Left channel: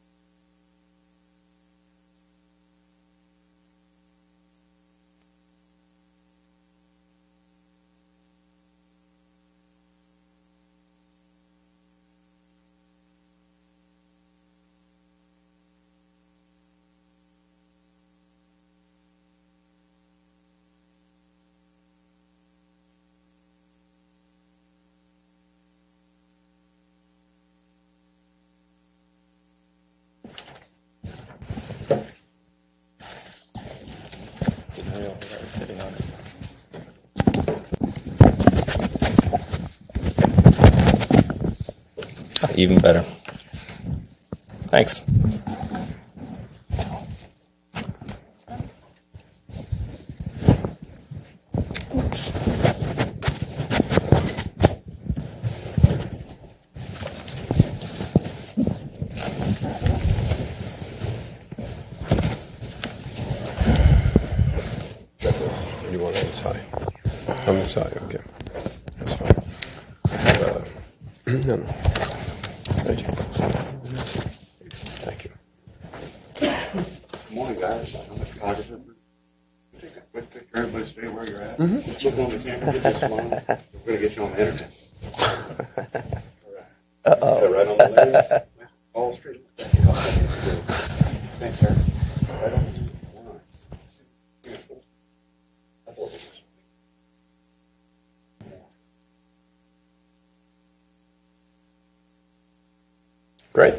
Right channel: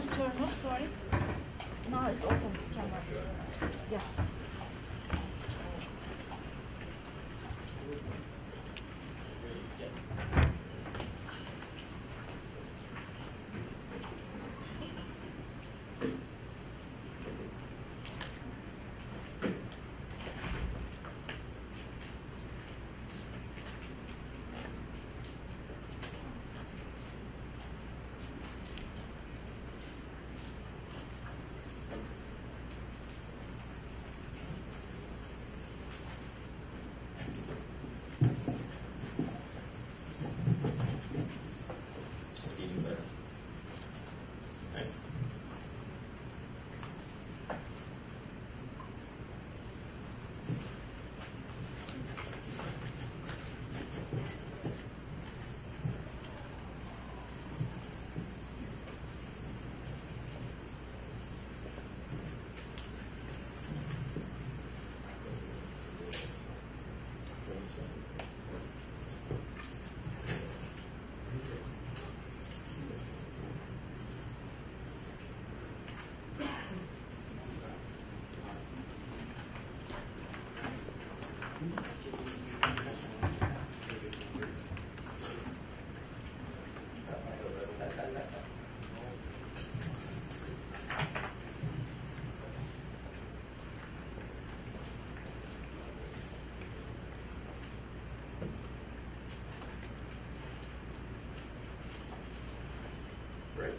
has turned off, sorry. Now it's open, camera. Yes. Even better. Thanks. You want it inside? I'm inside, okay. That's fine. No. Thank you. Thank you. Good morning, guys. I'm a photographer. Everybody stay where you're at. Look on the camera, get this long. We're going to get you on the internet. Uh-oh. Right on the lens. All straight. Thanks, sir. Right on. Great.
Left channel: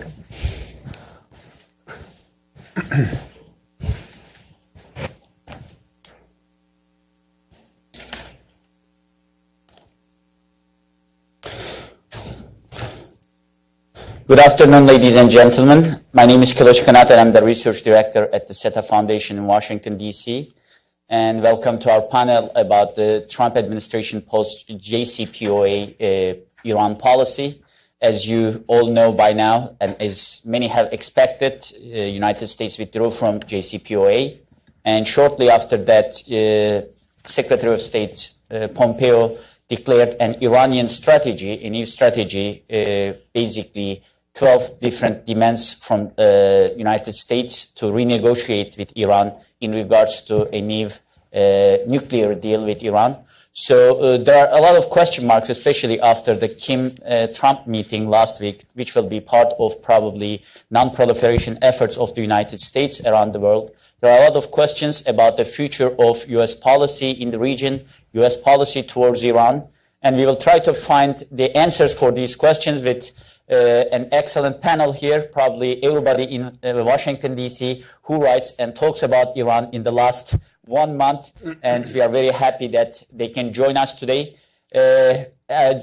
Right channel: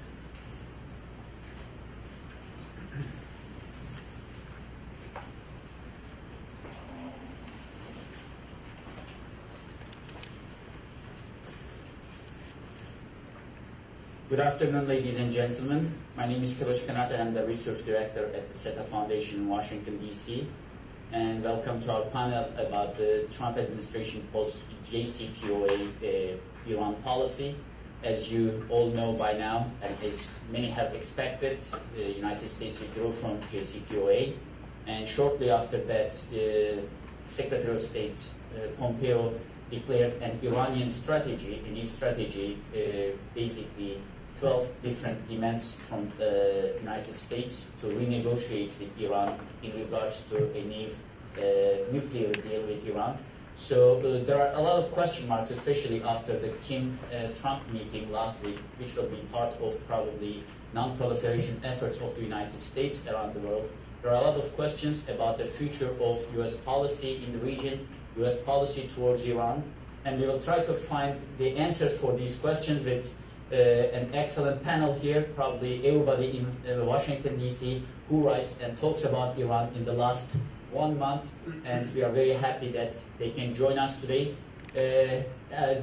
Good afternoon, ladies and gentlemen. My name is Kilic, Kanat, and I'm the research director at the SETA Foundation in Washington, D.C. And welcome to our panel about the Trump administration post-JCPOA Iran policy. As you all know by now, and as many have expected, the United States withdrew from JCPOA. And shortly after that, Secretary of State Pompeo declared an Iranian strategy, a new strategy, basically 12 different demands from the United States to renegotiate with Iran in regards to a new nuclear deal with Iran. So there are a lot of question marks, especially after the Kim-Trump meeting last week, which will be part of probably non-proliferation efforts of the United States around the world. There are a lot of questions about the future of U.S. policy in the region, U.S. policy towards Iran, and we will try to find the answers for these questions with an excellent panel here, probably everybody in Washington, D.C., who writes and talks about Iran in the last 1 month, and we are very happy that they can join us today.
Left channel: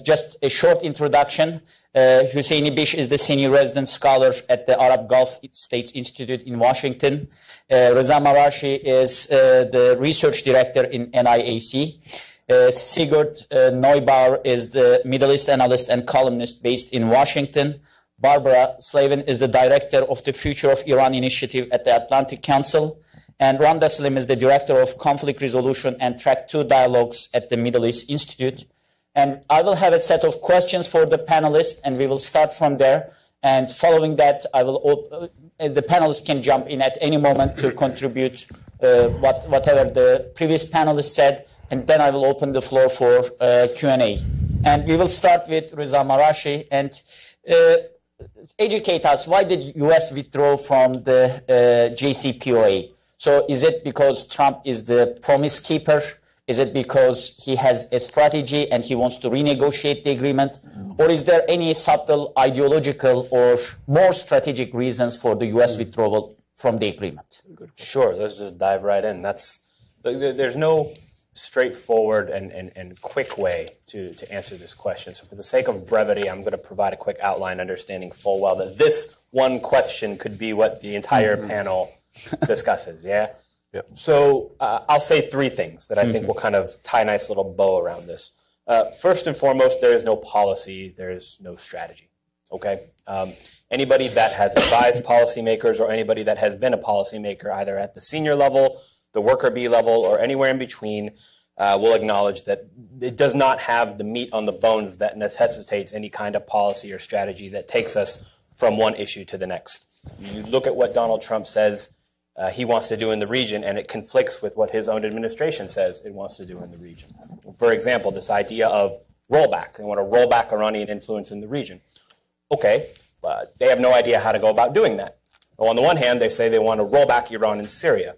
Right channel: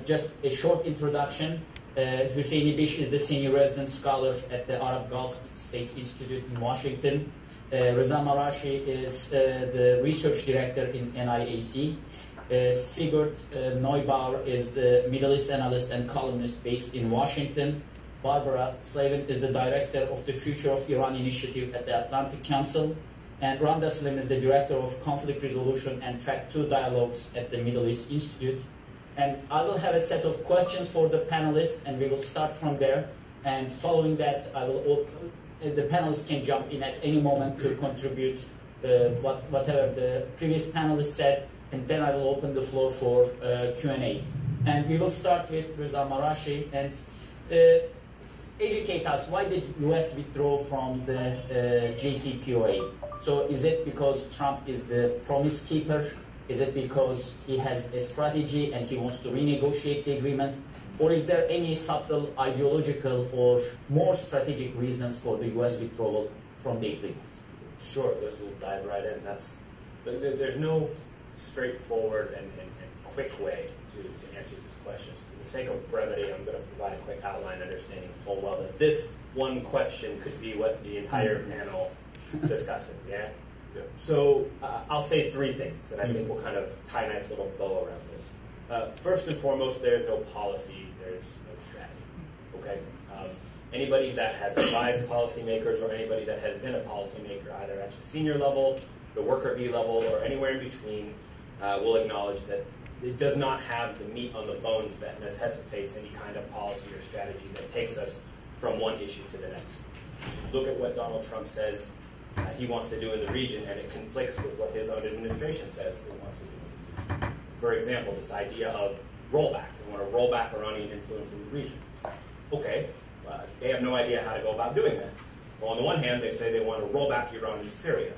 Just a short introduction. Hussein Ibish is the senior resident scholar at the Arab Gulf States Institute in Washington. Reza Marashi is the research director in NIAC. Sigurd Neubauer is the Middle East analyst and columnist based in Washington. Barbara Slavin is the director of the Future of Iran Initiative at the Atlantic Council. And Randa is the director of conflict resolution and track 2 dialogues at the Middle East Institute. And I will have a set of questions for the panelists, and we will start from there. And following that, I will the panelists can jump in at any moment to contribute whatever the previous panelists said, and then I will open the floor for Q&A. And we will start with Reza Marashi, and educate us, why did U.S. withdraw from the JCPOA? So is it because Trump is the promise keeper? Is it because he has a strategy and he wants to renegotiate the agreement? Or is there any subtle ideological or more strategic reasons for the U.S. withdrawal from the agreement? Sure, let's just dive right in. There's no straightforward and quick way to answer this question. So for the sake of brevity, I'm going to provide a quick outline, understanding full well that this one question could be what the entire panel discusses, yeah? Yep. So I'll say 3 things that I think will kind of tie a nice little bow around this. First and foremost, there is no policy, there is no strategy, okay? Anybody that has advised policymakers or anybody that has been a policymaker either at the senior level, the worker bee level, or anywhere in between will acknowledge that it does not have the meat on the bones that necessitates any kind of policy or strategy that takes us from one issue to the next. You look at what Donald Trump says he wants to do in the region, and it conflicts with what his own administration says it wants to do in the region. For example, this idea of rollback. They want to roll back Iranian influence in the region. Okay, but they have no idea how to go about doing that. Well, on the one hand, they say they want to roll back Iran in Syria,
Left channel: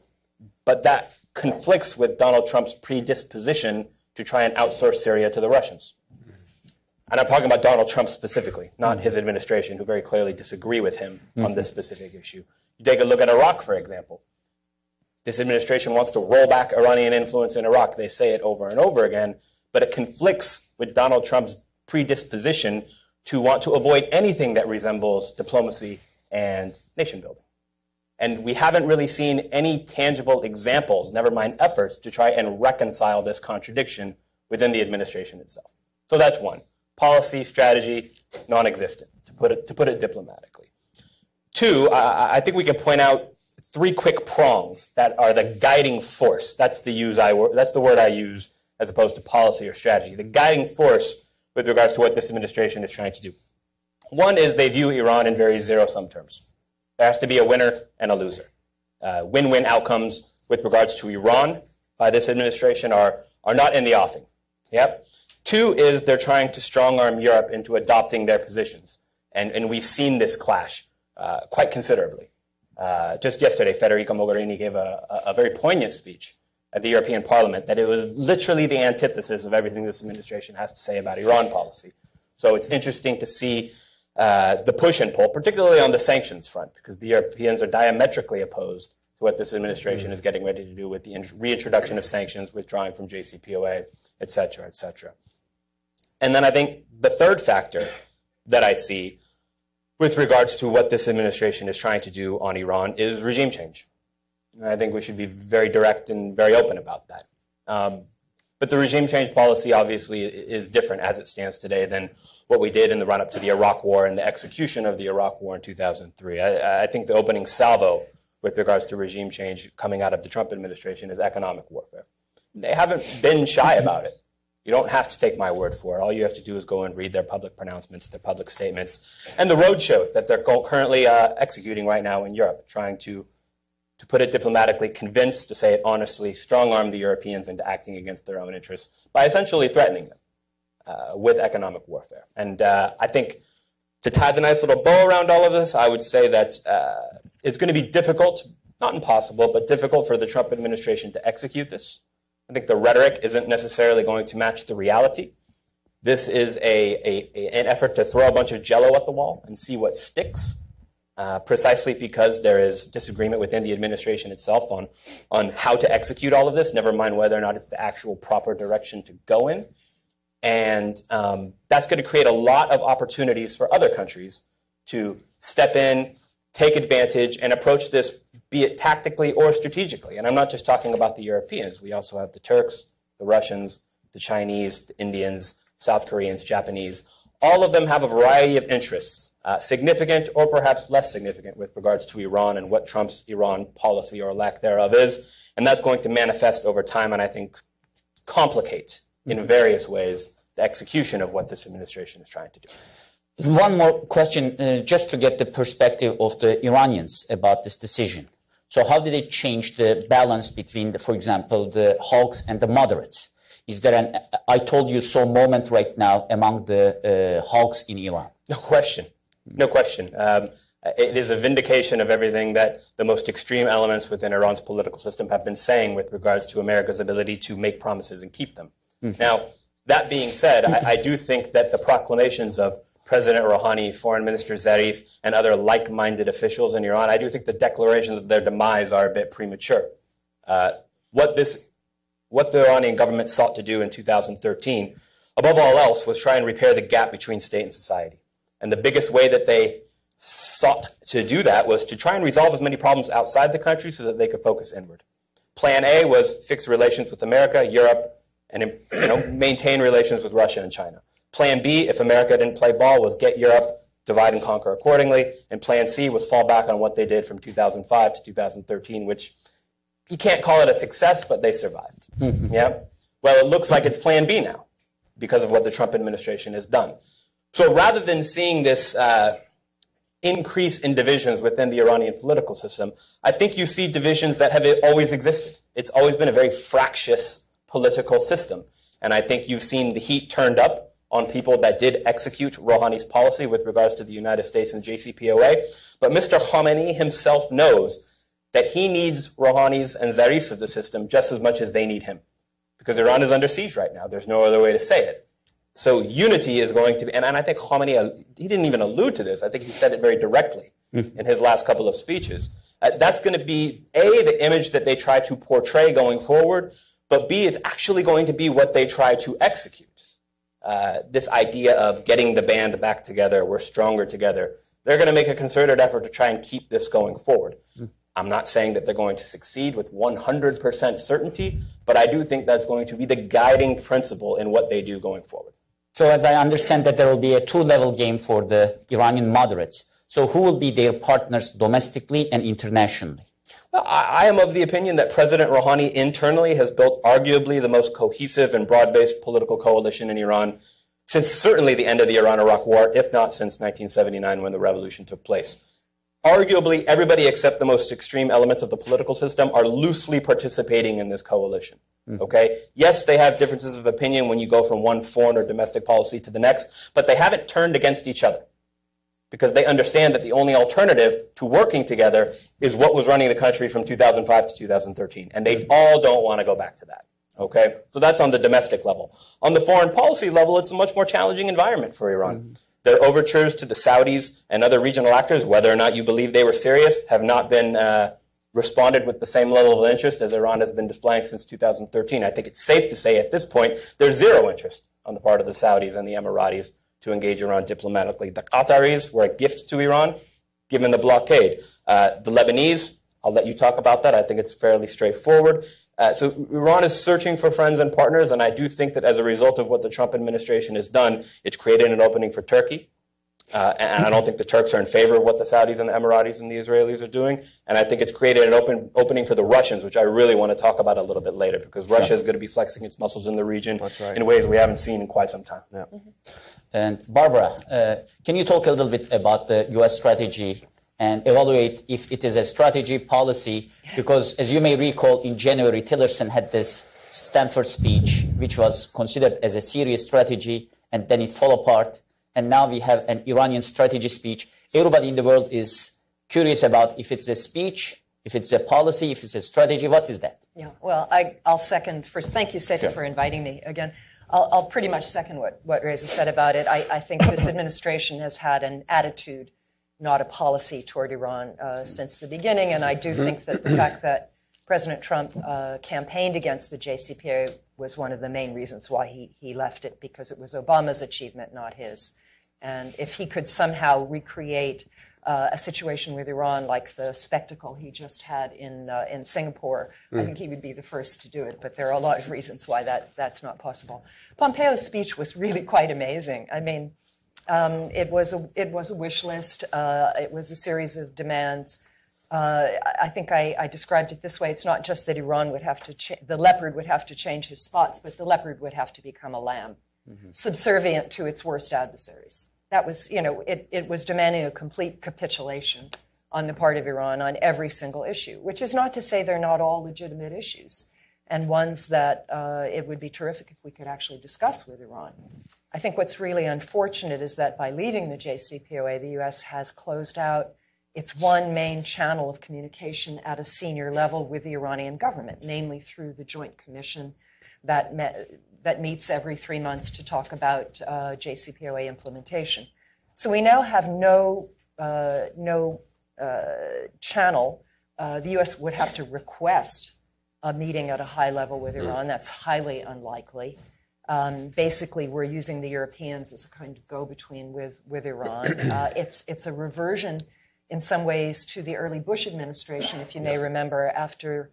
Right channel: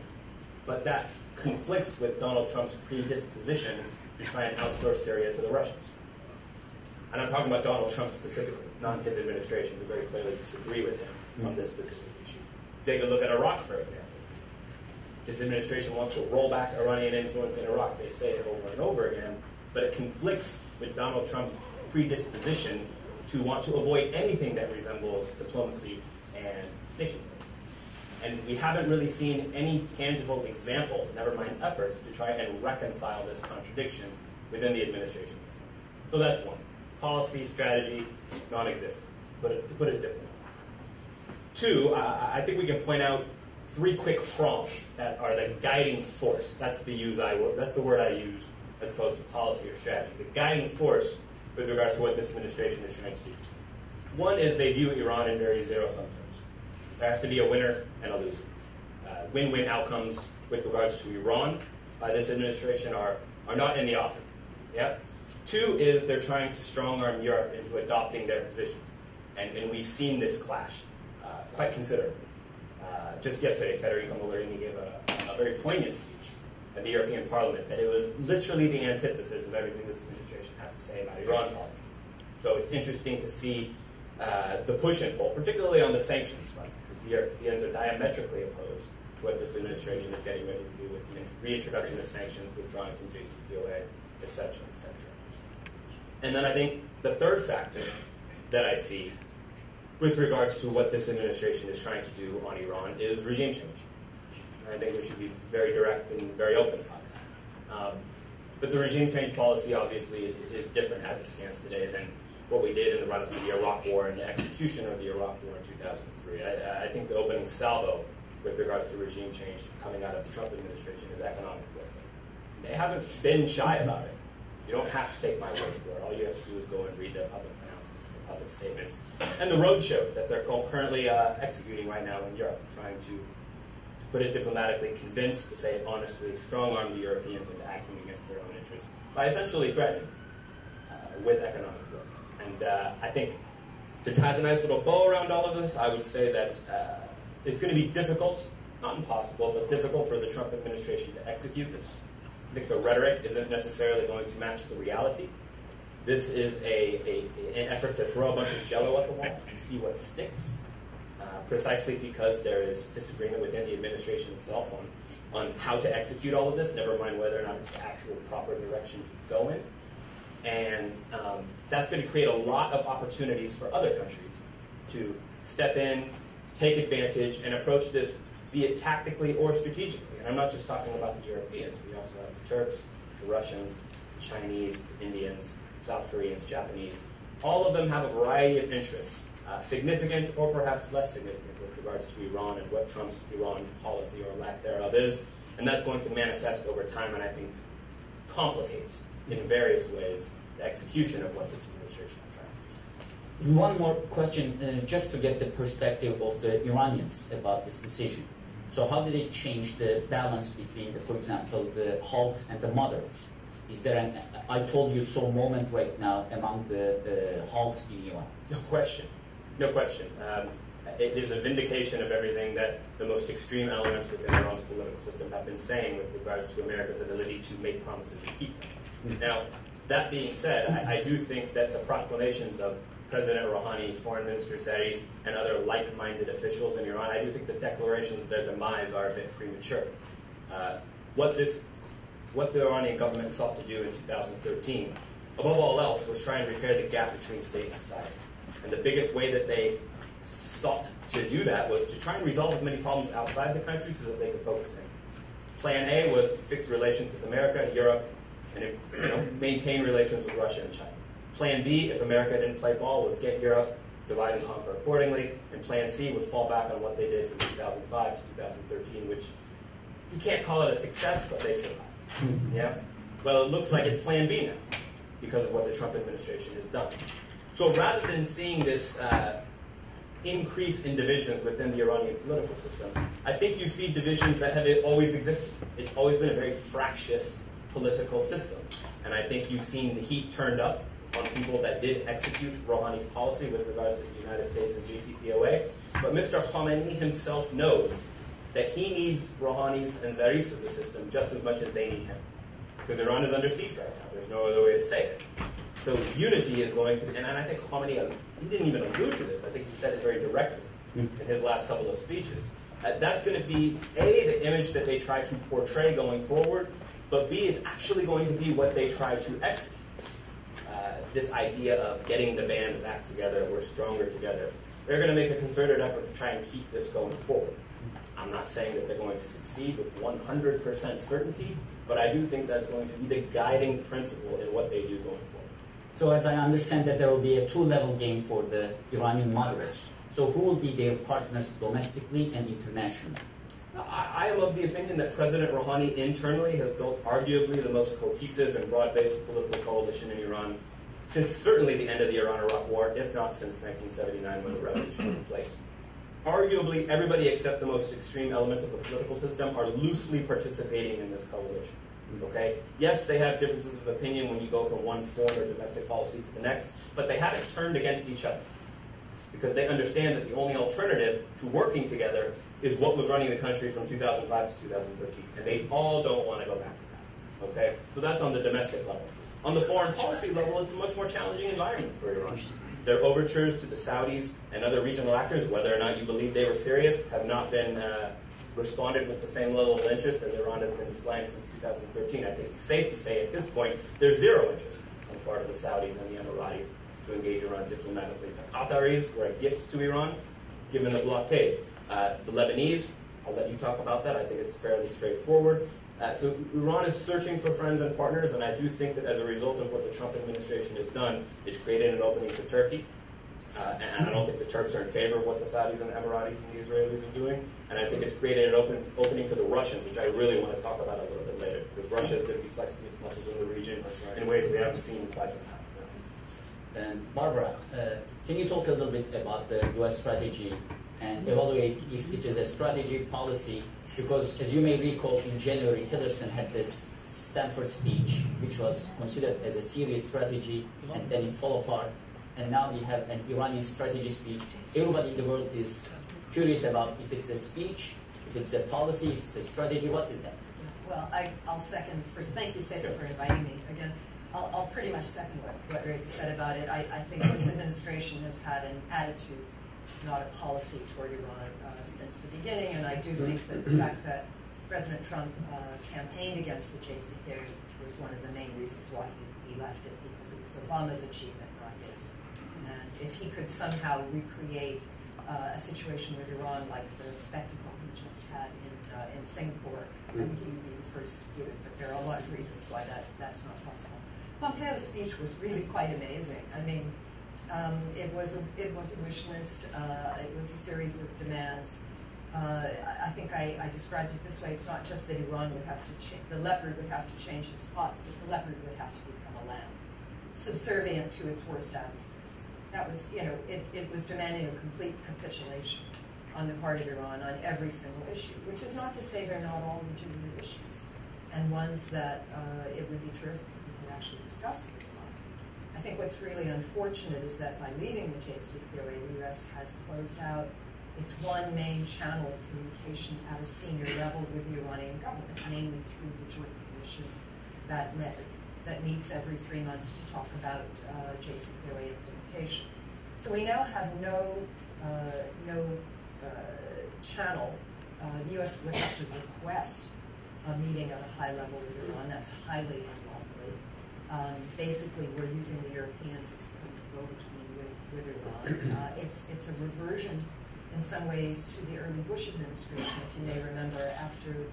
but that conflicts with Donald Trump's predisposition to try and outsource Syria to the Russians. And I'm talking about Donald Trump specifically, not his administration, who very clearly disagree with him on this specific issue. Take a look at Iraq, for example. This administration wants to roll back Iranian influence in Iraq. They say it over and over again, but it conflicts with Donald Trump's predisposition to want to avoid anything that resembles diplomacy and nation building. And we haven't really seen any tangible examples, never mind efforts, to try and reconcile this contradiction within the administration itself. So that's one. Policy, strategy, non-existent, to put it diplomatically. Two, I think we can point out three quick prongs that are the guiding force. That's the word I use as opposed to policy or strategy. The guiding force with regards to what this administration is trying to do. One is they view Iran in very zero-sum terms. There has to be a winner and a loser. Win-win outcomes with regards to Iran by this administration are not in the offing. Yep. Two is they're trying to strong-arm Europe into adopting their positions. And we've seen this clash quite considerably. Just yesterday, Federica Mogherini gave a very poignant speech at the European Parliament that it was literally the antithesis of everything this administration has to say about Iran policy. So it's interesting to see the push and pull, particularly on the sanctions front, because the Europeans are diametrically opposed to what this administration is getting ready to do with the reintroduction of sanctions, withdrawing from JCPOA, et cetera, et cetera. And then I think the third factor that I see with regards to what this administration is trying to do on Iran is regime change. And I think we should be very direct and very open about that. But the regime change policy obviously is different as it stands today than what we did in the run-up to the Iraq War and the execution of the Iraq War in 2003. I think the opening salvo with regards to regime change coming out of the Trump administration is economic warfare. They haven't been shy about it. You don't have to take my word for it. All you have to do is go and read their public pronouncements, their public statements, and the roadshow that they're currently executing right now in Europe, trying to put it diplomatically, convince, to say it honestly, strong-arm the Europeans into acting against their own interests by essentially threatening them with economic warfare. And I think to tie the nice little bow around all of this, I would say that it's going to be difficult, not impossible, but difficult for the Trump administration to execute this. I think the rhetoric isn't necessarily going to match the reality. This is an effort to throw a bunch of jello at the wall and see what sticks, precisely because there is disagreement within the administration itself on how to execute all of this, never mind whether or not it's the actual proper direction to go in. And that's going to create a lot of opportunities for other countries to step in, take advantage, and approach this, be it tactically or strategically. And I'm not just talking about the Europeans. We also have the Turks, the Russians, the Chinese, the Indians, South Koreans, Japanese. All of them have a variety of interests, significant or perhaps less significant with regards to Iran and what Trump's Iran policy or lack thereof is. And that's going to manifest over time and I think complicate in various ways the execution of what this administration is trying to do. One more question, just to get the perspective of the Iranians about this decision. So how did it change the balance between, for example, the hawks and the moderates? Is there an I told you so moment right now among the hawks in Iran? No question. No question. It is a vindication of everything that the most extreme elements within Iran's political system have been saying with regards to America's ability to make promises and keep them. Now, that being said, I do think that the proclamations of President Rouhani, Foreign Minister Zarif, and other like-minded officials in Iran, I do think the declarations of their demise are a bit premature. What the Iranian government sought to do in 2013, above all else, was try and repair the gap between state and society. And the biggest way that they sought to do that was to try and resolve as many problems outside the country so that they could focus inward. Plan A was fix relations with America, Europe, and maintain relations with Russia and China. Plan B, if America didn't play ball, was get Europe, divide and conquer accordingly. And Plan C was fall back on what they did from 2005 to 2013, which you can't call it a success, but they survived. Yeah. Well, it looks like it's Plan B now because of what the Trump administration has done. So rather than seeing this increase in divisions within the Iranian political system. I think you see divisions that have always existed. It's always been a very fractious political system. And I think you've seen the heat turned up on people that did execute Rouhani's policy with regards to the United States and JCPOA. But Mr. Khamenei himself knows that he needs Rouhani's and Zarif's of the system just as much as they need him. Because Iran is under siege right now. There's no other way to say it. So unity is going to be, and I think Khamenei, he didn't even allude to this. I think he said it very directly in his last couple of speeches. That's going to be, A, the image that they try to portray going forward, but B, it's actually going to be what they try to execute. This idea of getting the band back together, we're stronger together. They're going to make a concerted effort to try and keep this going forward. I'm not saying that they're going to succeed with 100% certainty, but I do think that's going to be the guiding principle in what they do going forward. So as I understand that there will be a two-level game for the Iranian moderates. So who will be their partners domestically and internationally? Well, I am of the opinion that President Rouhani internally has built arguably the most cohesive and broad-based political coalition in Iran since certainly the end of the Iran-Iraq War, if not since 1979 when the revolution took place. Arguably, everybody except the most extreme elements of the political system are loosely participating in this coalition. Okay? Yes, they have differences of opinion when you go from one foreign or domestic policy to the next, but they haven't turned against each other because they understand that the only alternative to working together is what was running the country from 2005 to 2013, and they all don't want to go back to that. Okay? So that's on the domestic level. On the foreign policy level, it's a much more challenging environment for Iran. Their overtures to the Saudis and other regional actors, whether or not you believe they were serious, have not been responded with the same level of interest as Iran has been displaying since 2013. I think it's safe to say at this point there's zero interest on the part of the Saudis and the Emiratis to engage Iran diplomatically. The Qataris were a gift to Iran, given the blockade. The Lebanese, I'll let you talk about that. I think it's fairly straightforward. So Iran is searching for friends and partners, and I do think that as a result of what the Trump administration has done, it's created an opening for Turkey. And I don't think the Turks are in favor of what the Saudis and the Emiratis and the Israelis are doing. And I think it's created an opening for the Russians, which I really want to talk about a little bit later, because Russia is going to be flexing its muscles in the region in ways we haven't seen in quite some time. Yeah. And Barbara, can you talk a little bit about the U.S. strategy and evaluate if it is a strategy, policy? Because as you may recall, in January, Tillerson had this Stanford speech, which was considered as a serious strategy, and then it fell apart. And now we have an Iranian strategy speech. Everybody in the world is curious about if it's a speech, if it's a policy, if it's a strategy. What is that? Yeah, well, I'll second first. Thank you, SETA, for inviting me again. I'll pretty much second what Reza said about it. I think this administration has had an attitude, not a policy, toward Iran since the beginning. And I do think that the fact that President Trump campaigned against the JCPOA was one of the main reasons why he left it, because it was Obama's achievement, not his. And if he could somehow recreate a situation with Iran like the spectacle he just had in Singapore, I think he would be the first to do it. But there are a lot of reasons why that's not possible. Pompeo's speech was really quite amazing. I mean, it was a wish list. It was a series of demands. I think I described it this way. It's not just that Iran would have to the leopard would have to change his spots, but the leopard would have to become a lamb, subservient to its worst adversaries. That was, it was demanding a complete capitulation on the part of Iran on every single issue, which is not to say they're not all legitimate issues and ones that it would be terrific if we could actually discuss with Iran. I think what's really unfortunate is that by leaving the JCPOA, the U.S. has closed out its one main channel of communication at a senior level with the Iranian government, namely through the Joint Commission that meets every 3 months to talk about JCPOA implementation. So we now have no channel. The U.S. would have to request a meeting at a high level with Iran. That's highly unlikely. Basically, we're using the Europeans as a kind of go-between with Iran. It's a reversion in some ways to the early Bush administration, if you may remember, after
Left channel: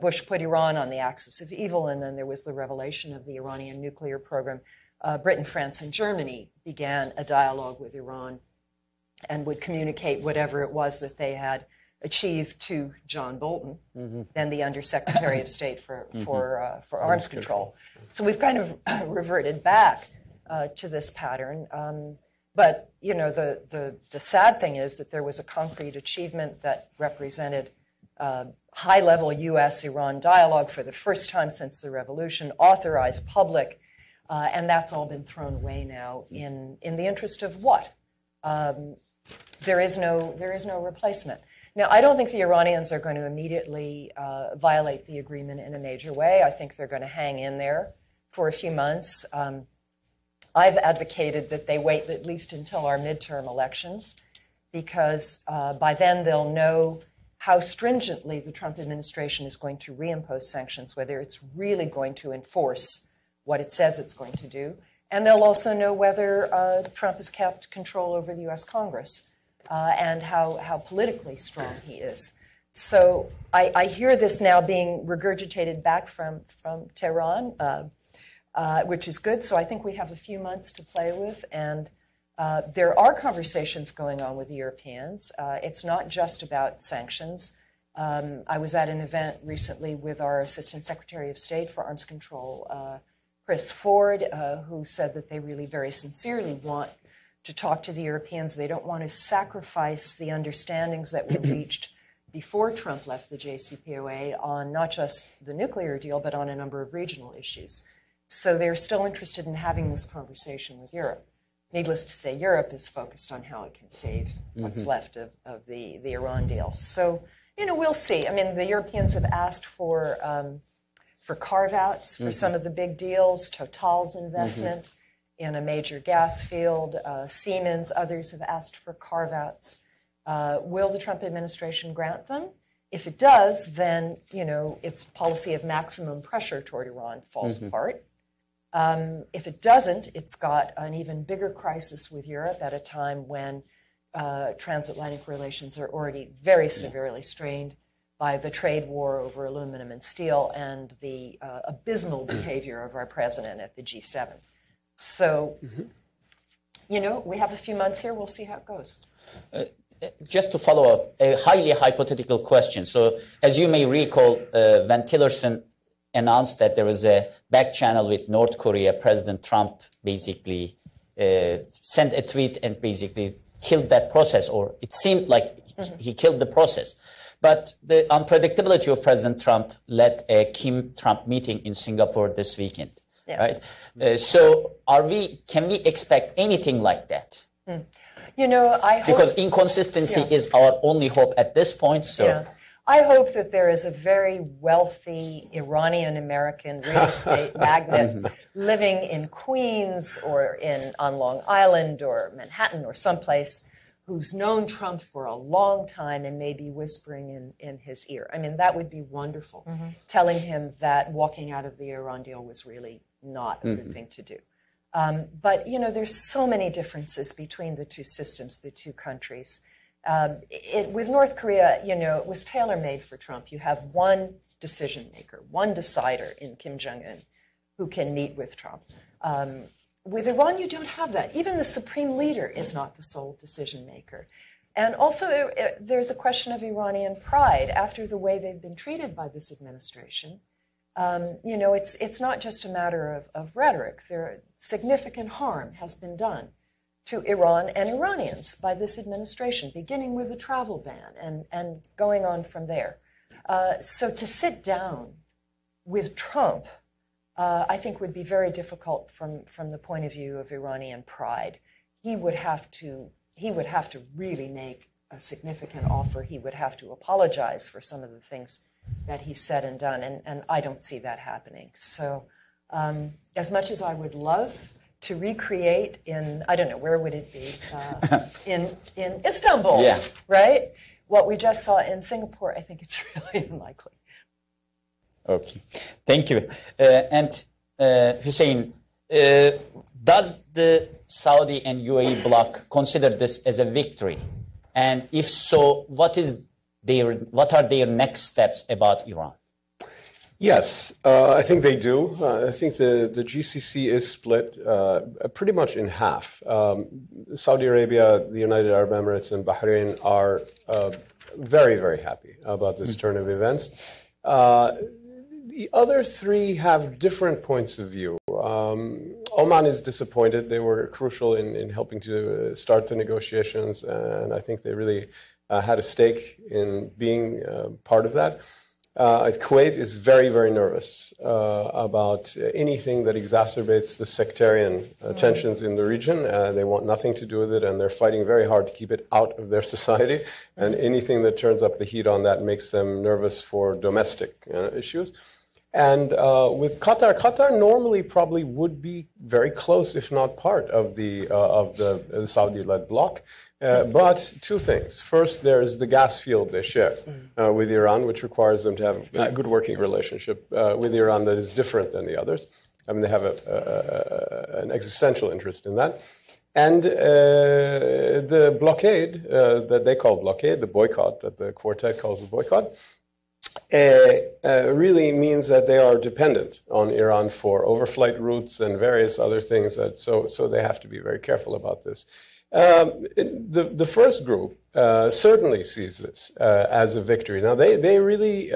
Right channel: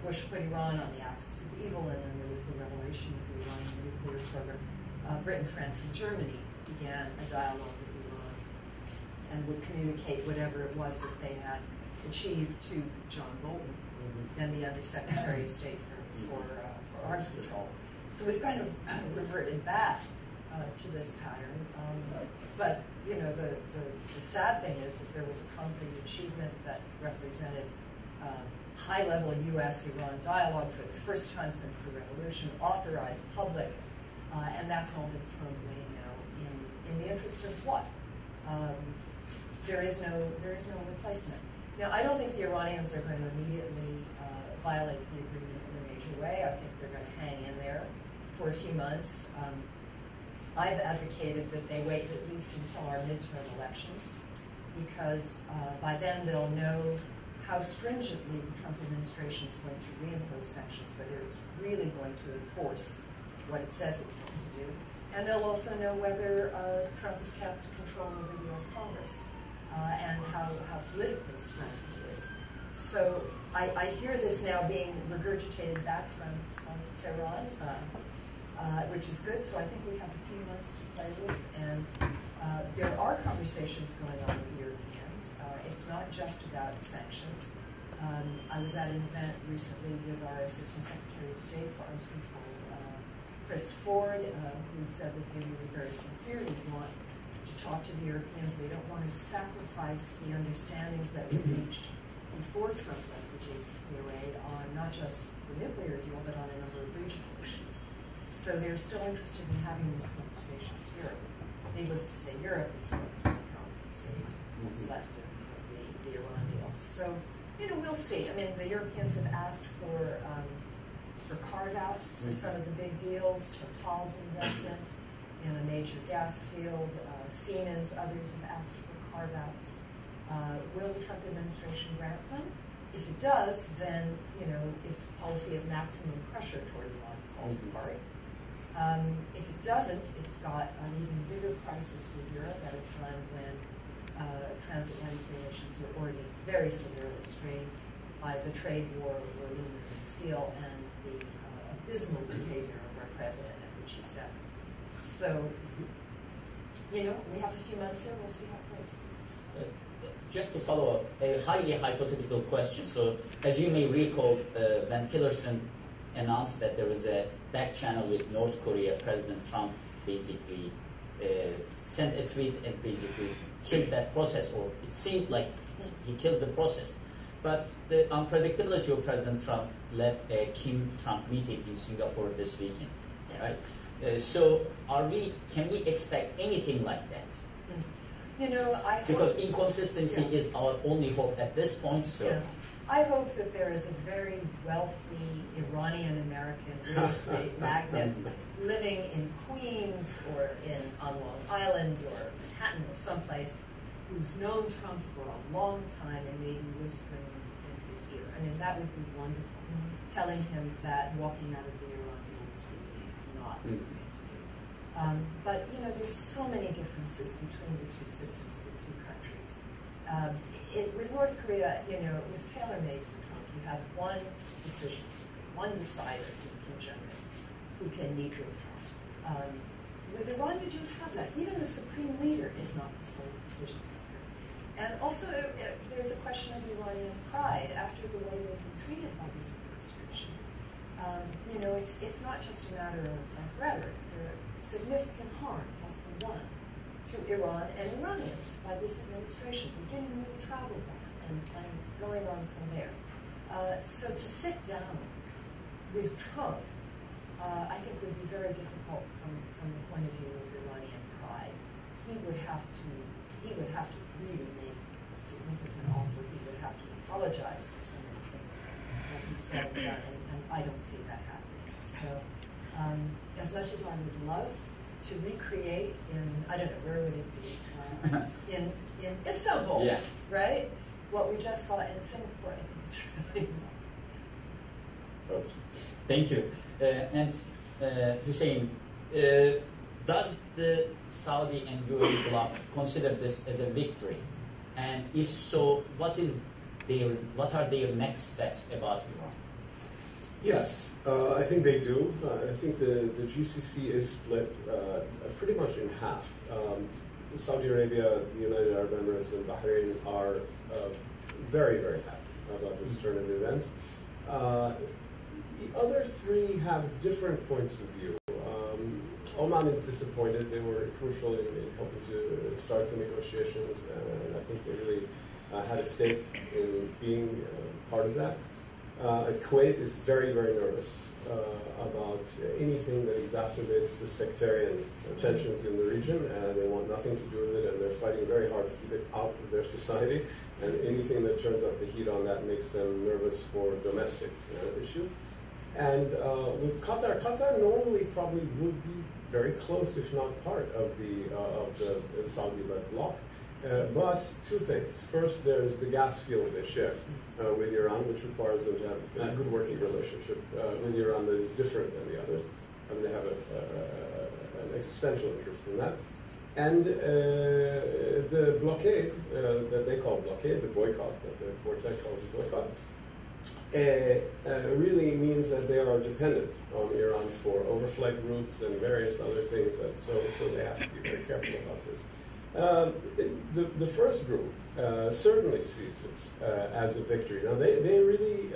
Bush put Iran on the axis of evil, and then there was the revelation of the Iranian nuclear program. Britain, France, and Germany began a dialogue with Iran and would communicate whatever it was that they had achieved to John Bolton, then the Undersecretary of State for Arms Control. So we've kind of reverted back to this pattern. But, the sad thing is that there was a concrete achievement that represented high-level U.S.-Iran dialogue for the first time since the revolution, authorized public, and that's all been thrown away now in the interest of what? There is no replacement. Now, I don't think the Iranians are going to immediately violate the agreement in a major way. I think they're going to hang in there for a few months. I've advocated that they wait at least until our midterm elections, because by then they'll know how stringently the Trump administration is going to reimpose sanctions, whether it's really going to enforce what it says it's going to do. And they'll also know whether Trump has kept control over the U.S. Congress and how politically strong he is. So I hear this now being regurgitated back from Tehran, which is good. So I think we have a few months to play with. And there are conversations going on with the Europeans. It's not just about sanctions. I was at an event recently with our Assistant Secretary of State for Arms Control, Chris Ford, who said that they really very sincerely want to talk to the Europeans. They don't want to sacrifice the understandings that we reached before Trump left the JCPOA on not just the nuclear deal, but on a number of regional issues. So they're still interested in having this conversation with Europe. Needless to say, Europe is focused on how it can save what's left of the Iran deal. So, we'll see. I mean, the Europeans have asked for carve-outs for some of the big deals, Total's investment in a major gas field, Siemens, others have asked for carve-outs. Will the Trump administration grant them? If it does, then, its policy of maximum pressure toward Iran falls apart. If it doesn't, it's got an even bigger crisis with Europe at a time when transatlantic relations are already very severely strained by the trade war over aluminum and steel and the abysmal behavior of our president at the G7. So, we have a few months here. We'll see how it goes. Just to follow up, a highly hypothetical question. So, as you may recall, when Tillerson announced that there was a back channel with North Korea, President Trump basically sent a tweet and basically killed that process, or it seemed like he killed the process. But the unpredictability of President Trump led a Kim-Trump meeting in Singapore this weekend, right? So can we expect anything like that? I hope... Because inconsistency is our only hope at this point, so... Yeah. I hope that there is a very wealthy Iranian-American real estate magnate living in Queens or on Long Island or Manhattan or someplace who's known Trump for a long time and may be whispering in his ear. I mean, that would be wonderful, telling him that walking out of the Iran deal was really not a good thing to do. But, there's so many differences between the two systems, the two countries. With North Korea, it was tailor-made for Trump. You have one decision maker, one decider in Kim Jong-un who can meet with Trump. With Iran, you don't have that. Even the supreme leader is not the sole decision maker. And also, there's a question of Iranian pride after the way they've been treated by this administration. It's not just a matter of rhetoric. Significant harm has been done to Iran and Iranians by this administration, beginning with the travel ban and going on from there. So to sit down with Trump, I think would be very difficult from the point of view of Iranian pride. He would have to really make a significant offer. He would have to apologize for some of the things that he said and done, and I don't see that happening. So as much as I would love to recreate in, I don't know, where would it be? In Istanbul, right? What we just saw in Singapore, I think it's really unlikely. Okay, thank you. And Hussein, does the Saudi and UAE bloc consider this as a victory? And if so, what are their next steps about Iran? Yes, I think they do. I think the GCC is split pretty much in half. Saudi Arabia, the United Arab Emirates, and Bahrain are very, very happy about this turn of events. The other three have different points of view. Oman is disappointed. They were crucial in helping to start the negotiations, and I think they really had a stake in being part of that. Kuwait is very, very nervous about anything that exacerbates the sectarian tensions in the region. They want nothing to do with it, and they're fighting very hard to keep it out of their society. And anything that turns up the heat on that makes them nervous for domestic issues. And with Qatar normally probably would be very close, if not part of the Saudi-led bloc. But two things. First, there's the gas field they share with Iran, which requires them to have a good working relationship with Iran that is different than the others. I mean, they have an existential interest in that. And the blockade that they call blockade, the boycott that the quartet calls the boycott, really means that they are dependent on Iran for overflight routes and various other things. So they have to be very careful about this. The first group certainly sees this as a victory. Now, they really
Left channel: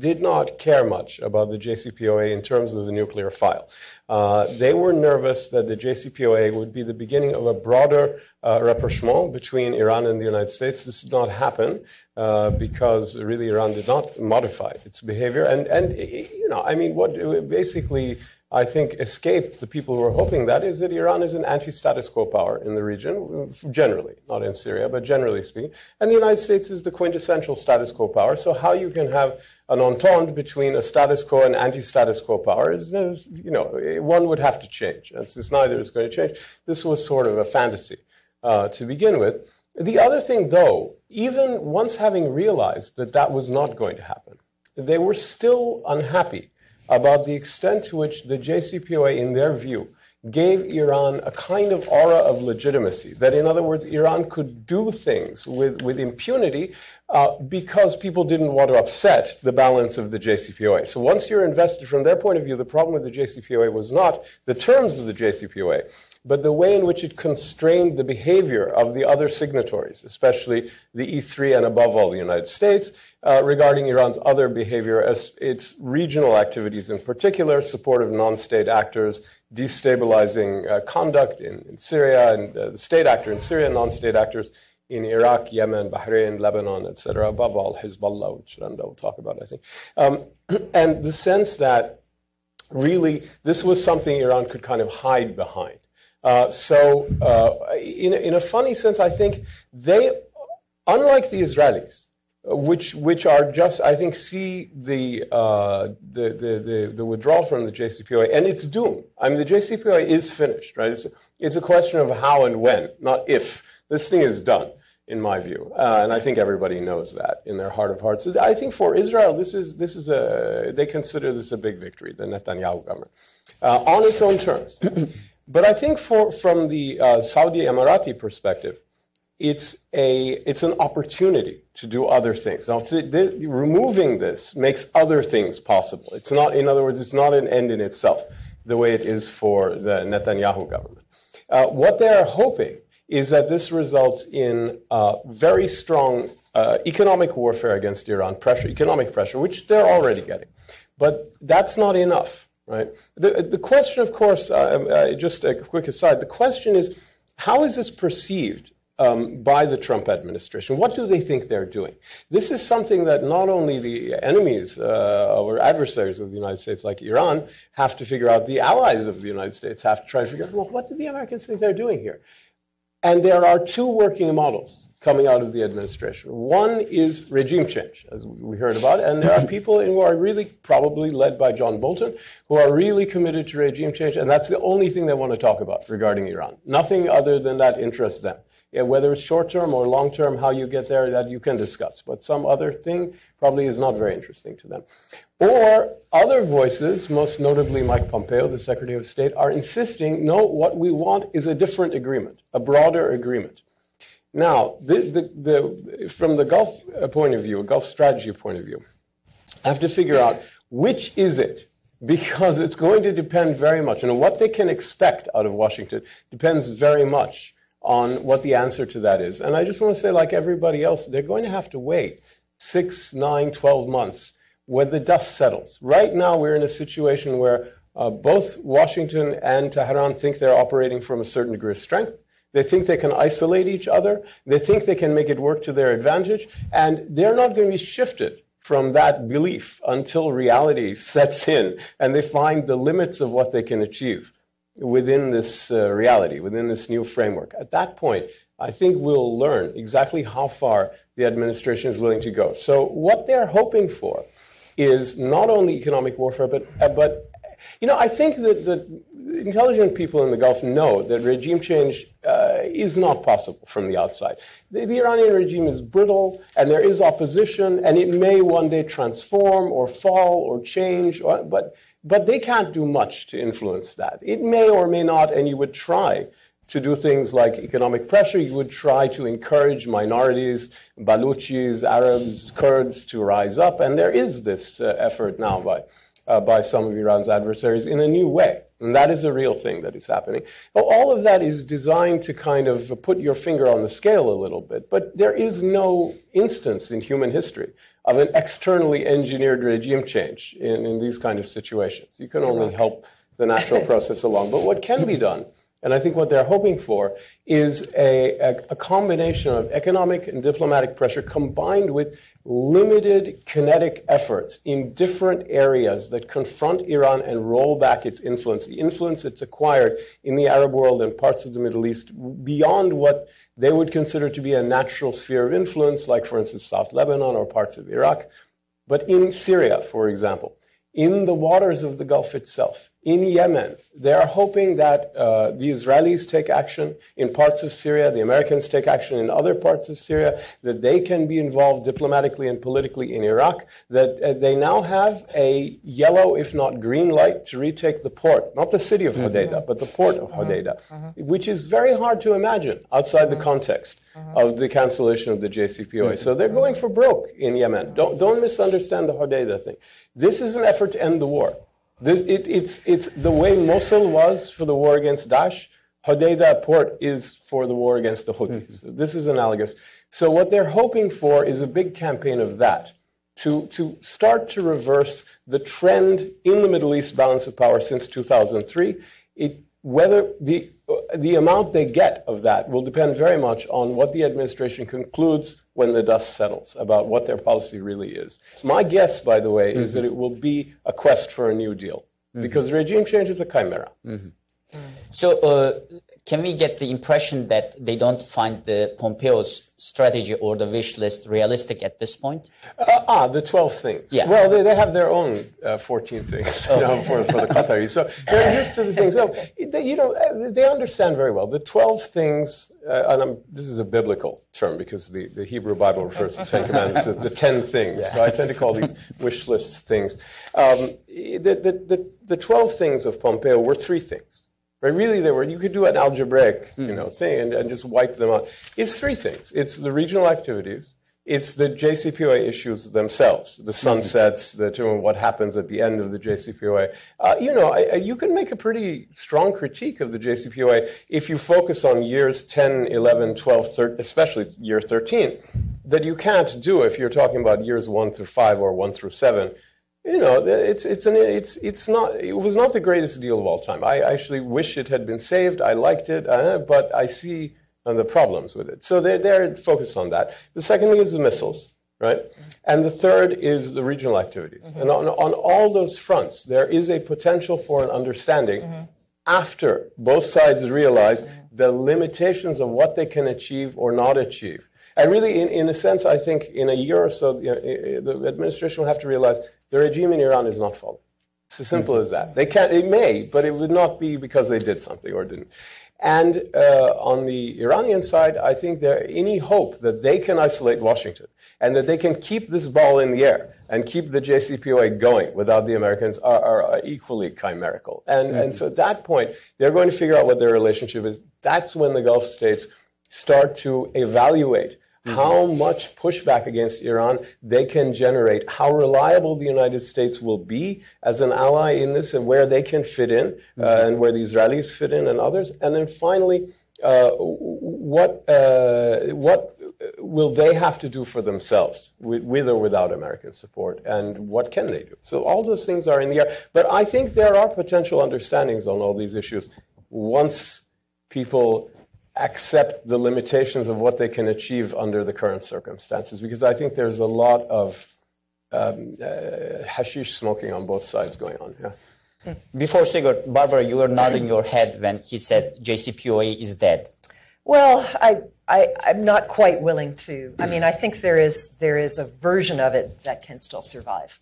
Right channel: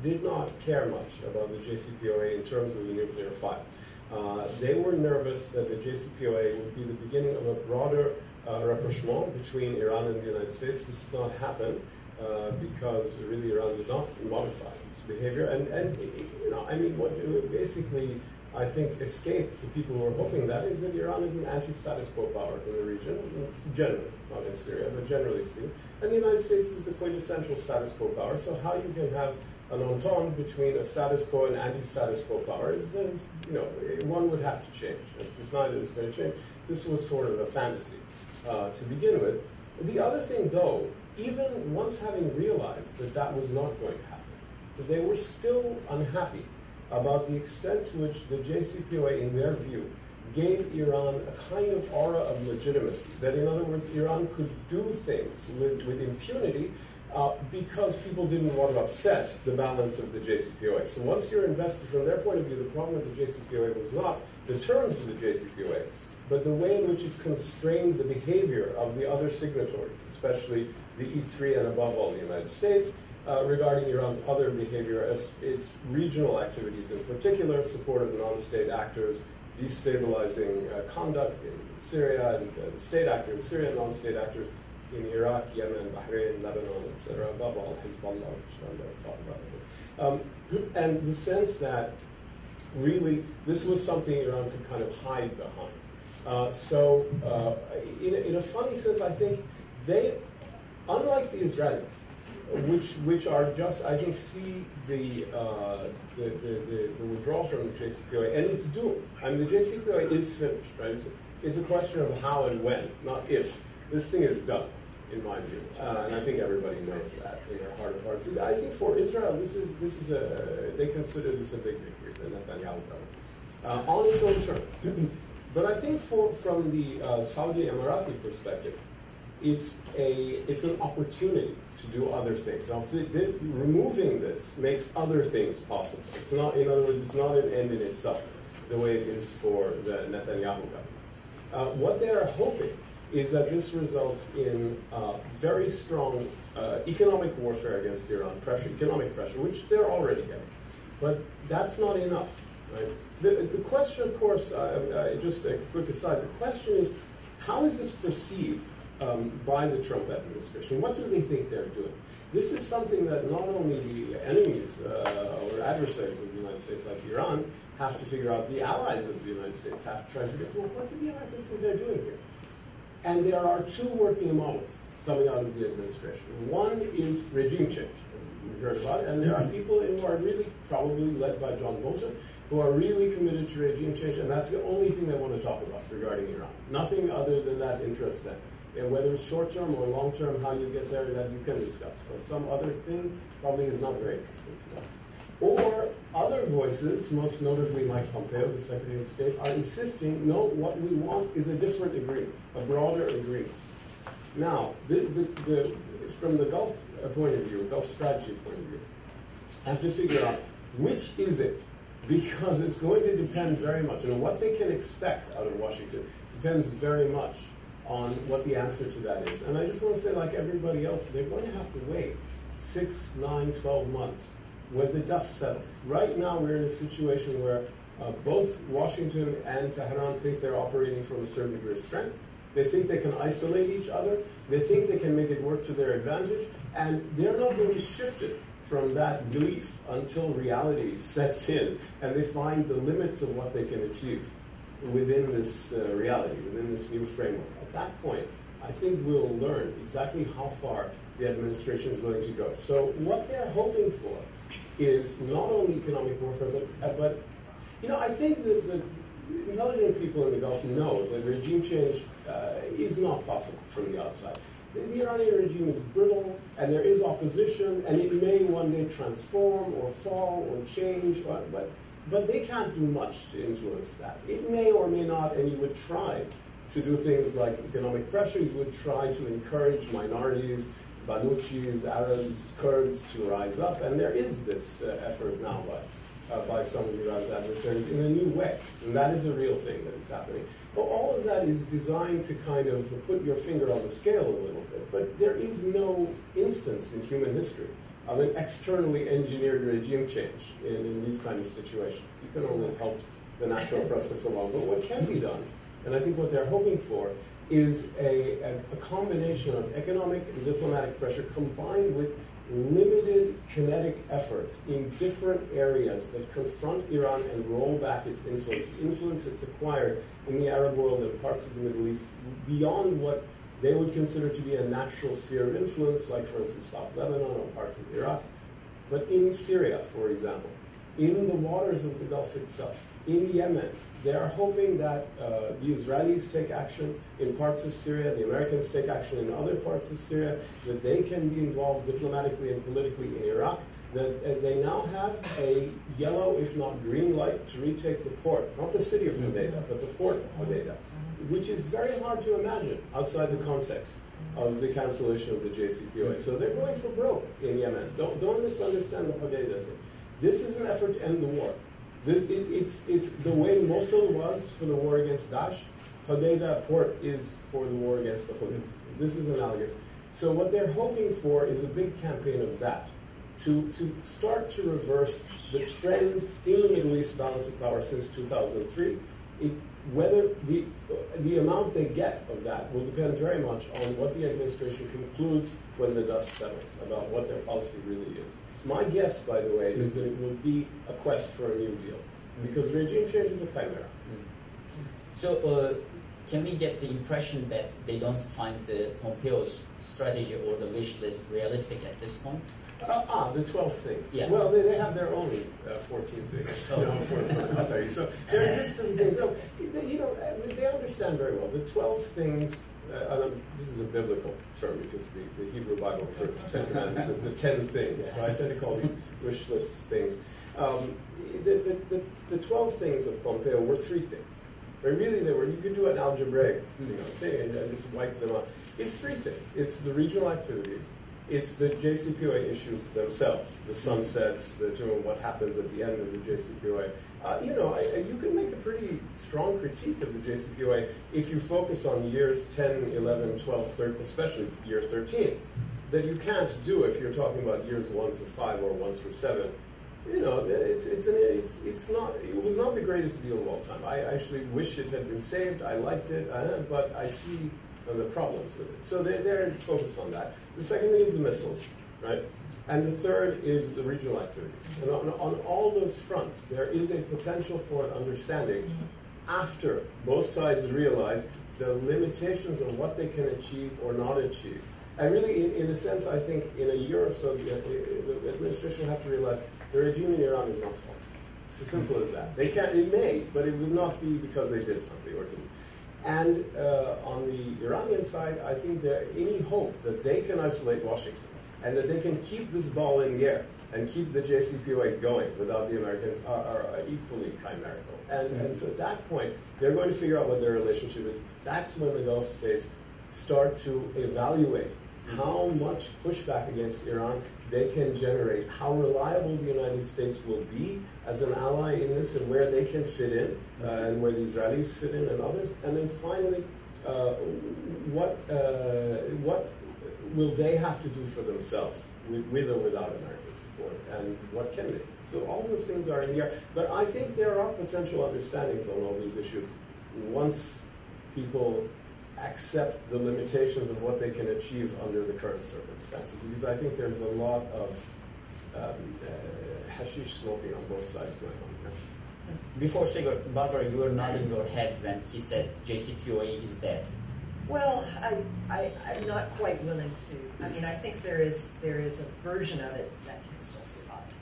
did not care much about the JCPOA in terms of the nuclear file. They were nervous that the JCPOA would be the beginning of a broader rapprochement between Iran and the United States. This did not happen because really Iran did not modify its behavior. And you know, I mean, what basically I think escaped the people who were hoping that is that Iran is an anti-status quo power in the region, generally, not in Syria, but generally speaking. And the United States is the quintessential status quo power. So how you can have an entente between a status quo and anti-status quo power is, you know, one would have to change. And since neither is going to change, this was sort of a fantasy to begin with. The other thing, though, even once having realized that that was not going to happen, they were still unhappy about the extent to which the JCPOA, in their view, gave Iran a kind of aura of legitimacy. That, in other words, Iran could do things with impunity because people didn't want to upset the balance of the JCPOA. So once you're invested, from their point of view, the problem with the JCPOA was not the terms of the JCPOA, but the way in which it constrained the behavior of the other signatories, especially the E3 and above all the United States, regarding Iran's other behavior, as its regional activities in particular, support of non-state actors, destabilizing conduct in Syria, and the state actor in Syria, non-state actors in Iraq, Yemen, Bahrain, Lebanon, etc., above all Hezbollah, which Randa will talk about, I think. And the sense that really this was something Iran could kind of hide behind. So in a funny sense, I think they, unlike the Israelis, which are just, I think, see the withdrawal from the JCPOA, and it's doomed. I mean, the JCPOA is finished, right? It's a question of how and when, not if. This thing is done, in my view, and I think everybody knows that in their heart of hearts. I think for Israel, they consider this a big victory, the Netanyahu government, on its own terms. But I think from the Saudi Emirati perspective, it's an opportunity to do other things. Now, removing this makes other things possible. It's not, in other words, it's not an end in itself, the way it is for the Netanyahu government. What they are hoping is that this results in very strong economic warfare against Iran, economic pressure, which they're already getting. But that's not enough, right? The question, of course, just a quick aside, the question is, how is this perceived by the Trump administration? What do they think they're doing? This is something that not only the enemies or adversaries of the United States, like Iran, have to figure out, the allies of the United States have to try to figure out, well, what do the Americans think they're doing here? And there are two working models coming out of the administration. One is regime change, as we heard about, and there are people who are really probably led by John Bolton, who are really committed to regime change, and that's the only thing they want to talk about regarding Iran. Nothing other than that interests them. Yeah, whether it's short-term or long-term, how you get there, that you can discuss. But some other thing probably is not very interesting to them. Or other voices, most notably Mike Pompeo, the Secretary of State, are insisting, no, what we want is a different agreement, a broader agreement. Now, from the Gulf point of view, Gulf strategy point of view, I have to figure out which is it, because it's going to depend very much. And what they can expect out of Washington depends very much on what the answer to that is. And I just want to say, like everybody else, they're going to have to wait 6, 9, 12 months when the dust settles. Right now, we're in a situation where Both Washington and Tehran think they're operating from a certain degree of strength. They think they can isolate each other. They think they can make it work to their advantage. And they're not going to be shifted from that belief until reality sets in and they find the limits of what they can achieve within this reality, within this new framework. At that point, I think we'll learn exactly how far the administration is willing to go. So what they're hoping for is not only economic warfare, but I think that the intelligent people in the Gulf know that regime change is not possible from the outside. The Iranian regime is brittle, and there is opposition, and it may one day transform or fall or change, but they can't do much to influence that. It may or may not, and you would try to do things like economic pressure. You would try to encourage minorities, Baluchis, Arabs, Kurds to rise up, and there is this effort now by some of Iran's adversaries in a new way, and that is a real thing that is happening. Well, all of that is designed to kind of put your finger on the scale a little bit, but there is no instance in human history of an externally engineered regime change in these kind of situations. You can only help the natural process along. But what can be done, and I think what they're hoping for, is a combination of economic and diplomatic pressure combined with limited kinetic efforts in different areas that confront Iran and roll back its influence, the influence it's acquired in the Arab world and parts of the Middle East beyond what they would consider to be a natural sphere of influence, like, for instance, South Lebanon or parts of Iraq. But in Syria, for example, in the waters of the Gulf itself, in Yemen, they are hoping that the Israelis take action in parts of Syria, the Americans take action in other parts of Syria, that they can be involved diplomatically and politically in Iraq, that they now have a yellow, if not green light, to retake the port, not the city of Hodeidah, but the port of Hodeidah, which is very hard to imagine outside the context of the cancellation of the JCPOA. So they're going for broke in Yemen. Don't misunderstand the Hodeidah thing. This is an effort to end the war. It's the way Mosul was for the war against Daesh. Hodeidah port is for the war against the Houthis. This is analogous. So what they're hoping for is a big campaign of that to start to reverse the trend in the Middle East balance of power since 2003. Whether the amount they get of that will depend very much on what the administration concludes when the dust settles about what their policy really is. My guess, by the way, is that it will be a quest for a new deal, because regime change is a chimera. So can we get the impression that they don't find the Pompeo's strategy or the wish list realistic at this point? The 12 things. Yeah. Well, they have their own 14 things for the Qataris. So they're used to the things. So, they understand very well. The 12 things, and this is a biblical term because the Hebrew Bible refers to 10 commandments, the 10 things. Yeah. So I tend to call these wish lists things. The 12 things of Pompeo were 3 things. Right? Really, you could do an algebraic thing and just wipe them out. It's 3 things. It's the regional activities. It's the JCPOA issues themselves, the sunsets, what happens at the end of the JCPOA. You can make a pretty strong critique of the JCPOA if you focus on years 10, 11, 12, 13, especially year 13, that you can't do if you're talking about years 1 through 5 or 1 through 7. It was not the greatest deal of all time. I actually wish it had been saved. I liked it, but I see the problems with it. So they're focused on that. The second thing is the missiles, right? And the third is the regional activities. And on all those fronts, there is a potential for an understanding after both sides realize the limitations of what they can achieve or not achieve. And really, in a sense, I think in a year or so, the administration will have to realize the regime in Iran is not falling. It's as simple as that. It may, but it would not be because they did something or didn't. And on the Iranian side, I think there any hope that they can isolate Washington and that they can keep this ball in the air and keep the JCPOA going without the Americans are equally chimerical. And so at that point, they're going to figure out what their relationship is. That's when the Gulf states start to evaluate how much pushback against Iran they can generate, how reliable the United States will be as an ally in this, and where they can fit in, and where the Israelis fit in and others. And then finally, what will they have to do for themselves, with or without American support, and what can they do? So all those things are in the air. But I think there are potential understandings on all these issues once people accept the limitations of what they can achieve under the current circumstances, because I think there's a lot of hashish smoking on both sides going on. Yeah. Before Sigurd, Barbara, you were nodding your head when he said JCPOA is dead. Well, I'm not quite willing to. I mean, I think there is a version of it that can still survive.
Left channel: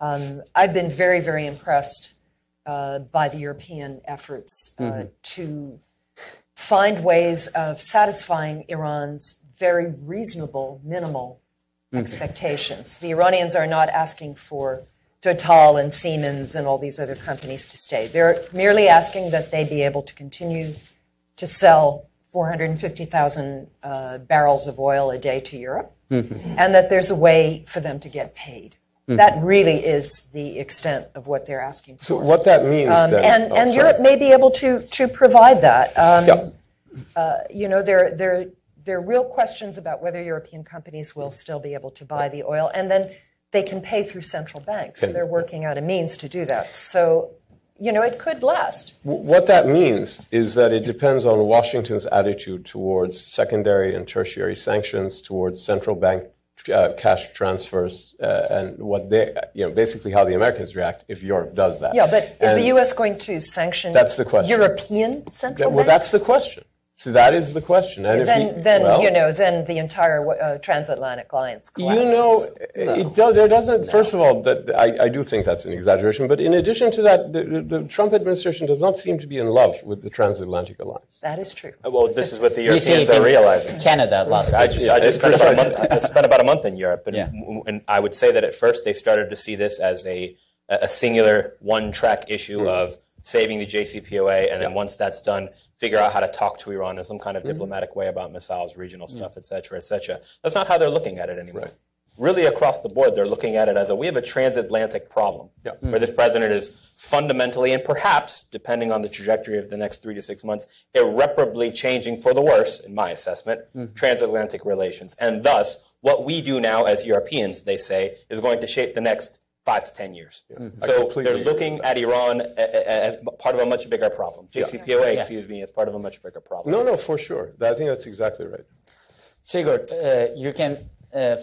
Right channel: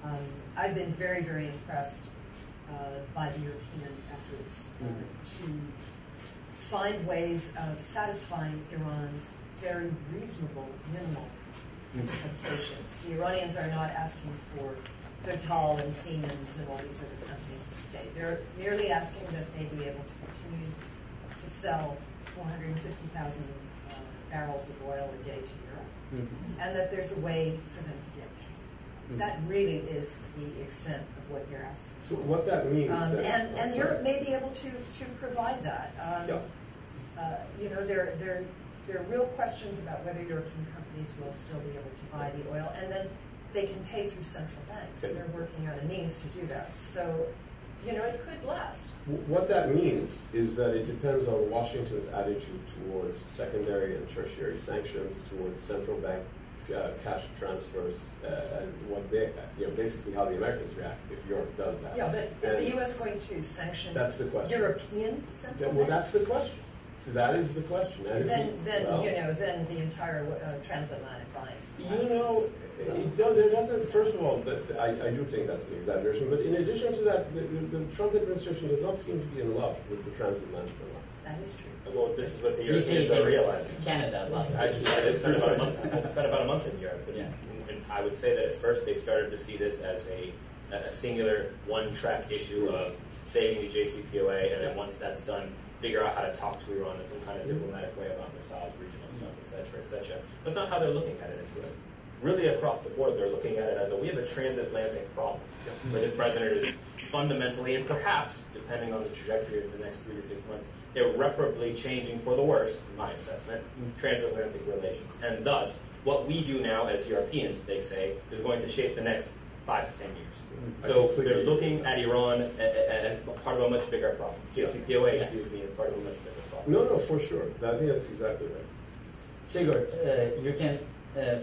I've been very, very impressed by the European efforts to find ways of satisfying Iran's very reasonable, minimal expectations. The Iranians are not asking for Total and Siemens and all these other companies to stay. They're merely asking that they be able to continue to sell 450,000 barrels of oil a day to Europe, and that there's a way for them to get paid. That really is the extent of what they're asking for. So what that means then... And Europe may be able to provide that. You know, there are real questions about whether European companies will still be able to buy the oil, and then they can pay through central banks. They're working out a means to do that. So, you know, it could last. What that means is that it depends on Washington's attitude towards secondary and tertiary sanctions, towards central bank cash transfers, and what they, you know, basically how the Americans react if Europe does that. Yeah, but is the U.S. going to sanction that's the question. European central banks? Well, that's the question. So that is the question. And then the entire transatlantic alliance collapses. You know, there doesn't. First of all, I do think that's an exaggeration. But in addition to that, the Trump administration does not seem to be in love with the transatlantic alliance. That is true. Well, this is what the Europeans are realizing. Canada last I just spent about a month in Europe, Yeah. and I would say that at first they started to see this as a singular one-track issue of saving the JCPOA, and then once that's done, figure out how to talk to Iran in some kind of diplomatic way about missiles, regional stuff, et cetera, et cetera. That's not how they're looking at it anymore. Right. Really, across the board, they're looking at it as we have a transatlantic problem, where this president is fundamentally, and perhaps, depending on the trajectory of the next 3 to 6 months, irreparably changing for the worse, in my assessment, transatlantic relations. And thus, what we do now as Europeans, they say, is going to shape the next 5 to 10 years. So they're looking at Iran as part of a much bigger problem. JCPOA, excuse me, as part of a much bigger problem. No, for sure. I think that's exactly right. Sigurd, you can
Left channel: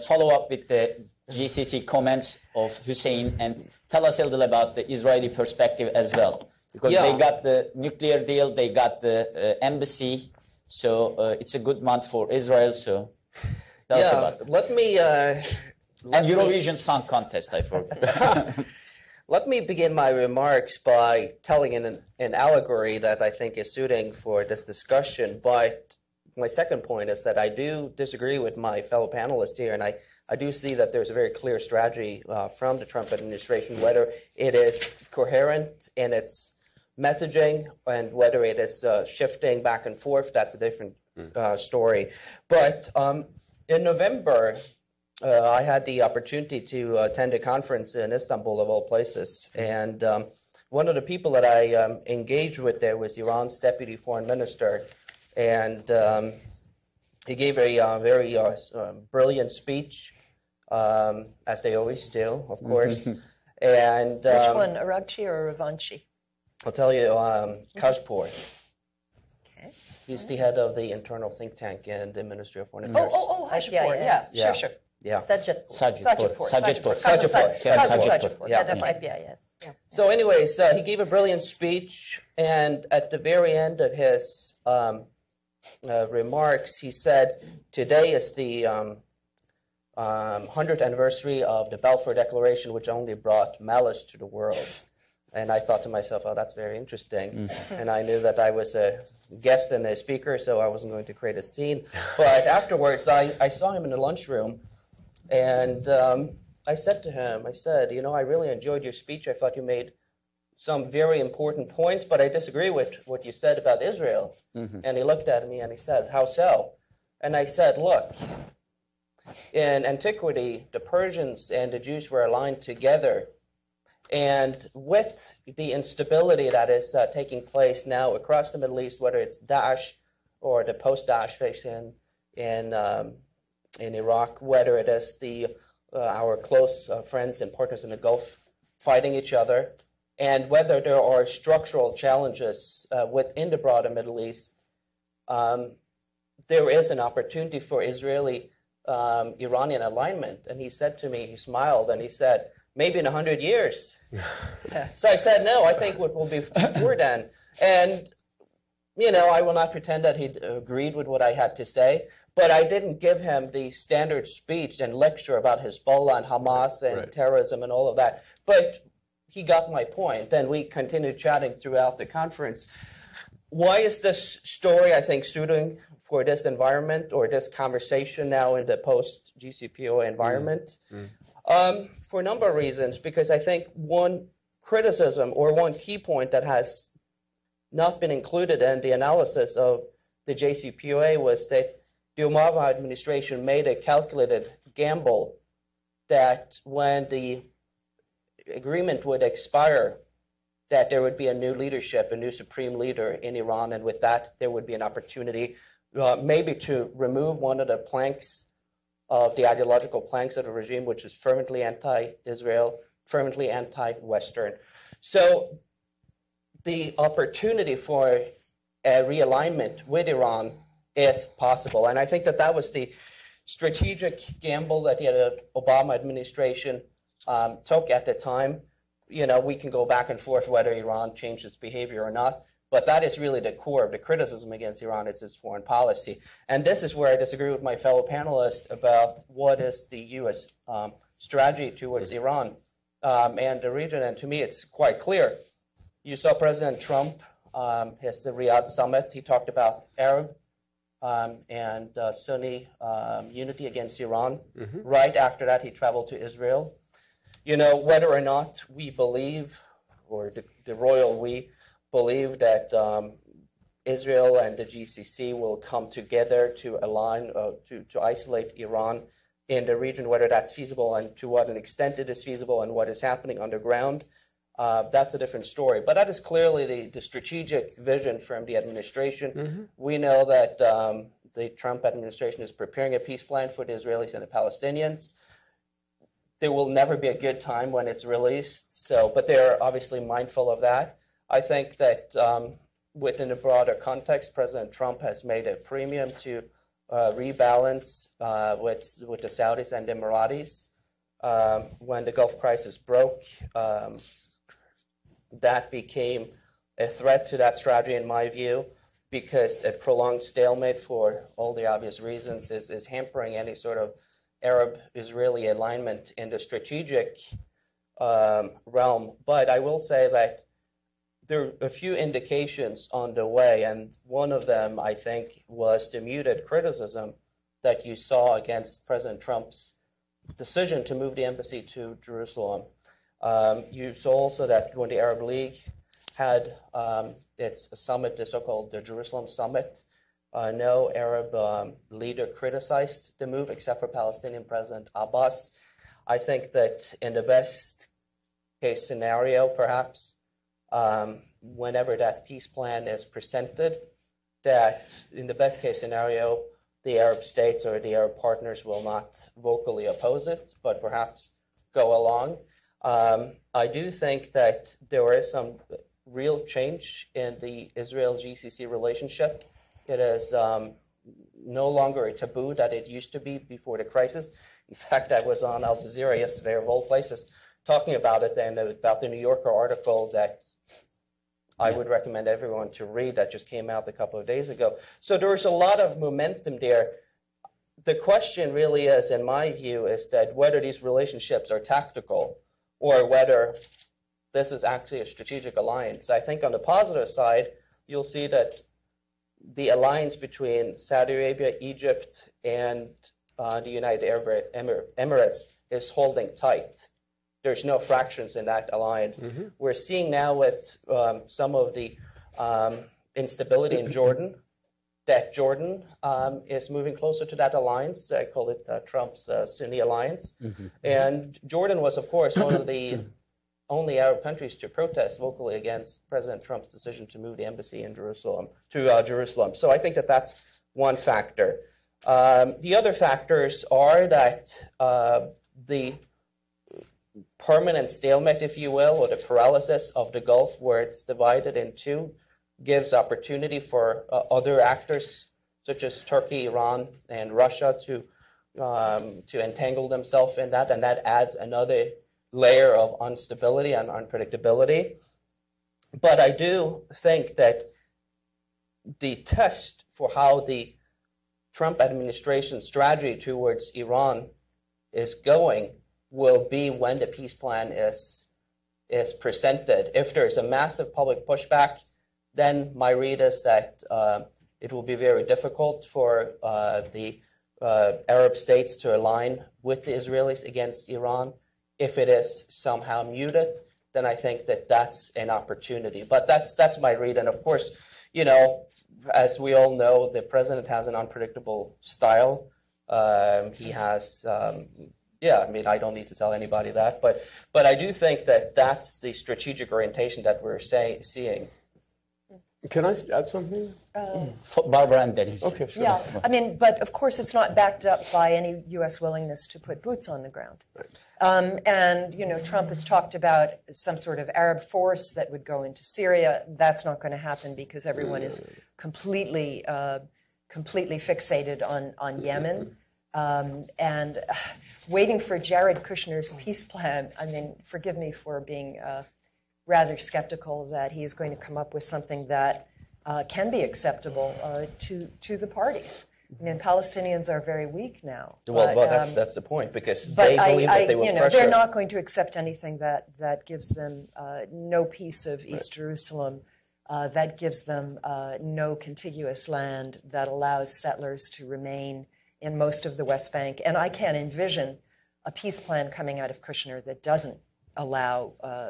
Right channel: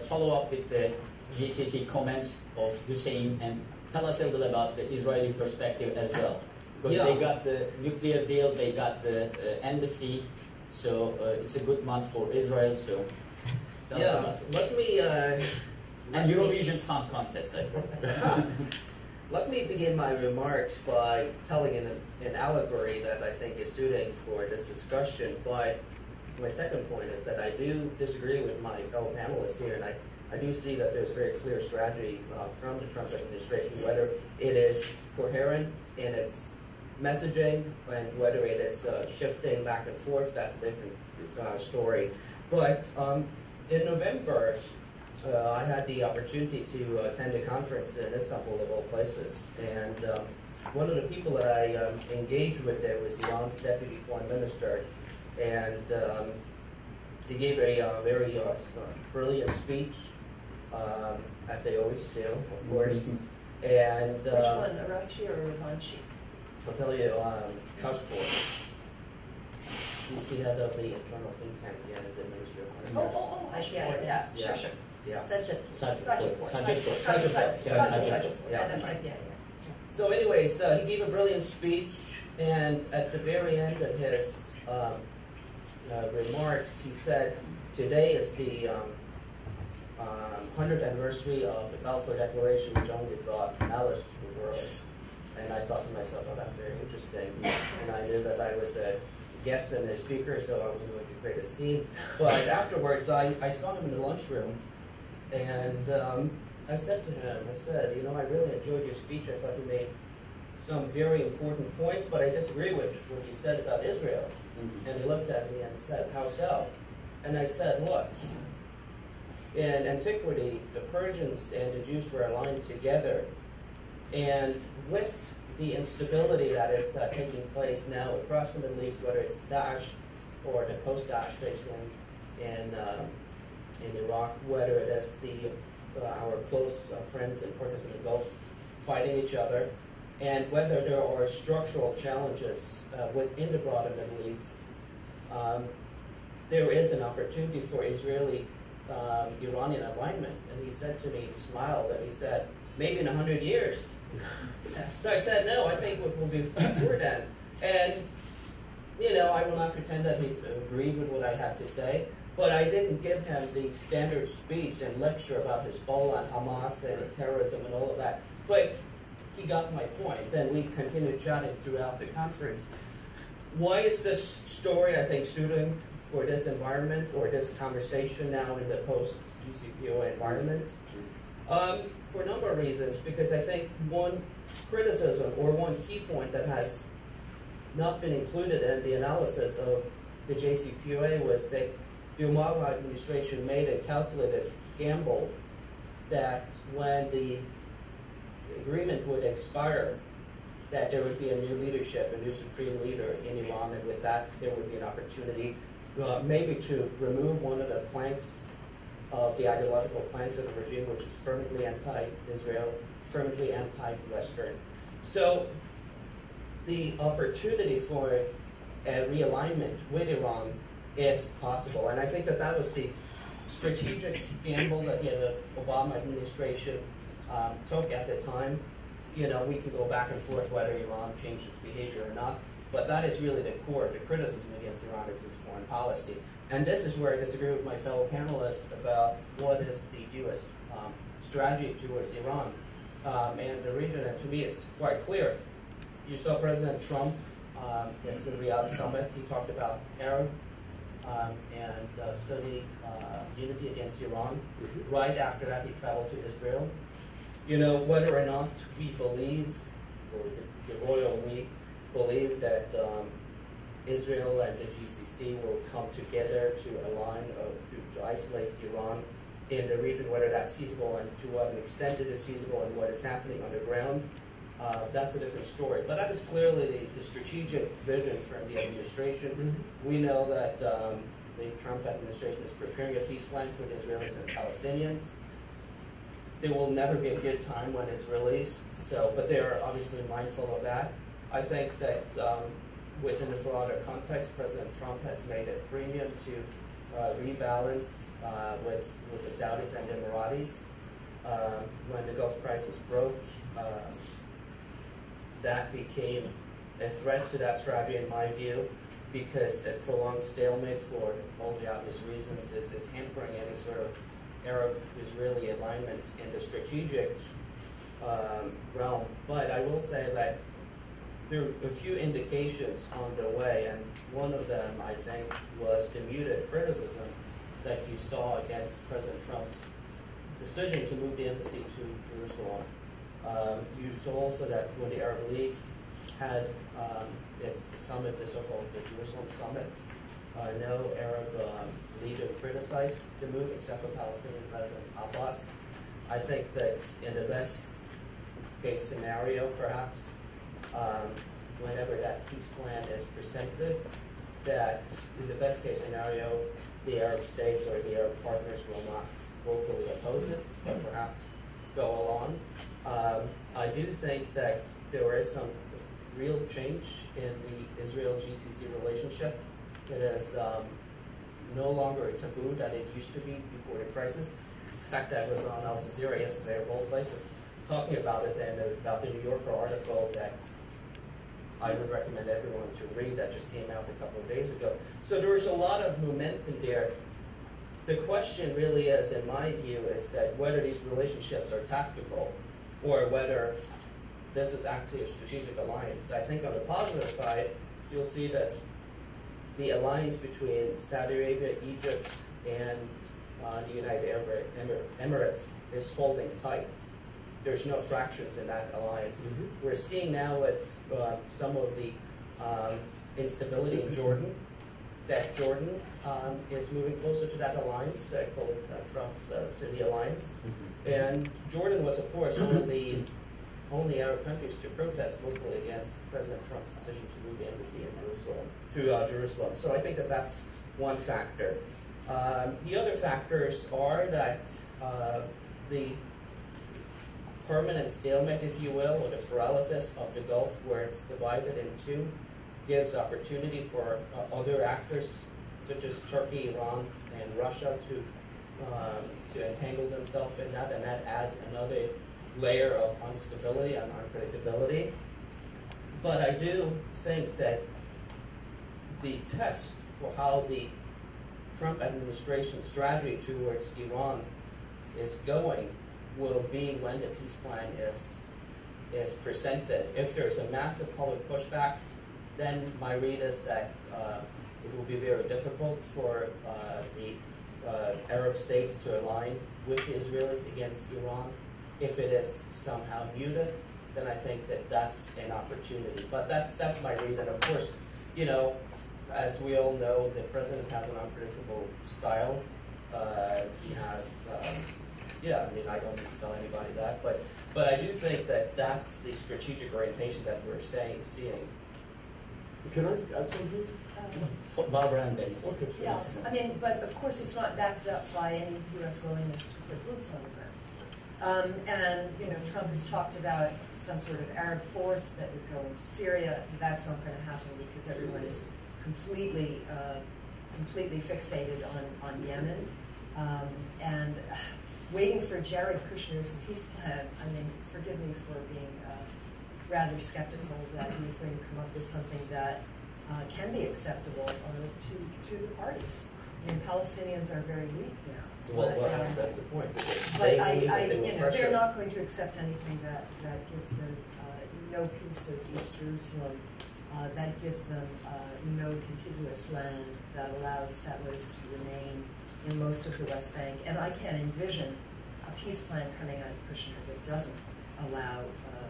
follow up with the GCC comments of Hussein and tell us a little about the Israeli perspective as well. Because they got the nuclear deal, they got the embassy, so it's a good month for Israel, so tell us about it. Let me... And Eurovision Song Contest, I forgot. Let me begin my remarks by telling an allegory that I think is suiting for this discussion. But my second point is that I do disagree with my fellow panelists here, and I do see that there's a very clear strategy from the Trump administration, whether it is coherent in its messaging and whether it is shifting back and forth. That's a different story. But in November, I had the opportunity to attend a conference in Istanbul, of all places, and one of the people that I engaged with there was Iran's deputy foreign minister, and he gave a very brilliant speech, as they always do, of course. And which one, Arabchi or Ravanchi? I'll tell you, Kashpour. He's the head of the internal think tank in the Ministry of Foreign Affairs. Sure. Yeah. Sajidpour. Yeah. So anyways, he gave a brilliant speech, and at the very end of his remarks, he said, today is the 100th anniversary of the Balfour Declaration, which only brought malice to the world. And I thought to myself, oh, that's very interesting. And I knew that I was a guest and a speaker, so I wasn't going to create a scene. But afterwards, I saw him in the lunchroom, and I said to him, you know, I really enjoyed your speech. I thought you made some very important points, but I disagree with what you said about Israel. And he looked at me and he said, how so? And I said, look, in antiquity, the Persians and the Jews were aligned together. And with the instability that is taking place now across the Middle East, whether it's Daesh or the post-Daesh phase in in Iraq, whether it is our close friends and partners in the Gulf fighting each other, and whether there are structural challenges within the broader Middle East, there is an opportunity for Israeli-Iranian alignment. And he said to me, he smiled, and he said, maybe in 100 years. So I said, no, I think it will be before then. And, I will not pretend that he agreed with what I had to say, but I didn't give him the standard speech and lecture about Hezbollah and Hamas and terrorism and all of that. But he got my point, and we continued chatting throughout the conference. Why is this story, I think, suiting for this environment or this conversation now in the post-JCPOA environment? For a number of reasons, because I think one criticism or one key point that has not been included in the analysis of the JCPOA was that the Obama administration made a calculated gamble that when the agreement would expire, that there would be a new leadership, a new supreme leader in Iran, and with that there would be an opportunity maybe to remove one of the planks of the ideological planks of the regime, which is fervently anti-Israel, fervently anti-Western. So the opportunity for a realignment with Iran is possible. And I think that was the strategic gamble that the Obama administration took at the time. We can go back and forth whether Iran changed its behavior or not, but that is really the core of the criticism against Iran. It's its foreign policy. And this is where I disagree with my fellow panelists about what is the U.S. strategy towards Iran and the region. And to me, it's quite clear. You saw President Trump at the Riyadh summit. He talked about Arab and Sunni unity against Iran. Mm-hmm. Right after that, he traveled to Israel. Whether or not we believe, or the royal we believe that Israel and the GCC will come together to align, to isolate Iran in the region, whether that's feasible and to what an extent it is feasible and what is happening underground, that's a different story. But that is clearly the strategic vision from the administration. Mm-hmm. We know that the Trump administration is preparing a peace plan for the Israelis and the Palestinians. There will never be a good time when it's released, but they're obviously mindful of that. I think that within a broader context, President Trump has made a premium to rebalance with the Saudis and the Emiratis. When the Gulf crisis broke, that became a threat to that strategy, in my view, because a prolonged stalemate, for all the obvious reasons, is hampering any sort of Arab-Israeli alignment in the strategic realm. But I will say that there are a few indications on the way, and one of them, I think, was the muted criticism that you saw against President Trump's decision to move the embassy to Jerusalem. You saw also that when the Arab League had its summit, the so-called the Jerusalem Summit, no Arab leader criticized the move except for Palestinian President Abbas. I think that in the best case scenario, perhaps, whenever that peace plan is presented, that in the best case scenario, the Arab states or the Arab partners will not vocally oppose it, but perhaps go along. I do think that there is some real change in the Israel-GCC relationship. It is no longer a taboo that it used to be before the crisis. In fact, I was on Al Jazeera yesterday, of all places, talking about it and about the New Yorker article that I would recommend everyone to read that just came out a couple of days ago. So there's a lot of momentum there. The question really is, in my view, is that whether these relationships are tactical or whether this is actually a strategic alliance. I think on the positive side, you'll see that the alliance between Saudi Arabia, Egypt, and the United Arab Emirates is holding tight. There's no fractions in that alliance. Mm-hmm. We're seeing now with some of the instability in Jordan that Jordan is moving closer to that alliance. I call it Trump's Sunni alliance. Mm-hmm. And Jordan was, of course, one of the only Arab countries to protest vocally against President Trump's decision to move the embassy in Jerusalem to Jerusalem. So I think that that's one factor. The other factors are that the permanent stalemate, if you will, or the paralysis of the Gulf where it's divided in two, gives opportunity for other actors such as Turkey, Iran, and Russia to entangle themselves in that, and that adds another layer of instability and unpredictability. But I do think that the test for how the Trump administration strategy towards Iran is going will be when the peace plan is presented. If there's a massive public pushback, then my read is that it will be very difficult for the Arab states to align with the Israelis against Iran. If it is somehow muted, then I think that that's an opportunity. But that's my read. And of course, you know, as we all know, the president has an unpredictable style. He has, I mean, I don't need to tell anybody that. But I do think that that's the strategic orientation that we're seeing. Can I add something? Barbara and Dennis. Okay, sure. Yeah, I mean, but of course it's not backed up by any U.S. willingness to put boots on the ground. And, you know, Trump has talked about some sort of Arab force that would go into Syria. That's not going to happen because everyone is completely fixated on Yemen. And waiting for Jared Kushner's peace plan, I mean, forgive me for being rather skeptical that he's going to come up with something that can be acceptable to the parties. I mean, Palestinians are very weak now. Well, that's the point, because they believe that they will pressure. They're not going to accept anything that gives them no piece of East Jerusalem, that gives them no contiguous land, that allows settlers to remain in most of the West Bank. And I can't envision a peace plan coming out of Kushner that doesn't allow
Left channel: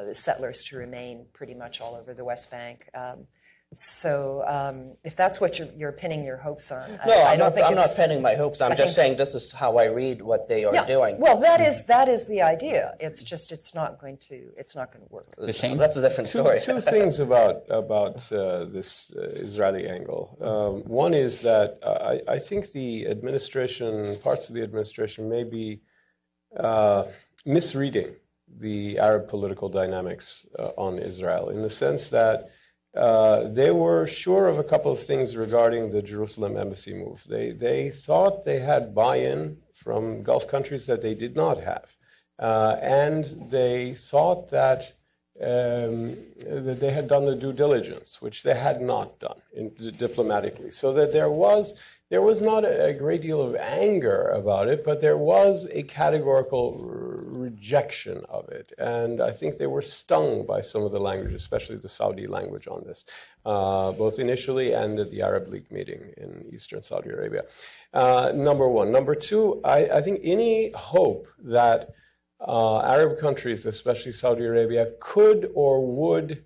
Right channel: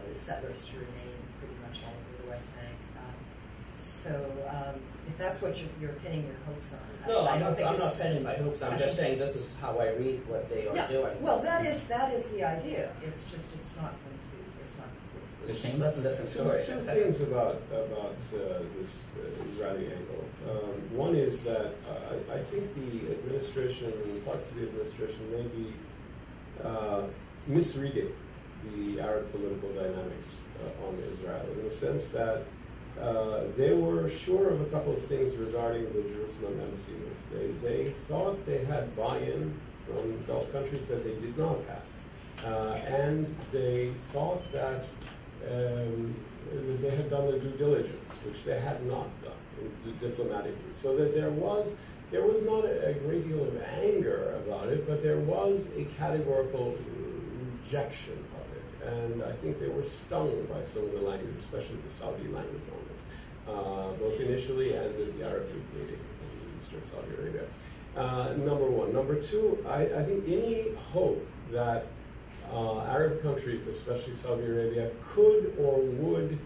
the settlers to remain pretty much all over the West Bank. So if that's what you're pinning your hopes on, I'm not pinning my hopes. I'm just saying this is how I read what they are doing. Well, that is the idea. It's just it's not going to work. That's a different story. Two things about this Israeli angle. One is that I think the administration, parts of the administration, may be misreading the Arab political dynamics on Israel, in the sense that they were sure of a couple of things regarding the Jerusalem embassy move. They thought they had buy-in from Gulf countries that they did not have. And they thought that they had done the due diligence, which they had not done diplomatically. So that there was not a great deal of anger about it, but there was a categorical rejection of it. And I think they were stung by some of the language, especially the Saudi language on this, both initially and at the Arab League meeting in eastern Saudi Arabia. Number one. Number two, I think any hope that Arab countries, especially Saudi Arabia, could or would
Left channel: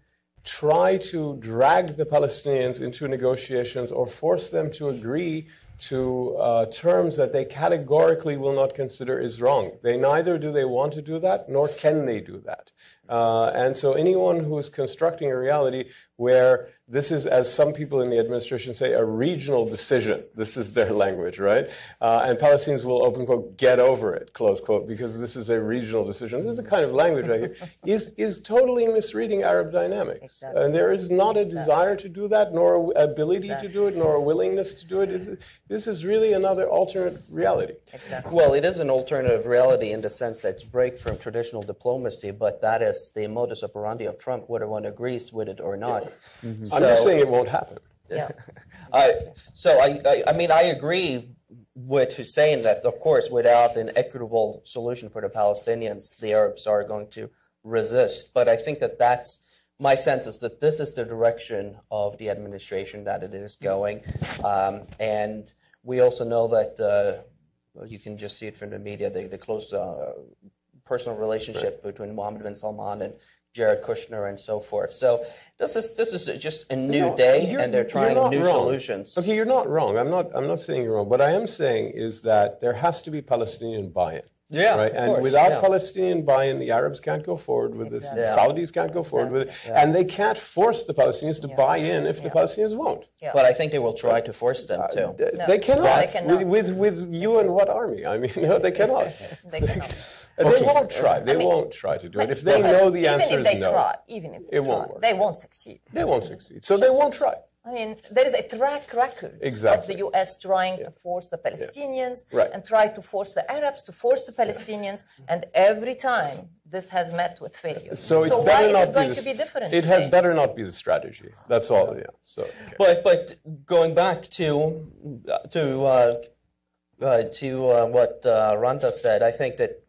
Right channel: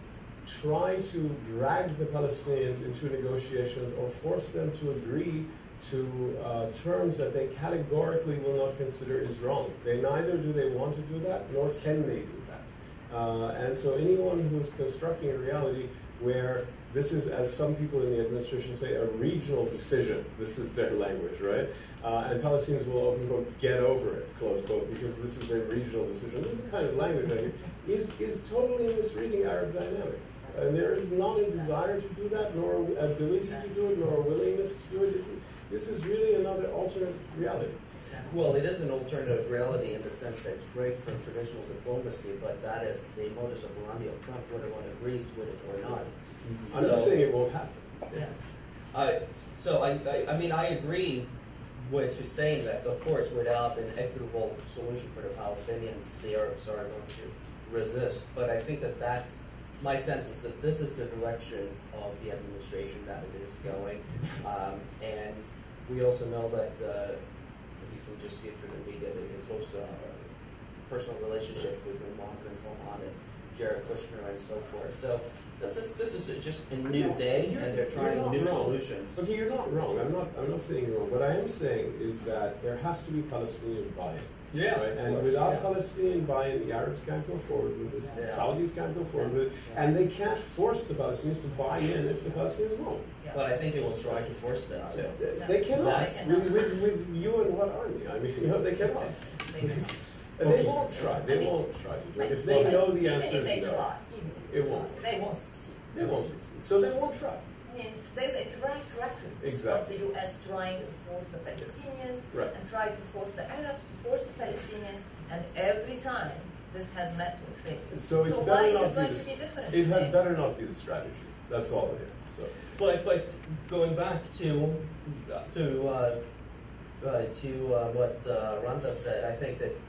try to drag the Palestinians into negotiations or force them to agree to terms that they categorically will not consider is wrong. Neither do they want to do that, nor can they do that. And so anyone who's constructing a reality where this is, as some people in the administration say, a regional decision. This is their language, right? And Palestinians will, open quote, get over it, close quote, because this is a regional decision. This is the kind of language I hear, is totally misreading Arab dynamics. Exactly. And there is not a desire to do that, nor an ability to do it, nor a willingness to do it. This is really another alternate reality. Exactly. Well, it is an alternative reality in the sense that it's break from traditional diplomacy, but that is the modus operandi of Trump, whether one agrees with it or not. Yeah. Mm-hmm. I'm just saying it won't happen. Yeah. So I mean, I agree with Hussein that, of course, without an equitable solution for the Palestinians, the Arabs are going to resist. But I think that that's my sense is that this is the direction of the administration that it is going. And we also know that you can just see it from the media, the close personal relationship between Mohammed bin Salman Jared Kushner and so forth. So this is just a new day, and they're trying new solutions. Okay, you're not wrong. I'm not saying you're wrong. What I am saying is that there has to be Palestinian buy-in. Yeah, right. And course, without Palestinian buy-in, the Arabs can't go forward with this. Exactly. The Saudis can't go forward with it, and they can't force the Palestinians to buy in if the Palestinians won't. Yeah. But I think they will try to force them to. They cannot. No, they cannot. With you and what army? I mean, no, they cannot. They cannot. They won't try. They won't try to do it. If they know the answer is no, Even if it won't work. they won't succeed. They won't succeed. So they won't try. I mean, there is a track record Exactly. of the U.S. trying to force the Palestinians Right. and try to force the Arabs to force the Palestinians, and every time this has met with failure. So it why better is not it going be to be different? It today? had better not be the strategy. That's all. Yeah. So. But going back to what Randa said, I think that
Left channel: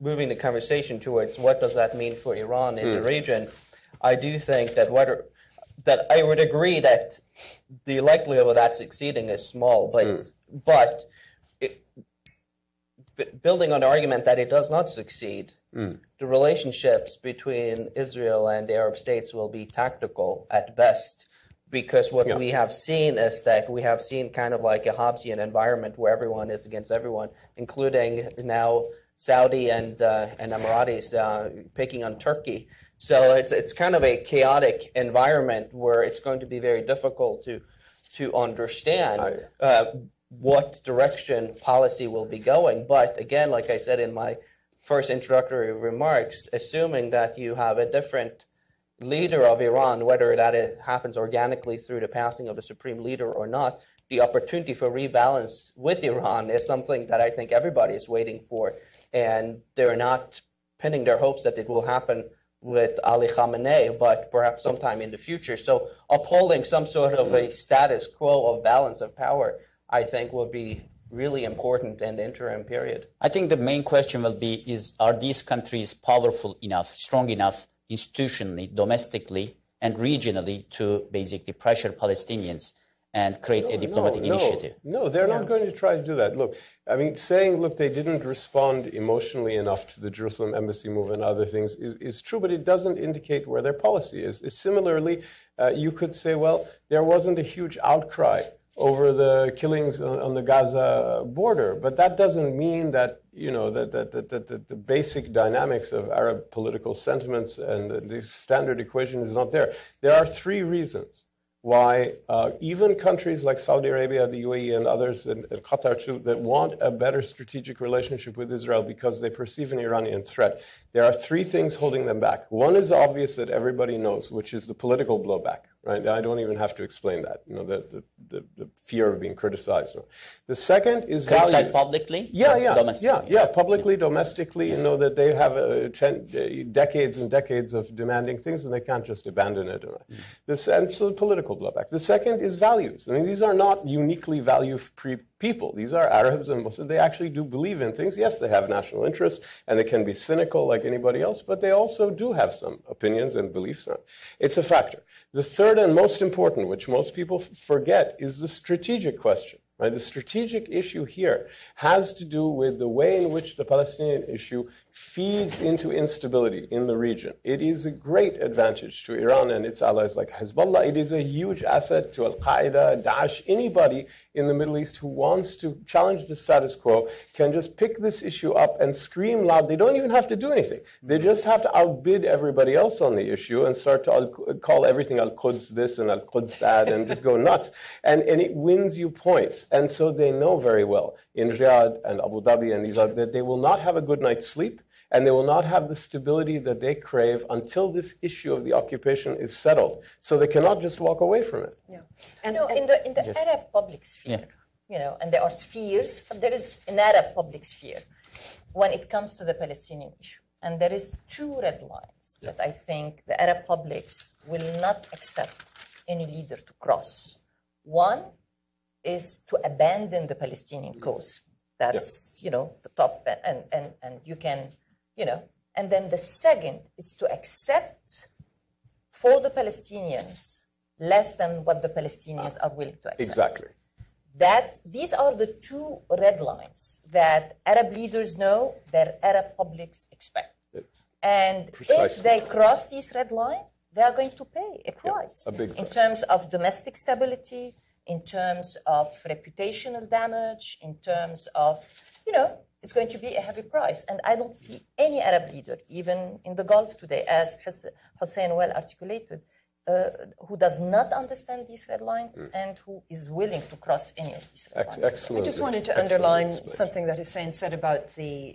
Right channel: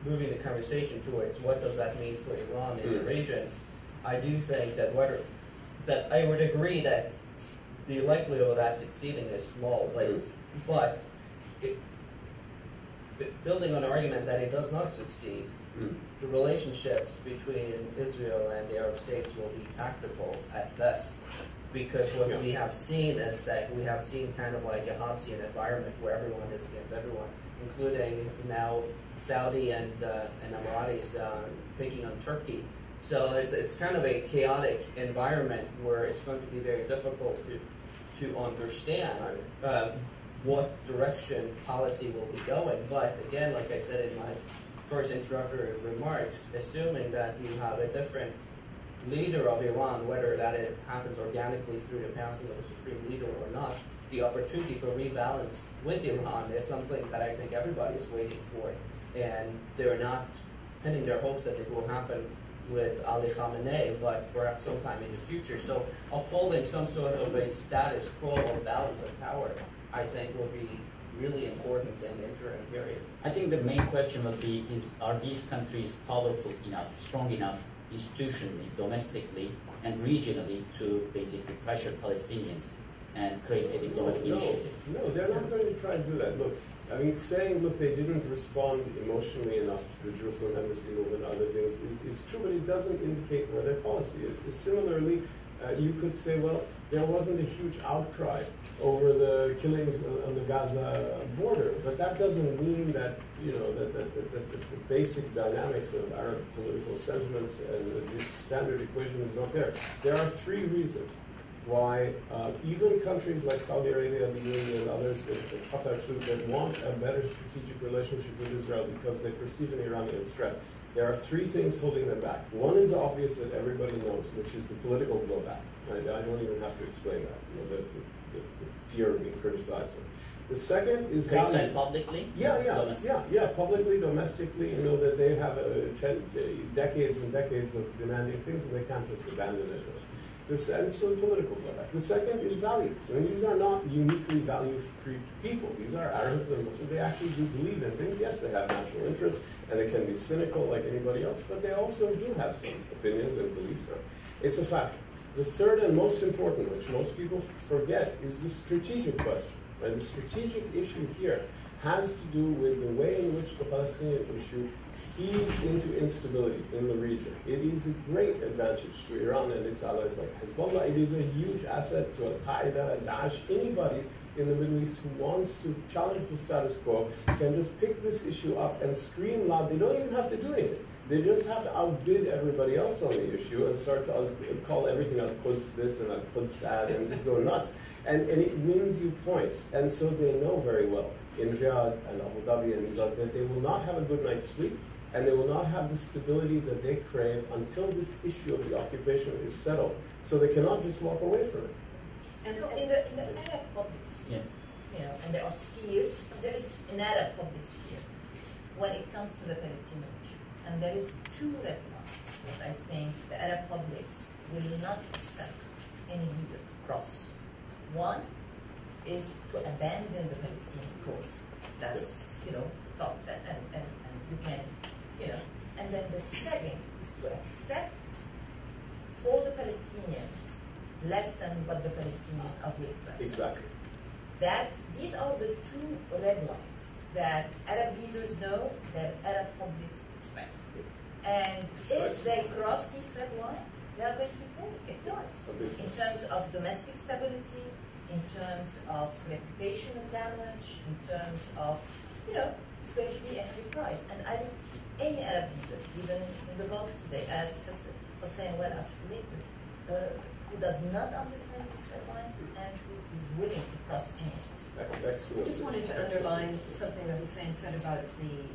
moving the conversation towards what does that mean for Iran in the region, I do think that that I would agree that the likelihood of that succeeding is small, but building on the argument that it does not succeed, the relationships between Israel and the Arab states will be tactical at best, because what we have seen is that we have seen kind of like a Hobbesian environment where everyone is against everyone, including now Saudi and Emiratis picking on Turkey. So it's kind of a chaotic environment where it's going to be very difficult to understand what direction policy will be going. But again, like I said in my first introductory remarks, assuming that you have a different leader of Iran, whether that happens organically through the passing of a supreme leader or not, the opportunity for rebalance with Iran is something that I think everybody is waiting for. And they're not pinning their hopes that it will happen with Ali Khamenei, but perhaps sometime in the future. So upholding some sort of a status quo of balance of power, I think, will be really important in the interim period. I think the main question will be are these countries powerful enough, strong enough institutionally, domestically, and regionally to basically pressure Palestinians and create a diplomatic initiative? No, they're not going to try to do that. Look, I mean, saying, look, they didn't respond emotionally enough to the Jerusalem embassy move and other things is true, but it doesn't indicate where their policy is. Similarly, you could say, well, there wasn't a huge outcry over the killings on the Gaza border, but that doesn't mean that, that the basic dynamics of Arab political sentiments and the standard equation is not there. There are three reasons why even countries like Saudi Arabia, the UAE, and others, and Qatar too, that want a better strategic relationship with Israel because they perceive an Iranian threat, there are three things holding them back. One is obvious that everybody knows, which is the political blowback. Right? I don't even have to explain that. The fear of being criticized. The second is criticized publicly? Yeah, publicly, domestically. That they have decades and decades of demanding things, and they can't just abandon it. So the political blowback. The second is values. I mean, these are not uniquely value-free people. These are Arabs and Muslims. They actually do believe in things. Yes, they have national interests, and they can be cynical like anybody else, but they also do have some opinions and beliefs. It's a factor. The third and most important, which most people forget, is the strategic question. Right? The strategic issue here has to do with the way in which the Palestinian issue feeds into instability in the region. It is a great advantage to Iran and its allies like Hezbollah. It is a huge asset to Al-Qaeda, Daesh, anybody in the Middle East who wants to challenge the status quo can just pick this issue up and scream loud. They don't even have to do anything. They just have to outbid everybody else on the issue and start to call everything Al-Quds this and Al-Quds that and just go nuts. And it wins you points. And so they know very well in Riyadh and Abu Dhabi and these other that they will not have a good night's sleep and they will not have the stability that they crave until this issue of the occupation is settled. So they cannot just walk away from it. And in the Arab public sphere, and there are spheres, there is an Arab public sphere when it comes to the Palestinian issue. And there is two red lines that I think the Arab publics will not accept any leader to cross. One is to abandon the Palestinian cause. That's, the top, and you can, And then the second is to accept for the Palestinians less than what the Palestinians are willing to accept. Exactly. These are the two red lines that Arab leaders know, that Arab publics expect. And if they cross this red line, they are going to pay a price in terms of domestic stability, in terms of reputational damage, in terms of, it's going to be a heavy price. And I don't see any Arab leader, even in the Gulf today, as Hussein well articulated, who does not understand these red lines and who is willing to cross any of these lines. Excellent. I just wanted to underline something that Hussein said about the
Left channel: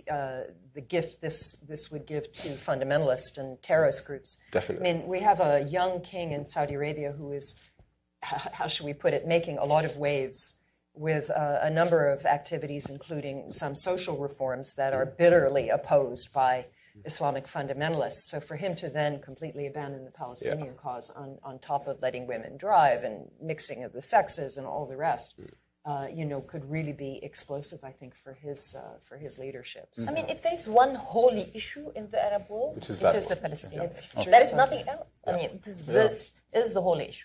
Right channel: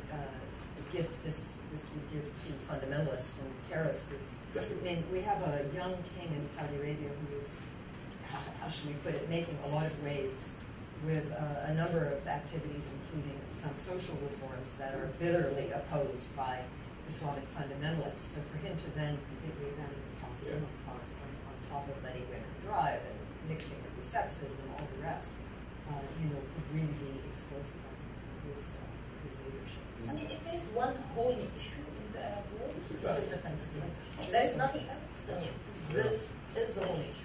gift this would give to fundamentalist and terrorist groups. Definitely. I mean, we have a young king in Saudi Arabia who is, how should we put it, making a lot of waves with a number of activities, including some social reforms that are bitterly opposed by Islamic fundamentalists. So for him to then completely abandon the Palestinian cause on top of letting women drive and mixing of the sexes and all the rest, could really be explosive, I think, for his leadership. I mean, if there is one holy issue in the Arab world, it is the Palestinians. Yeah. There is nothing else. I mean, this is the holy issue.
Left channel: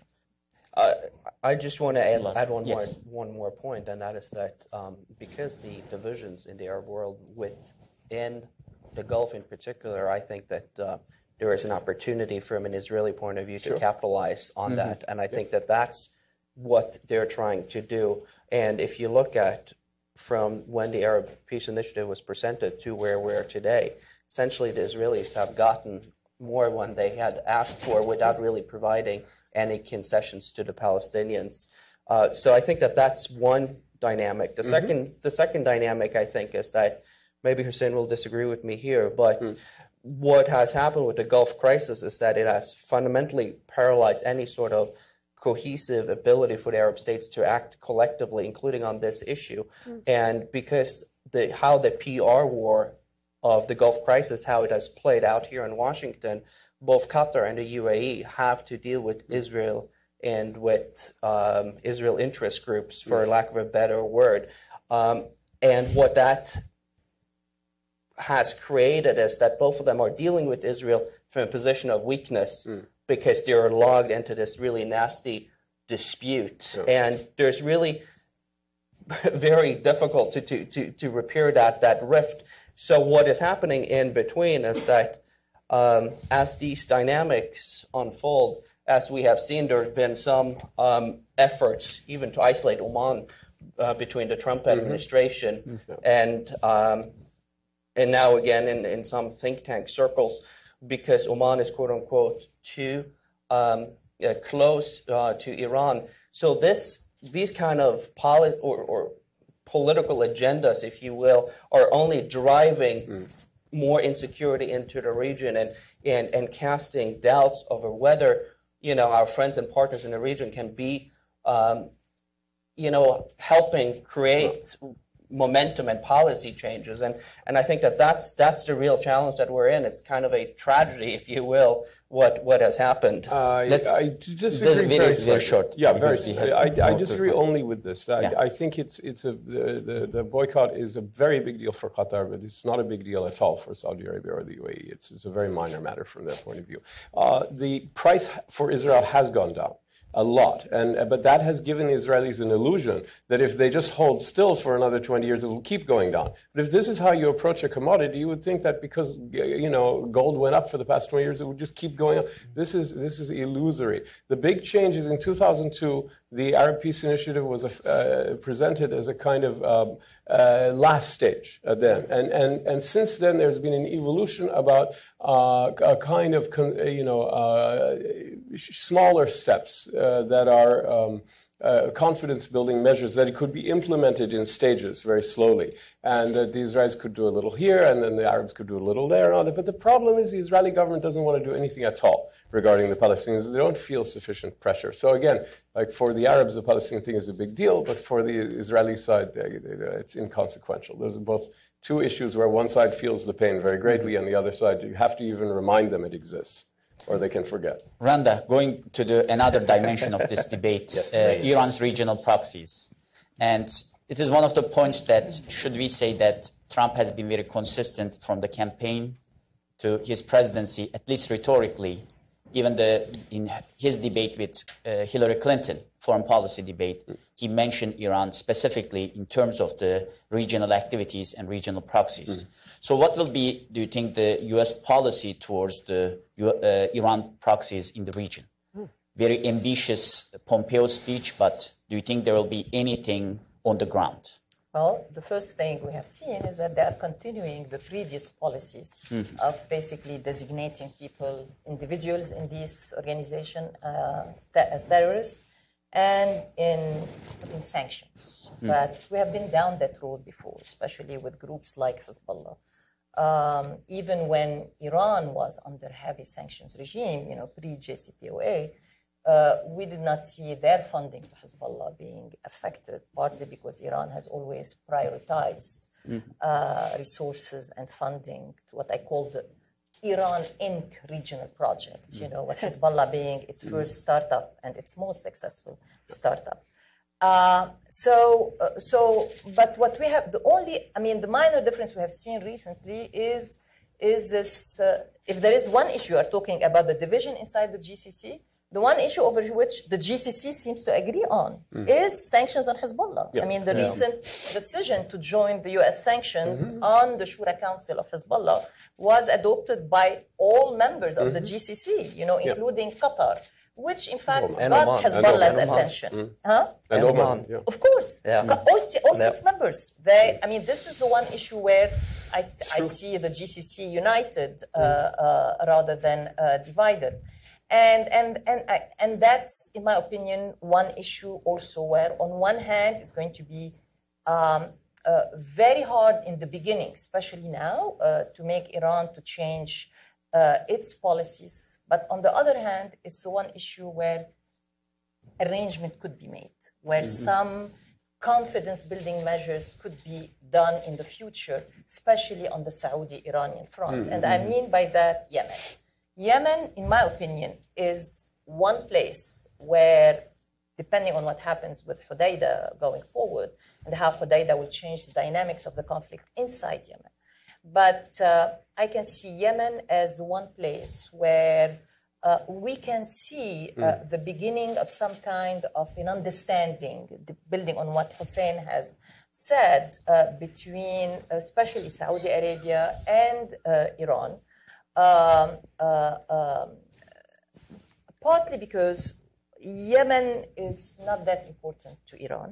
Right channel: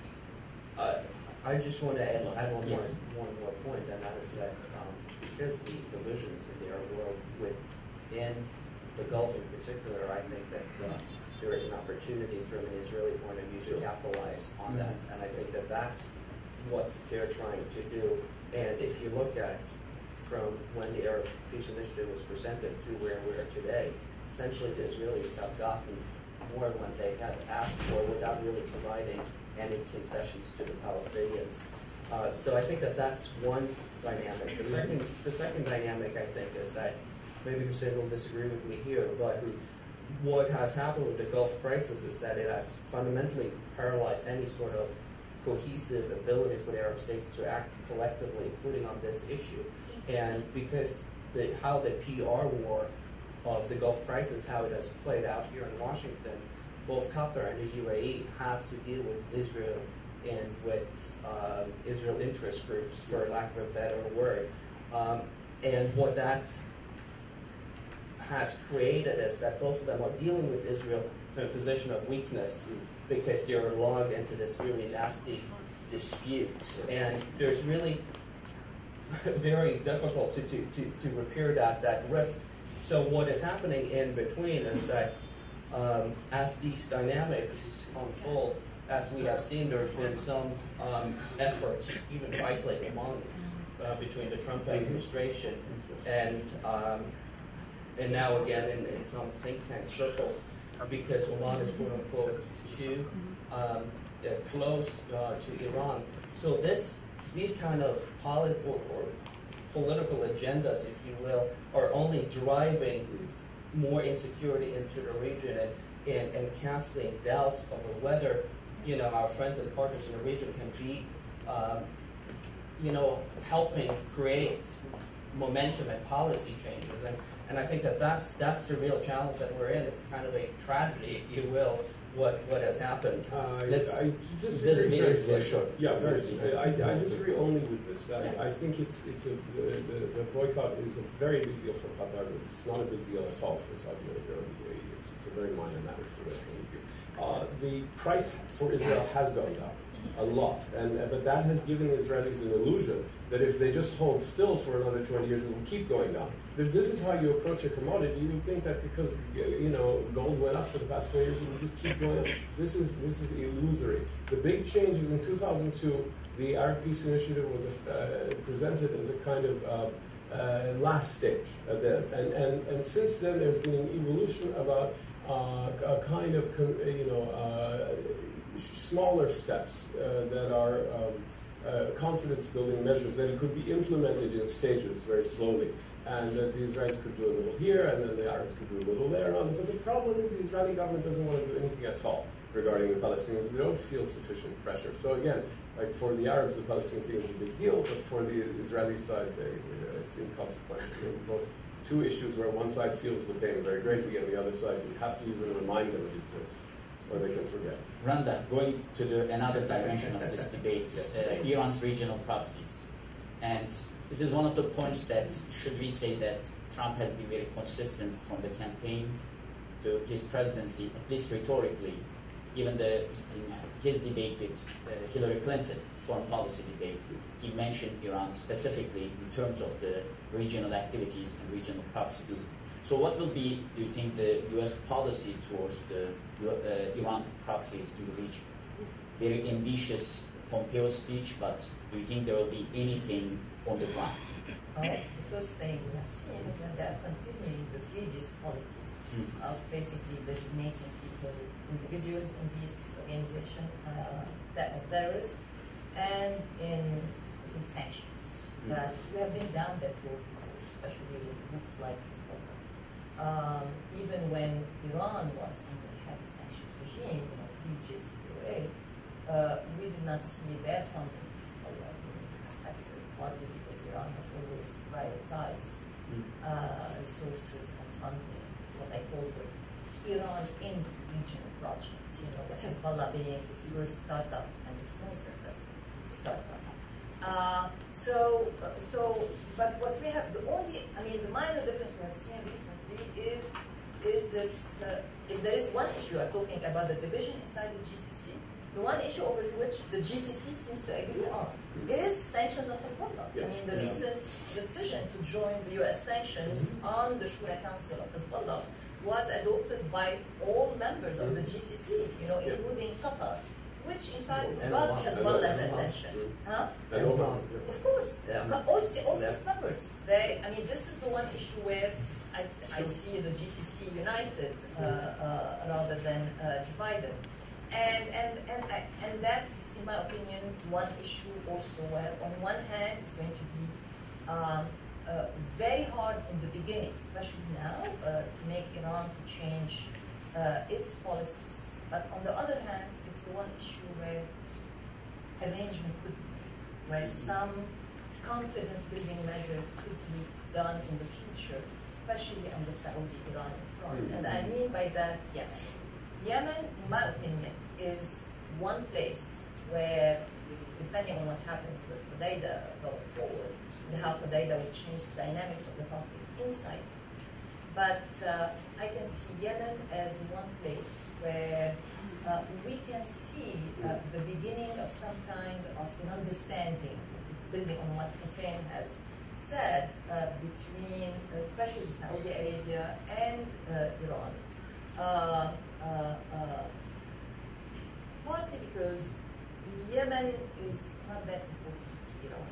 I just want to add one more point, and that is that because the divisions in the Arab world within the Gulf in particular, I think that there is an opportunity from an Israeli point of view to capitalize on that, and I think that that's what they're trying to do. And if you look at from when the Arab Peace Initiative was presented to where we're today, essentially the Israelis have gotten more than they had asked for without really providing any concessions to the Palestinians. So I think that that's one dynamic. The second dynamic, I think, is that maybe Hussein will disagree with me here, but what has happened with the Gulf crisis is that it has fundamentally paralyzed any sort of cohesive ability for the Arab states to act collectively, including on this issue. And because how the PR war of the Gulf crisis, how it has played out here in Washington, both Qatar and the UAE have to deal with Israel and with Israel interest groups, for lack of a better word. And what that has created is that both of them are dealing with Israel from a position of weakness because they're logged into this really nasty dispute. And there's really very difficult to repair that rift. So what is happening in between is that as these dynamics unfold, as we have seen, there have been some efforts even to isolate Oman between the Trump administration and now again in some think tank circles, because Oman is quote unquote too close to Iran. So these kind of political agendas, if you will, are only driving more insecurity into the region and casting doubts over whether our friends and partners in the region can be helping create momentum and policy changes. And I think that's the real challenge that we're in. It's kind of a tragedy, if you will, what has happened. I disagree very short. Yeah, very I disagree only with this. I think the boycott is a very big deal for Qatar, but it's not a big deal at all for Saudi Arabia or the UAE. It's a very minor matter from their point of view. The price for Israel has gone down a lot, but that has given the Israelis an illusion that if they just hold still for another 20 years, it will keep going down. But if this is how you approach a commodity, you would think that because gold went up for the past 20 years, it would just keep going up. This is illusory. The big change is in 2002, the Arab Peace Initiative was presented as a kind of last stage then, and since then there's been an evolution about a kind of smaller steps that are confidence-building measures that it could be implemented in stages very slowly. And the Israelis could do a little here, and then the Arabs could do a little there. But the problem is the Israeli government doesn't want to do anything at all regarding the Palestinians. They don't feel sufficient pressure. So again, like for the Arabs, the Palestinian thing is a big deal, but for the Israeli side, it's inconsequential. Those are both two issues where one side feels the pain very greatly, and the other side, you have to even remind them it exists, or they can forget. Randa, going to another dimension of this debate, Iran's regional proxies. And it is one of the points that, should we say that Trump has been very consistent from the campaign to his presidency, at least rhetorically, even in his debate with Hillary Clinton, foreign policy debate, he mentioned Iran specifically in terms of the regional activities and regional proxies. So what will be, do you think, the U.S. policy towards the Iran proxies in the region? Very ambitious Pompeo speech, but do you think there will be anything on the ground? Well, the first thing we have seen is that they are continuing the previous policies of basically designating people, individuals in this organization as terrorists, and in putting sanctions. But we have been down that road before, especially with groups like Hezbollah. Even when Iran was under heavy sanctions regime, pre-JCPOA, we did not see their funding Hezbollah being affected, partly because Iran has always prioritized resources and funding, what I call the Iran Inc. regional project, with Hezbollah being its first startup and its most successful startup. But what we have, the minor difference we have seen recently is this, if there is one issue, you are talking about the division inside the GCC, the one issue over which the GCC seems to agree on is sanctions on Hezbollah. Yeah. The recent decision to join the U.S. sanctions on the Shura Council of Hezbollah was adopted by all members of the GCC, including Qatar, which in fact got Hezbollah's attention. And Oman. Yeah. Of course. Yeah. All 6 members. This is the one issue where I see the GCC united rather than divided. And that's, in my opinion, one issue also where, on one hand, it's going to be very hard in the beginning, especially now, to make Iran to change its policies. But on the other hand, it's one issue where arrangement could be made, where some confidence-building measures could be done in the future, especially on the Saudi-Iranian front. And I mean by that Yemen. Yemen, in my opinion, is one place where, depending on what happens with Hodeidah going forward, and how Hodeidah will change the dynamics of the conflict inside Yemen. But I can see Yemen as one place where we can see the beginning of some kind of an understanding, building on what Hussein has said, between especially Saudi Arabia and Iran. Partly because Yemen is not that important to Iran.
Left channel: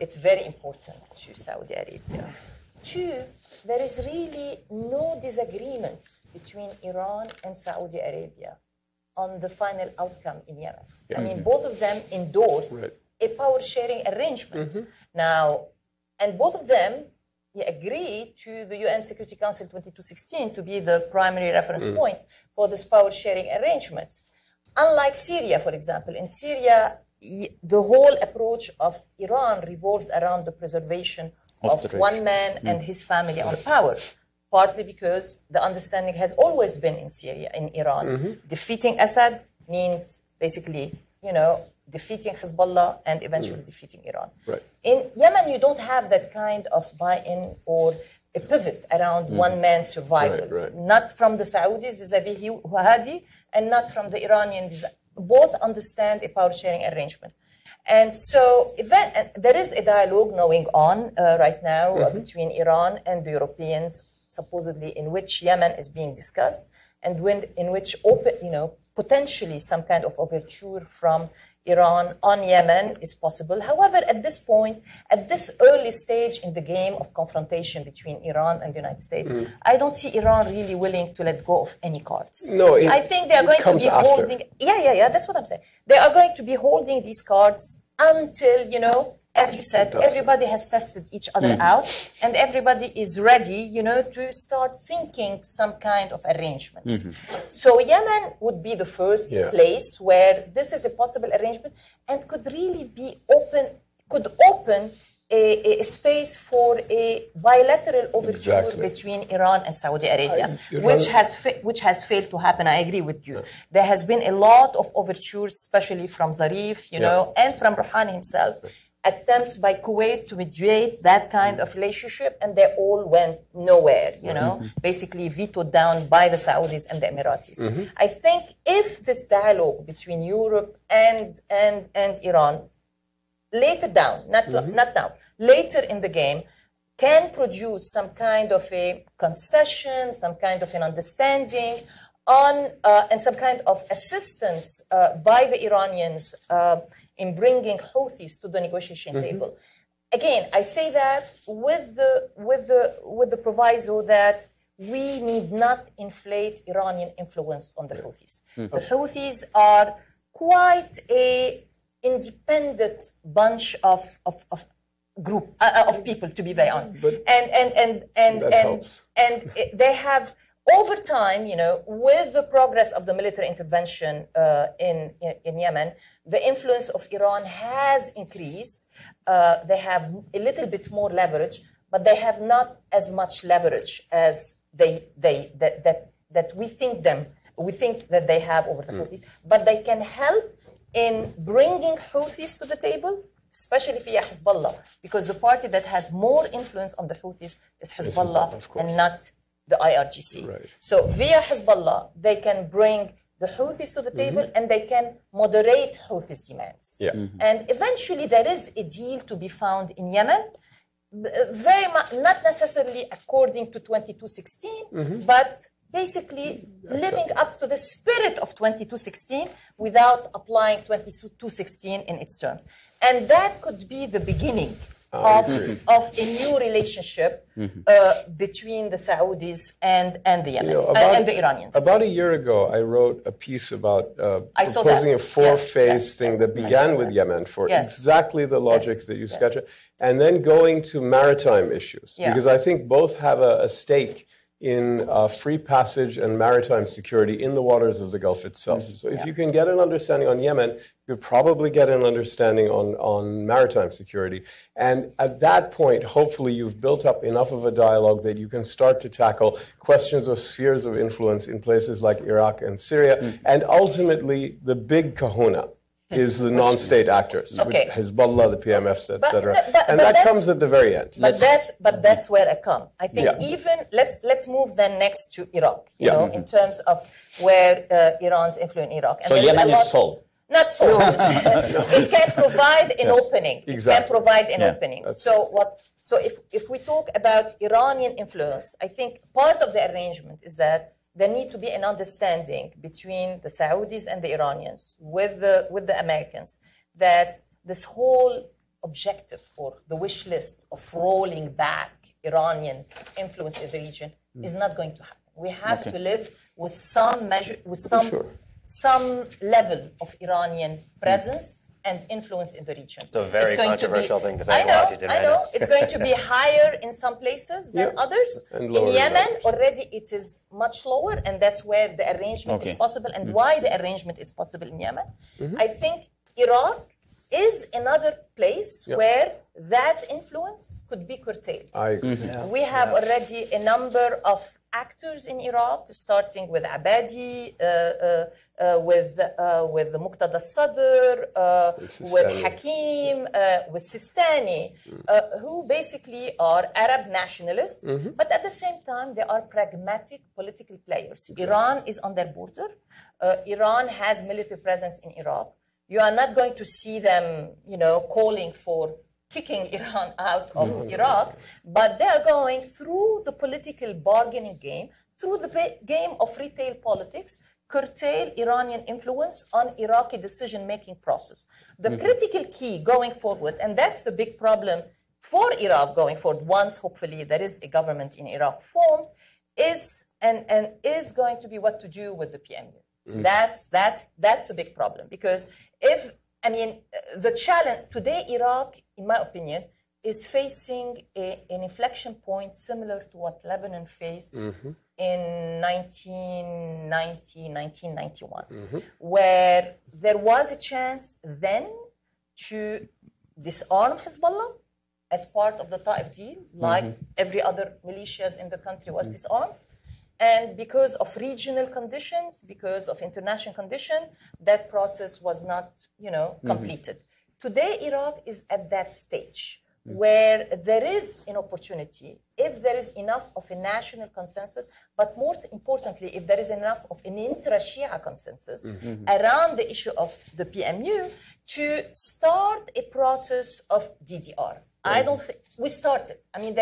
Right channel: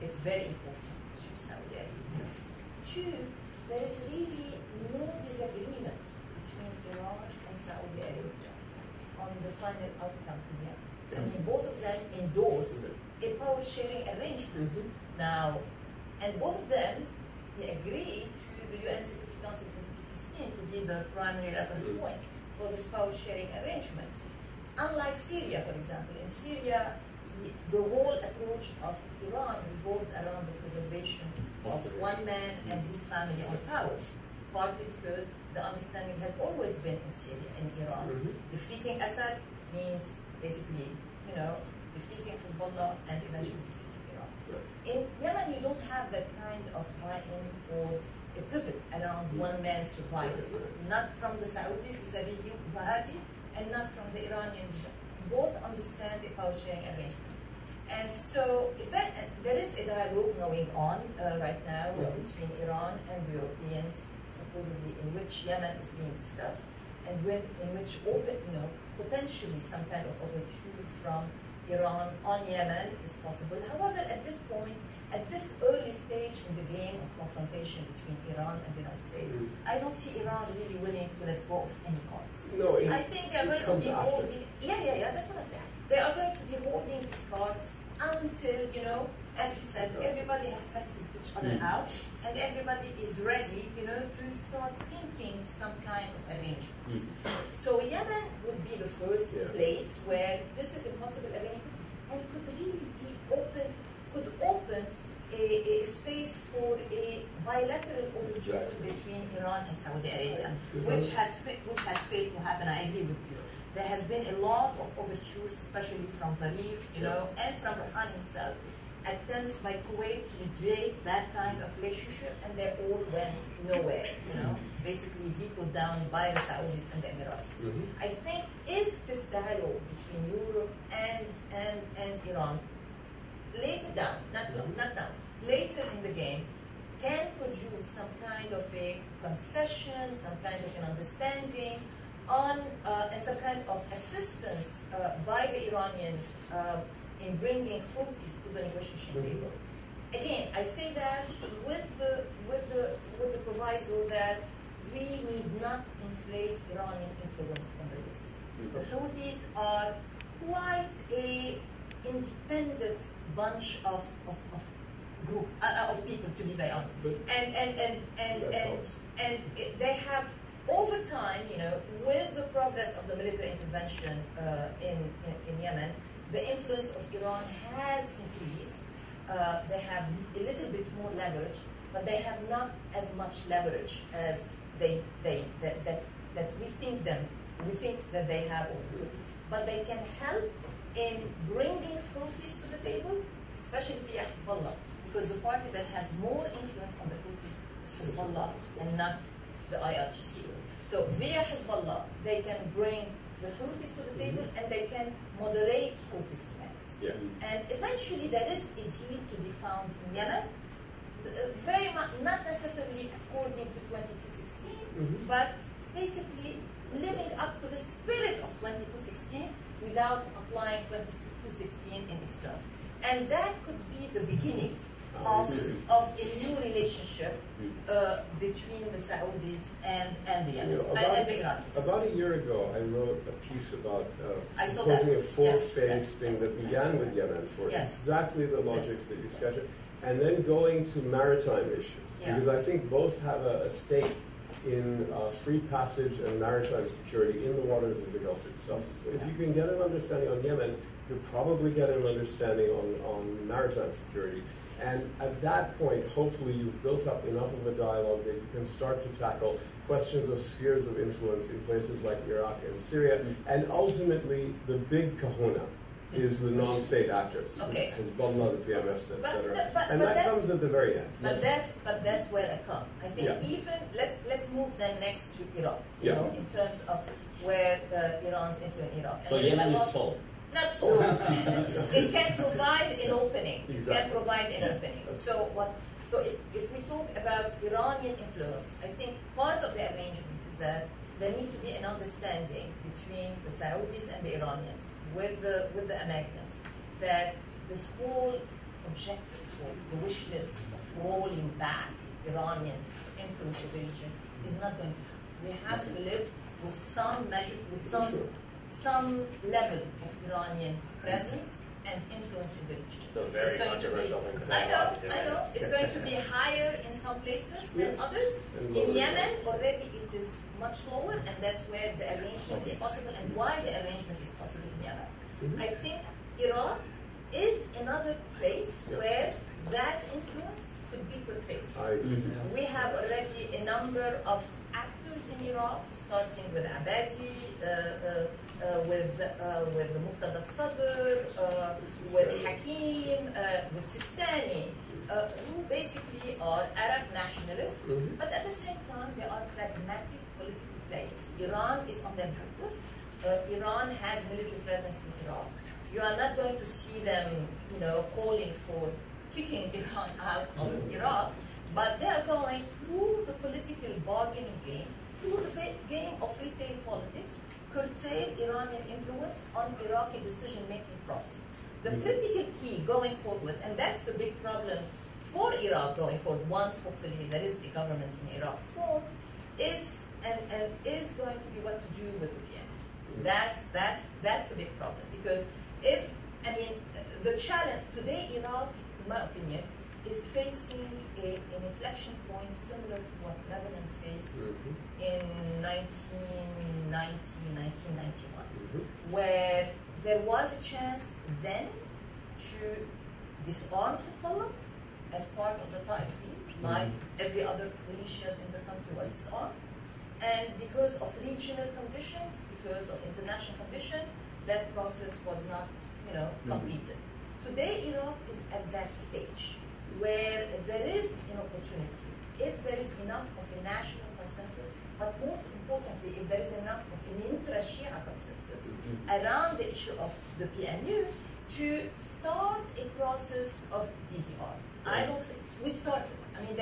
It's very important to Saudi Arabia. 2, there is really no disagreement between Iran and Saudi Arabia on the final outcome in Yemen. Both of them endorse a power-sharing arrangement. Now, and both of them agree to the UN Security Council 2216 to be the primary reference point for this power-sharing arrangement. Unlike Syria, for example, in Syria, the whole approach of Iran revolves around the preservation of one man and his family on power, partly because the understanding has always been in Syria, in Iran. Defeating Assad means basically, defeating Hezbollah and eventually defeating Iran. Right. In Yemen, you don't have that kind of buy-in or a pivot around one man's survival. Not from the Saudis vis-a-vis Hadi, and not from the Iranians. Both understand a power-sharing arrangement. And so there is a dialogue going on right now between Iran and the Europeans, supposedly in which Yemen is being discussed, and in which potentially some kind of overture from Iran on Yemen is possible. However, at this point, at this early stage in the game of confrontation between Iran and the United States, I don't see Iran really willing to let go of any cards. No, I think they are going to be holding... Yeah, that's what I'm saying. They are going to be holding these cards until, as you said, everybody has tested each other out, and everybody is ready, to start thinking some kind of arrangements. So Yemen would be the first place where this is a possible arrangement and could really be open a space for a bilateral overture between Iran and Saudi Arabia, which has failed to happen. I agree with you. There has been a lot of overtures, especially from Zarif, and from Rouhani himself, attempts by Kuwait to mediate that kind of relationship, and they all went nowhere, basically vetoed down by the Saudis and the Emiratis. I think if this dialogue between Europe and Iran, later down, not now, later in the game, can produce some kind of a concession, some kind of an understanding on, and some kind of assistance by the Iranians in bringing Houthis to the negotiation table. Again, I say that with the proviso that we need not inflate Iranian influence on the Houthis. The Houthis are quite a independent bunch of group of people, to be very honest, and they have over time, with the progress of the military intervention in Yemen, the influence of Iran has increased. They have a little bit more leverage, but they have not as much leverage as that we think that they have over the Houthis. But they can help in bringing Houthis to the table, especially via Hezbollah, because the party that has more influence on the Houthis is Hezbollah and not the IRGC. Right. So via Hezbollah, they can bring the Houthis to the table and they can moderate Houthis' demands. Yeah. And eventually there is a deal to be found in Yemen, very much, not necessarily according to 2216, but basically living up to the spirit of 2216 without applying 2216 in its terms. And that could be the beginning of a new relationship between the Saudis and the Yemen and the Iranians. About a year ago, I wrote a piece about proposing a four-phase thing that began with Yemen for exactly the logic that you sketched, and then going to maritime issues, because I think both have a stake in free passage and maritime security in the waters of the Gulf itself. So if you can get an understanding on Yemen, you'll probably get an understanding on maritime security. And at that point, hopefully you've built up enough of a dialogue that you can start to tackle questions of spheres of influence in places like Iraq and Syria. And ultimately, the big kahuna is the non-state actors, which Hezbollah, the PMFs, etc. And that comes at the very end. But that's where I come. I think even let's move then next to Iraq. You know, in terms of where Iran's influence in Iraq. And so Yemen is sold. Not sold. It can provide an opening. Exactly. It can provide an opening. So if we talk about Iranian influence, I think part of the arrangement is that there need to be an understanding between the Saudis and the Iranians with the Americans that this whole objective or the wish list of rolling back Iranian influence in the region is not going to happen. We have to live with some measure, with some level of Iranian presence and influence in the region. It's a very controversial thing because I know. It's going to be higher in some places than others. In Yemen, already it is much lower, and that's where the arrangement is possible and why the arrangement is possible in Yemen. I think Iraq is another place where that influence could be curtailed. We have already a number of actors in Iraq, starting with Abadi, with Muqtada Sadr, with Hakim, with Sistani, who basically are Arab nationalists, but at the same time they are pragmatic political players. Iran is on their border. Iran has military presence in Iraq. You are not going to see them, calling for kicking Iran out of Iraq, but they are going through the political bargaining game, through the game of retail politics, curtail Iranian influence on Iraqi decision-making process. The critical key going forward, and that's the big problem for Iraq going forward, once hopefully there is a government in Iraq formed, is going to be what to do with the PMU. That's a big problem, because the challenge today, Iraq, in my opinion, is facing an inflection point similar to what Lebanon faced in 1990, 1991, where there was a chance then to disarm Hezbollah as part of the Taif deal, like every other militias in the country was disarmed. And because of regional conditions, because of international conditions, that process was not, completed. Today, Iraq is at that stage where there is an opportunity, if there is enough of a national consensus, but more importantly, if there is enough of an intra-Shia consensus around the issue of the PMU, to start a process of DDR. I don't think we started. I mean,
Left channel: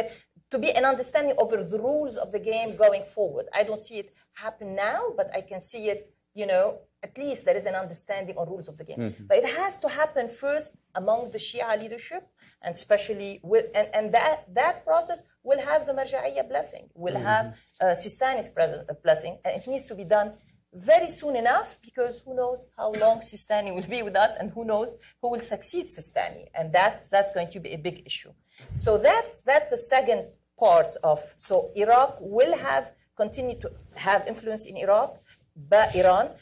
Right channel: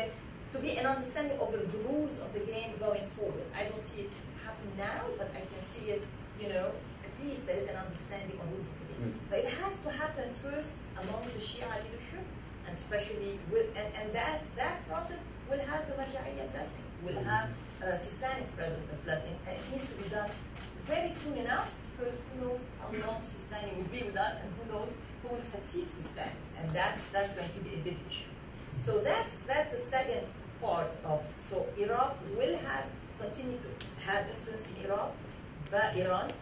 to be an understanding over the rules of the game going forward. I don't see it happen now, but I can see it, at least there is an understanding on rules of the game. But it has to happen first among the Shia leadership, and especially and that process will have the Marja'iyya blessing, will have Sistani's blessing, and it needs to be done very soon enough, because who knows how long Sistani will be with us, and who knows who will succeed Sistani, and that's going to be a big issue. So that's the second part of. So Iraq will continue to have influence in Iraq, but Iran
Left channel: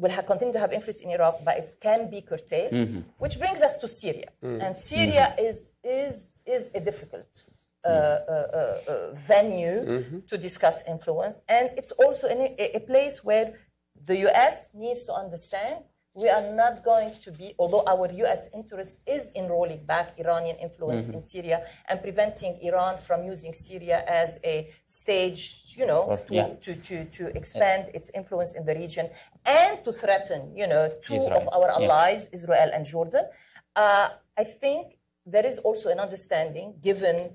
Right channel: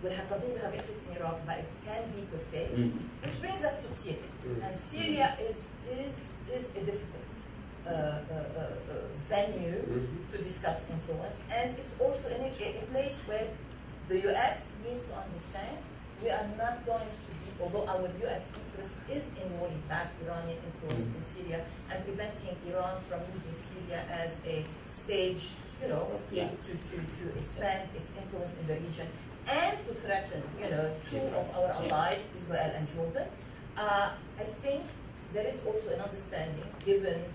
will continue to have influence in Iraq, but it can be curtailed, which brings us to Syria. And Syria is a difficult venue to discuss influence, and it's also a place where the U.S. needs to understand we are not going to be, although our U.S. interest is in rolling back Iranian influence in Syria and preventing Iran from using Syria as a stage, to expand its influence in the region and to threaten, two Israel. of our allies, Israel and Jordan. I think there is also an understanding, given,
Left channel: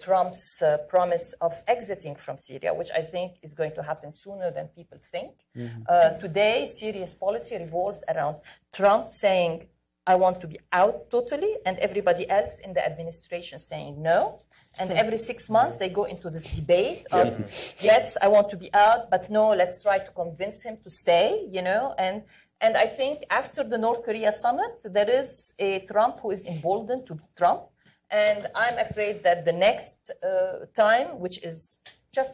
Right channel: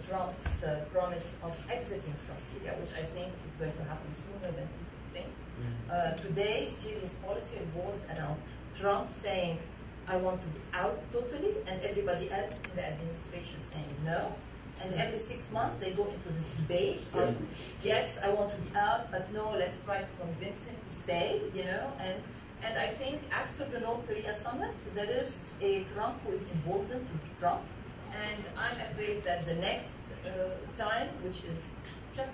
Trump's promise of exiting from Syria, which I think is going to happen sooner than people think. Today, Syria's policy revolves around Trump saying, I want to be out totally, and everybody else in the administration saying no. And every 6 months, they go into this debate of, yes, I want to be out, but no, let's try to convince him to stay, And I think after the North Korea summit, there is a Trump who is emboldened to be Trump. And I'm afraid that the next time, which is just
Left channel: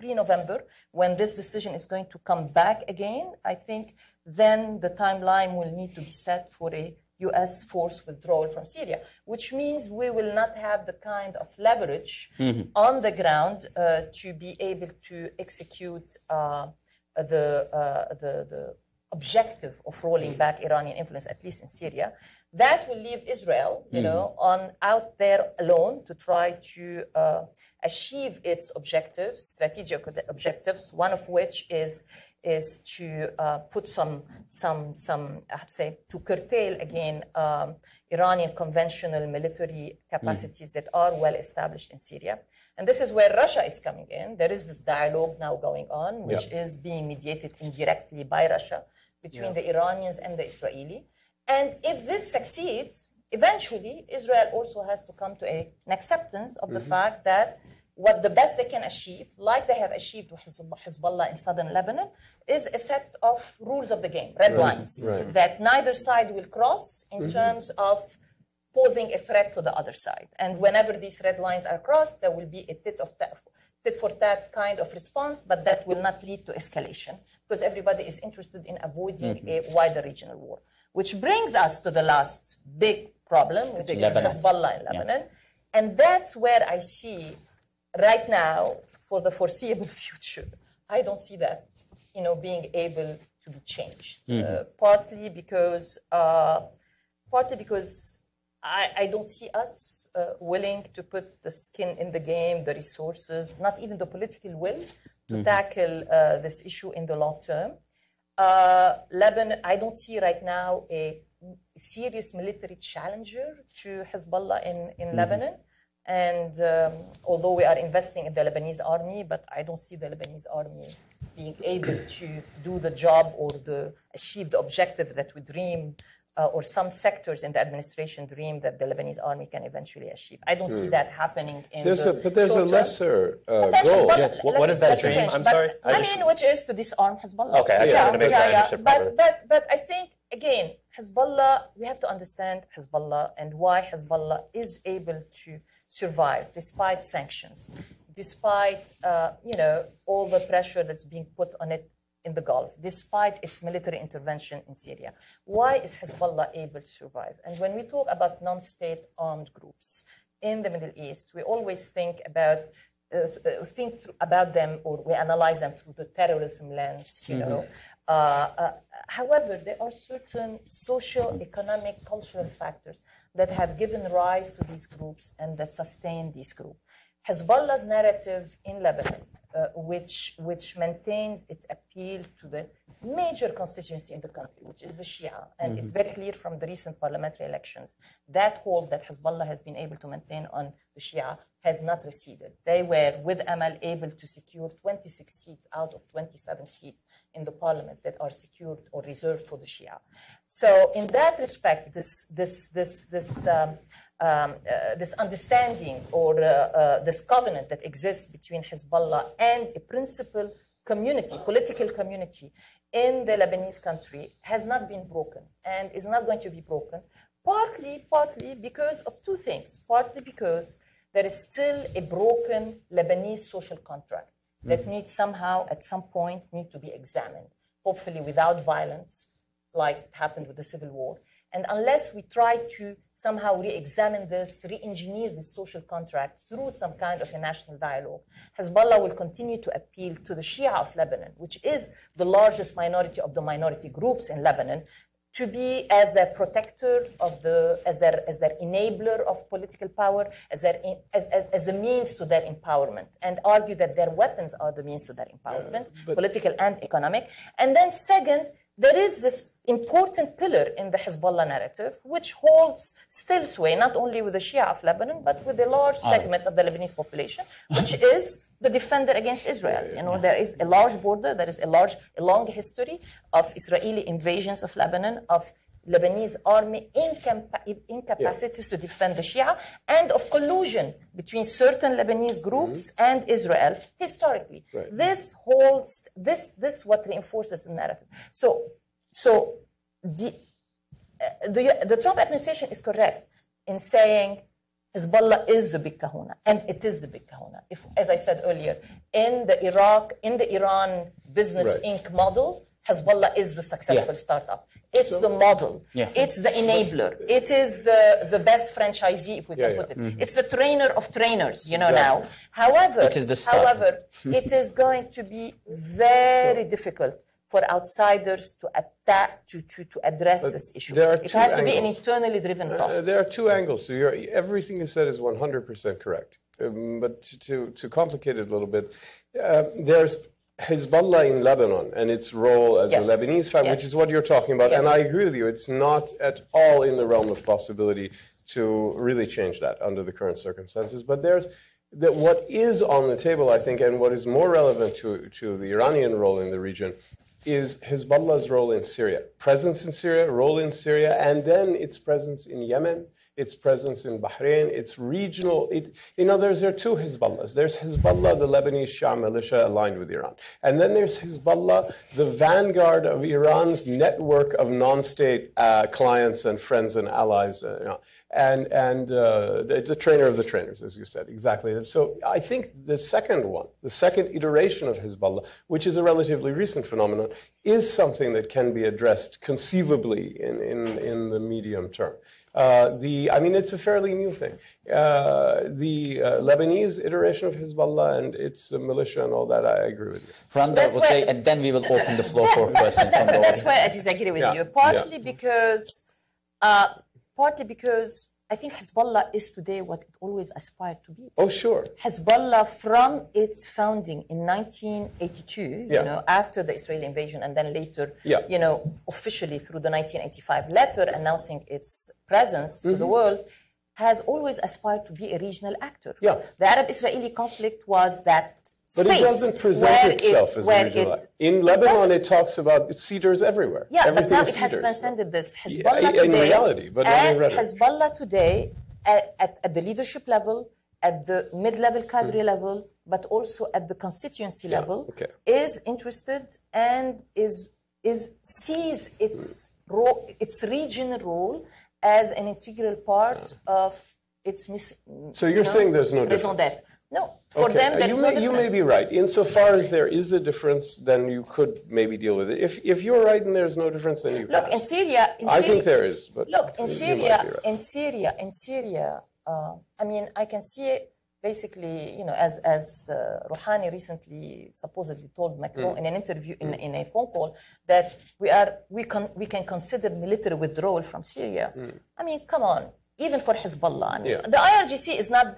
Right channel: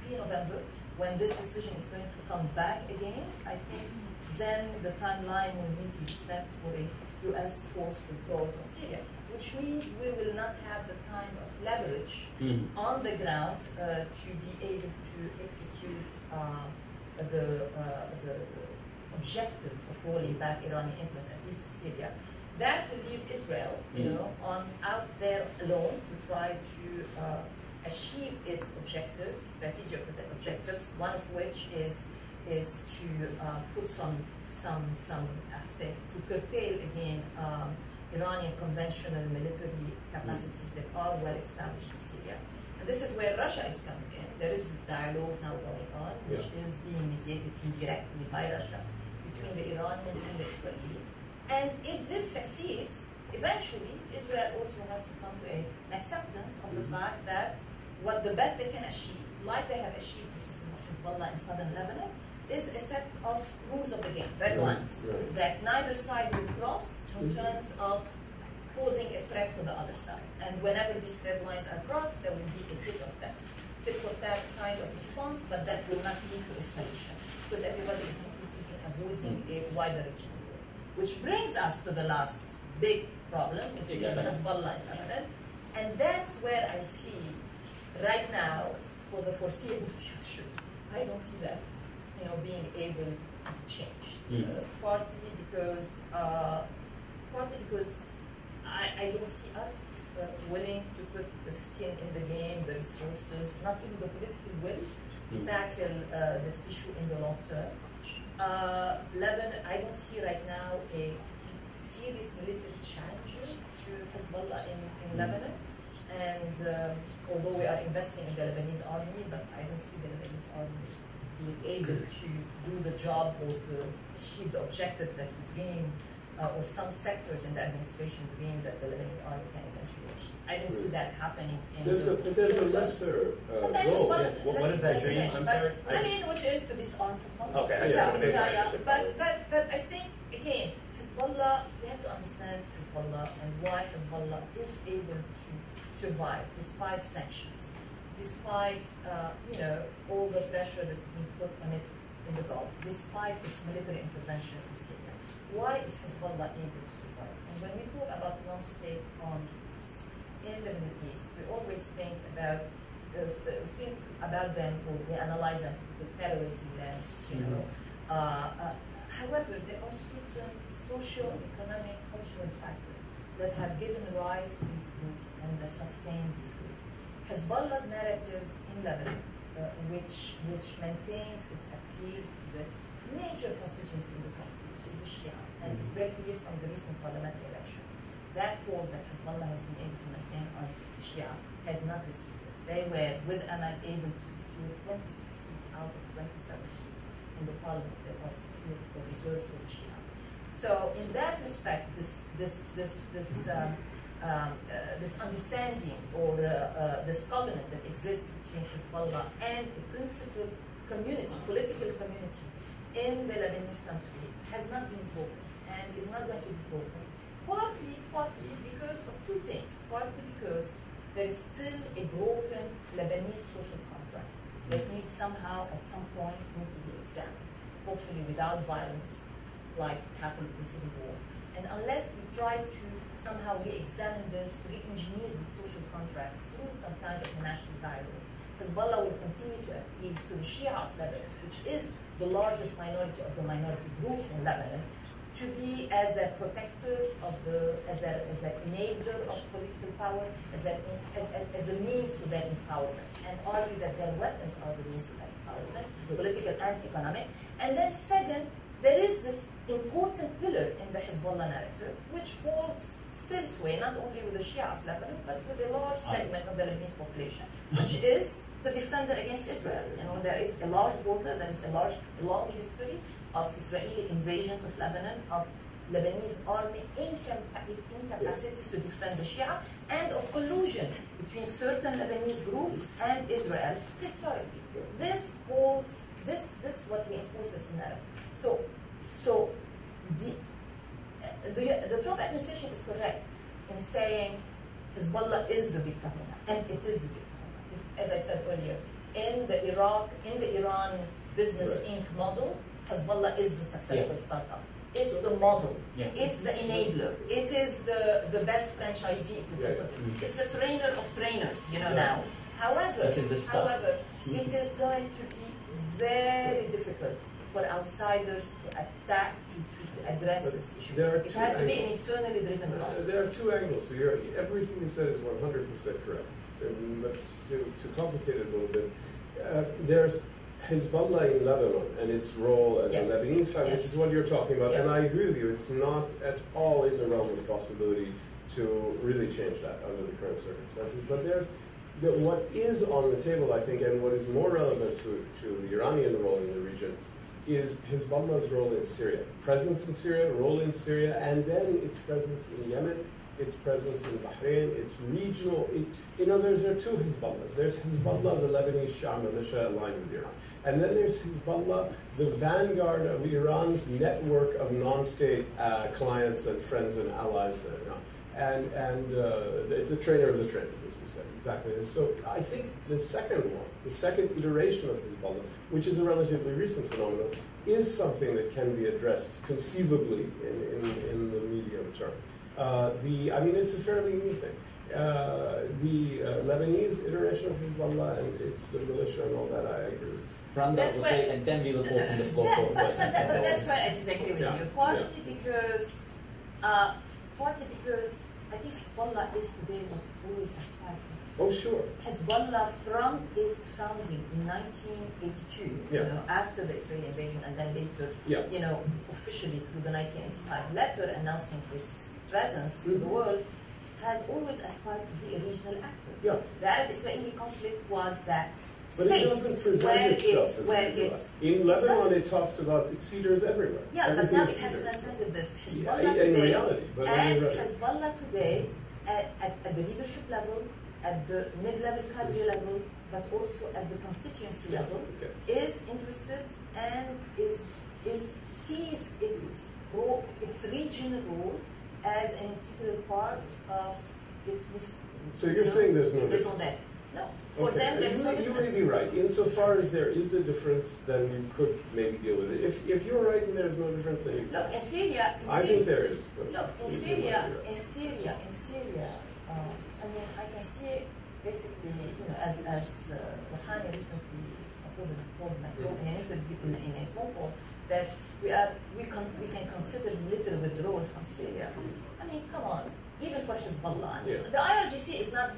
pre-November, when this decision is going to come back again, I think then the timeline will need to be set for a U.S. force withdrawal from Syria, which means we will not have the kind of leverage on the ground to be able to execute the objective of rolling back Iranian influence, at least in Syria. That will leave Israel, out there alone to try to achieve its objectives, strategic objectives. One of which is to put some to curtail again Iranian conventional military capacities that are well established in Syria. And this is where Russia is coming in. There is this dialogue now going on, which is being mediated indirectly by Russia between the Iranians and the Israeli. And if this succeeds, eventually Israel also has to come to an acceptance of the fact that what the best they can achieve, like they have achieved with Hezbollah in southern Lebanon, is a set of rules of the game, red lines, that neither side will cross in terms of posing a threat to the other side. And whenever these red lines are crossed, there will be a tit for tat kind of response, but that will not lead to escalation, because everybody is interested in avoiding a wider regional war. Which brings us to the last big problem, which is Hezbollah in Lebanon. And that's where I see right now, for the foreseeable future, I don't see that, being able to be changed. Partly because I don't see us willing to put the skin in the game, the resources, not even the political will to tackle this issue in the long term. Lebanon, I don't see right now a serious military challenger to Hezbollah in Lebanon. And although we are investing in the Lebanese army, but I don't see the Lebanese army being able to do the job or achieve the objective that we dream, or some sectors in the administration dream that the Lebanese army can eventually achieve. I don't see that happening in But there's a lesser goal. What is that dream? I'm sorry. Which is to disarm Hezbollah. Okay, I just want to make sure I understood properly. But I think, again, Hezbollah, we have to understand Hezbollah and why Hezbollah is able to survive despite sanctions, despite all the pressure that's being put on it in the Gulf, despite its military intervention in Syria. Why is Hezbollah able to survive? And when we talk about non-state armed groups in the Middle East, we always think about them, or we analyze them through the terrorism lens, However, there are certain social, economic, cultural factors that have given rise to these groups and that sustain these groups. Hezbollah's narrative in Lebanon, which maintains its appeal to the major constituency in the country, which is the Shia, and it's very clear from the recent parliamentary elections that hold that Hezbollah has been able to maintain on the Shia has not receded. They were, with Amal, able to secure 26 seats out of 27 seats in the parliament that are secured or reserved for the Shia. So, in that respect, this understanding or this covenant that exists between Hezbollah and a principal community, political community in the Lebanese country has not been broken and is not going to be broken, partly because of two things. Partly because there is still a broken Lebanese social contract that needs somehow, at some point, need to be examined, hopefully without violence, like happened with the Civil War. And unless we try to somehow re-examine this, re-engineer this social contract through some kind of a national dialogue, Hezbollah will continue to appeal to the Shia of Lebanon, which is the largest minority of the minority groups in Lebanon, to be as their protector of as their enabler of political power, as the means to their empowerment, and argue that their weapons are the means to their empowerment, political and economic. And then second, there is this important pillar in the Hezbollah narrative, which holds still sway, not only with the Shia of Lebanon, but with a large segment of the Lebanese population, which is the defender against Israel. You know, there is a large border, there is a long history of Israeli invasions of Lebanon, of Lebanese army incapacities to defend the Shia, and of collusion between certain Lebanese groups and Israel historically. Right. This holds, this what reinforces the narrative. So the Trump administration is correct in saying Hezbollah is the big kahuna, and it is the big kahuna. If, as I said earlier, in the Iran Business Inc. model, Hezbollah is the successful startup. It's the model. Yeah. It's the enabler. It is the best franchisee, if we can put it. It's the trainer of trainers, now. However, it is going to be very difficult for outsiders to attack, to address this issue. It has to be an internally driven process. There are two angles. So everything you said is 100% correct. But to complicate it a little bit, there's Hezbollah in Lebanon and its role as a Lebanese family, which is what you're talking about. And I agree with you. It's not at all in the realm of possibility to really change that under the current circumstances. But what is on the table, I think, and what is more relevant to the Iranian role in the region is Hezbollah's role in Syria. Presence in Syria, role in Syria, and then its presence in Yemen, its presence in Bahrain, its regional. There are two Hezbollahs. There's Hezbollah, the Lebanese Shia militia aligned with Iran. And then there's Hezbollah, the vanguard of Iran's network of non-state clients and friends and allies. And the trainer of the trainers, as you said, exactly. So I think the second iteration of Hezbollah, which is a relatively recent phenomenon, is something that can be addressed conceivably in the medium term. It's a fairly new thing. The Lebanese iteration of Hezbollah and its militia and all that, I agree with you. Randa will say, and then we will open the floor for questions from the That's why I disagree with you. Partly because I think Hezbollah is today what always aspired to be. Oh, sure. Hezbollah, from its founding in 1982, after the Israeli invasion, and then later, officially through the 1985 letter announcing its presence to the world, has always aspired to be a regional actor. Yeah. The Arab-Israeli conflict was that space. But it doesn't present itself as a regional actor. In Lebanon, it talks about its cedars everywhere. Yeah, but now it has transcended this. Hezbollah in reality, but and Hezbollah today, at the leadership level, at the mid-level cadre level, but also at the constituency level, is interested and sees its regional role as an integral part of its So you're saying there's no difference? No. For them, there's no difference. You may be right. Insofar as there is a difference, then you could maybe deal with it. If you're right and there's no difference, then you look, in Syria... I think there is, but... Look, in Syria, I can see it basically, as Rouhani recently supposedly told Macron in an interview, in a phone call, that we can consider military withdrawal from Syria. I mean, come on, even for Hezbollah. The IRGC is not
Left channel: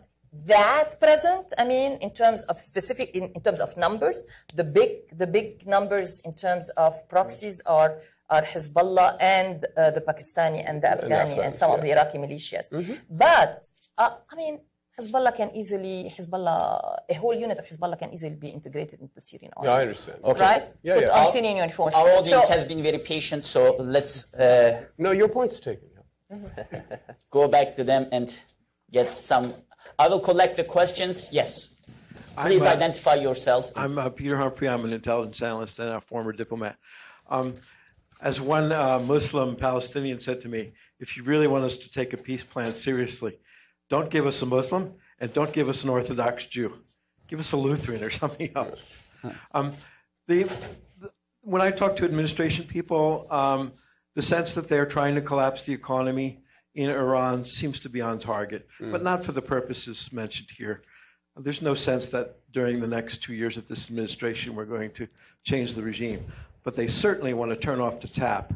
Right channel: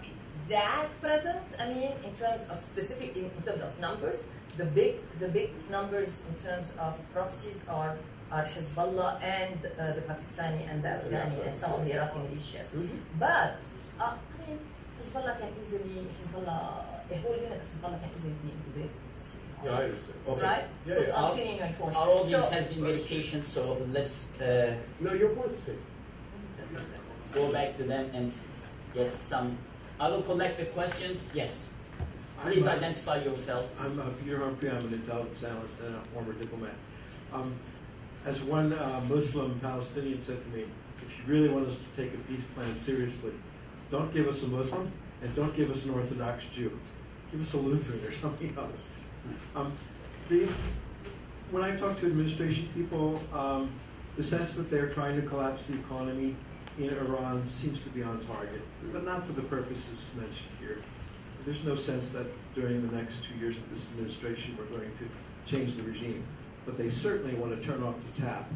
that present, I mean, in terms of specific, in terms of numbers, the big numbers in terms of proxies are Hezbollah and the Pakistani and the Afghani and some of the Iraqi militias. But, I mean, a whole unit of Hezbollah can easily be integrated into the Syrian army. Yeah, I understand. Okay. Right? Yeah, Put yeah. on Syrian uniforms. Our audience So- has been very patient, so let's No, your point's taken. go back to them and get some. I will collect the questions. Yes. Please identify yourself. I'm Peter Humphrey. I'm an intelligence analyst and a former diplomat. As one Muslim Palestinian said to me, if you really want us to take a peace plan seriously, don't give us a Muslim and don't give us an Orthodox Jew. Give us a Lutheran or something else. When I talk to administration people, the sense that they're trying to collapse the economy in Iran seems to be on target, but not for the purposes mentioned here. There's no sense that during the next 2 years of this administration we're going to change the regime. But they certainly want to turn off the tap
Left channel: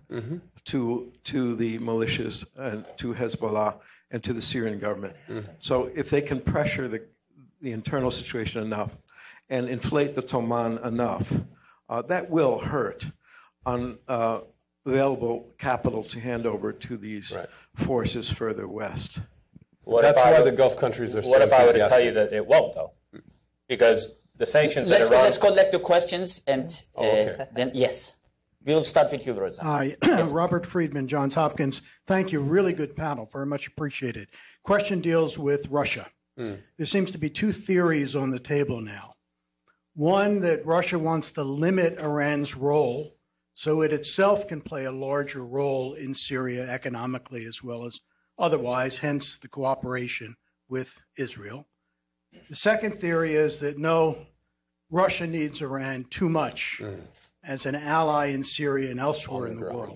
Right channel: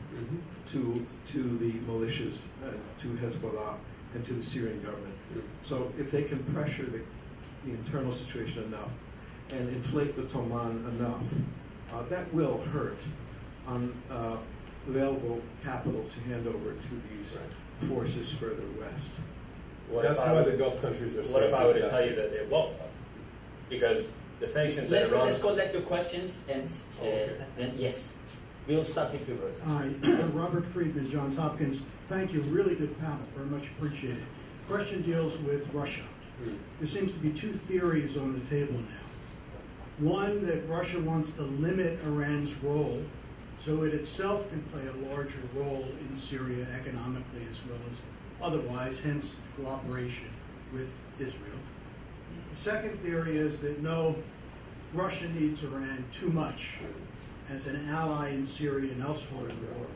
to the militias and to Hezbollah and to the Syrian government. So if they can pressure the internal situation enough and inflate the Toman enough, that will hurt on available capital to hand over to these forces further west. That's why the Gulf countries are so What if I were to tell enthusiastic. you that it won't, though? Because the sanctions that Iran... Let's collect the questions and then, yes. We'll start with you, Reza. Hi, Robert Friedman, Johns Hopkins. Thank you. Really good panel. Very much appreciated. Question deals with Russia. There seems to be two theories on the table now. One, that Russia wants to limit Iran's role so it itself can play a larger role in Syria economically as well as otherwise, hence the cooperation with Israel. The second theory is that no, Russia needs Iran too much as an ally in Syria and elsewhere in the world.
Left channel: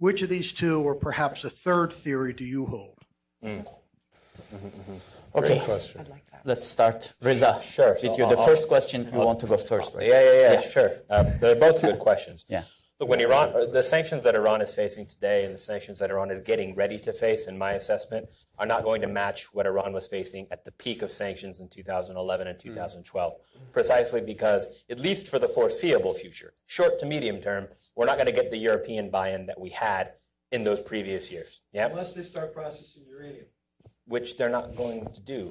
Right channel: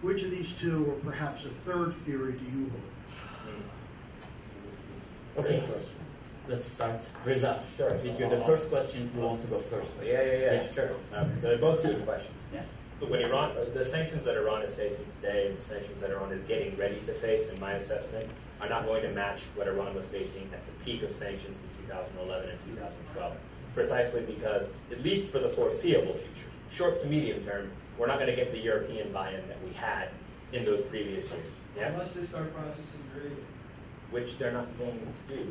Which of these two, or perhaps a third theory, do you hold? Okay, Great question. let's start. Reza, Sure. with you. The first question, you want to go first, right? Yeah, sure. They're both good questions. Yeah. But when the sanctions that Iran is facing today and the sanctions that Iran is getting ready to face, in my assessment, are not going to match what Iran was facing at the peak of sanctions in 2011 and 2012. Precisely because, at least for the foreseeable future, short to medium term, we're not going to get the European buy-in that we had in those previous years. Yeah? Unless they start processing uranium. Which they're not going to do.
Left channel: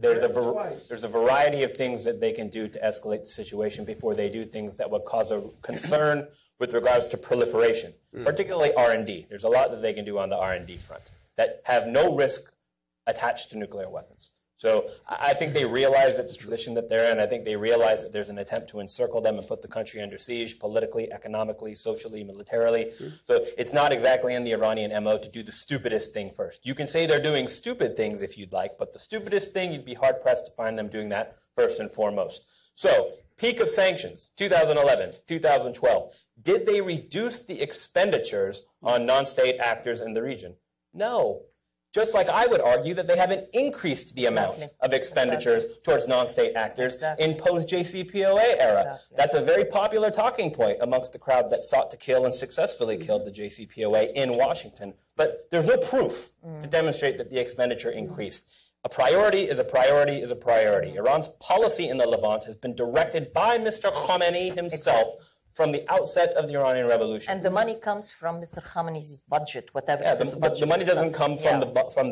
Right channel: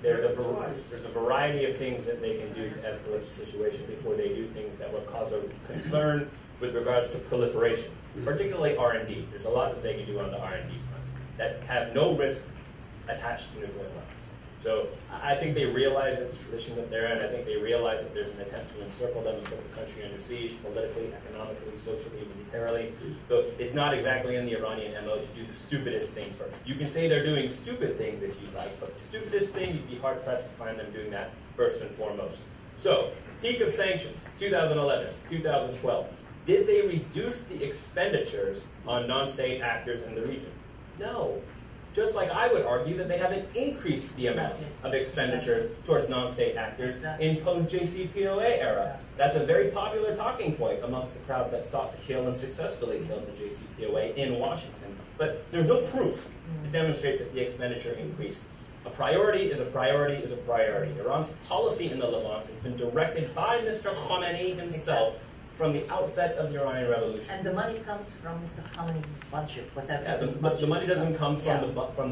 There's a variety of things that they can do to escalate the situation before they do things that would cause a concern with regards to proliferation, particularly R&D. There's a lot that they can do on the R&D front that have no risk attached to nuclear weapons. So I think they realize the position that they're in. I think they realize that there's an attempt to encircle them and put the country under siege politically, economically, socially, militarily. So it's not exactly in the Iranian MO to do the stupidest thing first. You can say they're doing stupid things if you'd like, but the stupidest thing, you'd be hard-pressed to find them doing that first and foremost. So, peak of sanctions, 2011, 2012. Did they reduce the expenditures on non-state actors in the region? No. Just like I would argue that they haven't increased the amount of expenditures towards non-state actors in post-JCPOA era. That's a very popular talking point amongst the crowd that sought to kill and successfully killed the JCPOA in Washington. But there's no proof to demonstrate that the expenditure increased. A priority is a priority is a priority. Iran's policy in the Levant has been directed by Mr. Khamenei himself from the outset of the Iranian Revolution. And the money comes from Mr. Khamenei's budget, whatever. Yeah, the money doesn't come from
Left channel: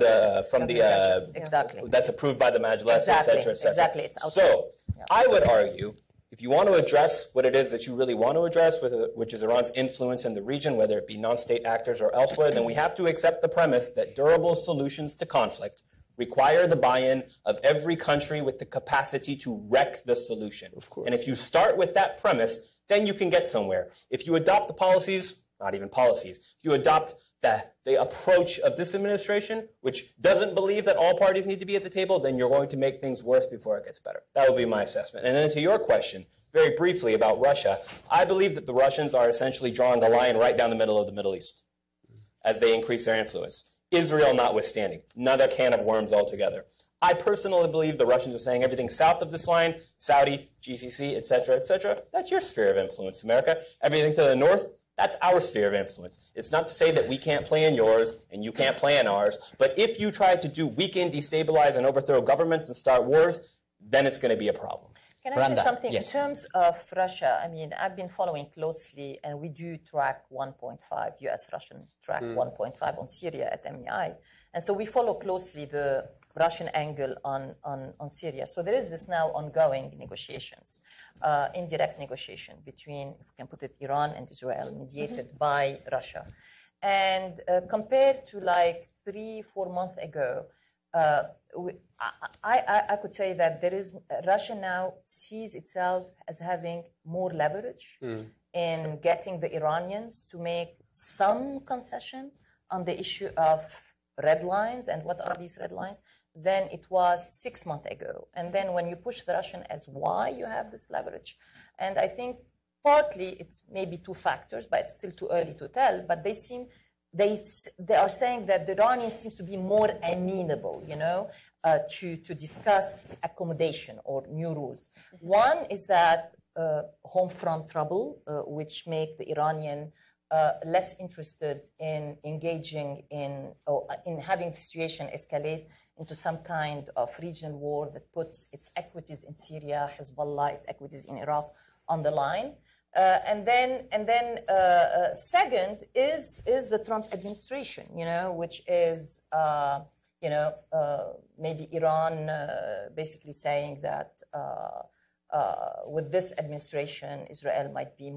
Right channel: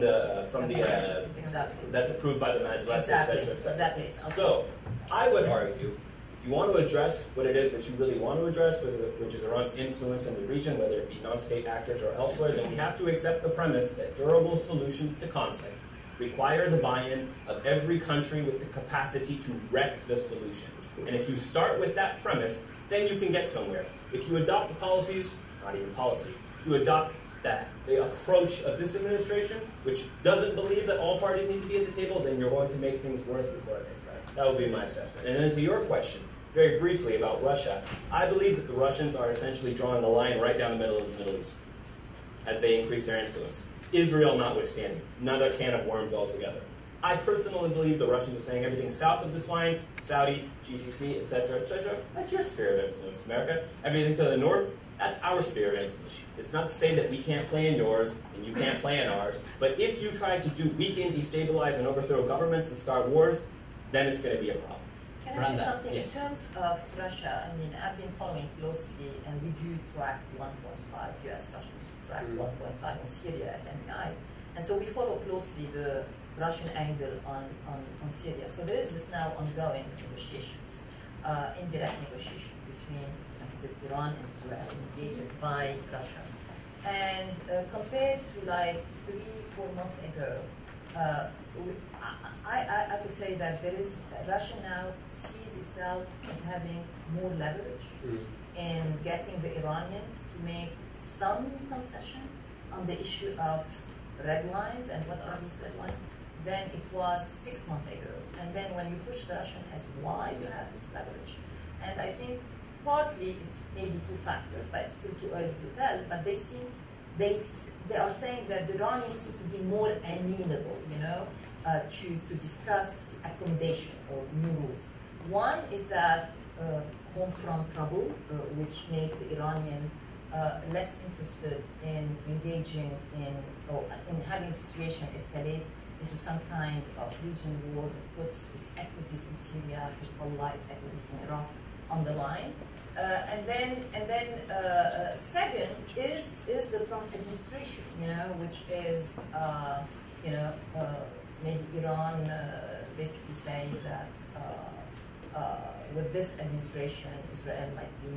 the exactly. That's approved by the Majlis, etc., etc. Exactly. It's outside. So, I would argue, if you want to address what it is that you really want to address, which is Iran's influence in the region, whether it be non-state actors or elsewhere, then we have to accept the premise that durable solutions to conflict require the buy-in of every country with the capacity to wreck the solution. And if you start with that premise, then you can get somewhere. If you adopt the policies, not even policies, if you adopt the approach of this administration, which doesn't believe that all parties need to be at the table, then you're going to make things worse before it gets better. That would be my assessment. And then to your question, very briefly about Russia, I believe that the Russians are essentially drawing a line right down the middle of the Middle East as they increase their influence. Israel notwithstanding, another can of worms altogether. I personally believe the Russians are saying everything south of this line, Saudi, GCC, etc., that's your sphere of influence, America. Everything to the north, that's our sphere of influence. It's not to say that we can't play in yours and you can't play in ours, but if you try to do weaken, destabilize, and overthrow governments and start wars, then it's going to be a problem. Can I Randa, say something? yes. In terms of Russia, I mean, I've been following closely, and we do track 1.5, US-Russian track 1.5 on Syria at MEI. And so we follow closely the Russian angle on Syria. So there is this now ongoing negotiations, indirect negotiation between, you can put it, Iran and Israel, mediated by Russia. And compared to like 3-4 months ago, I could say that there is Russia now sees itself as having more leverage in getting the Iranians to make some concession on the issue of red lines. And what are these red lines? Than it was 6 months ago. And then when you push the Russian as why you have this leverage. And I think partly it's maybe two factors, but it's still too early to tell. But they are saying that the Iranians seem to be more amenable, to discuss accommodation or new rules. One is that home front trouble, which make the Iranian less interested in engaging in having the situation escalate into some kind of regional war that puts its equities in Syria, Hezbollah, its equities in Iraq on the line. And then second is the Trump administration, which is, maybe Iran basically saying that with this administration, Israel might be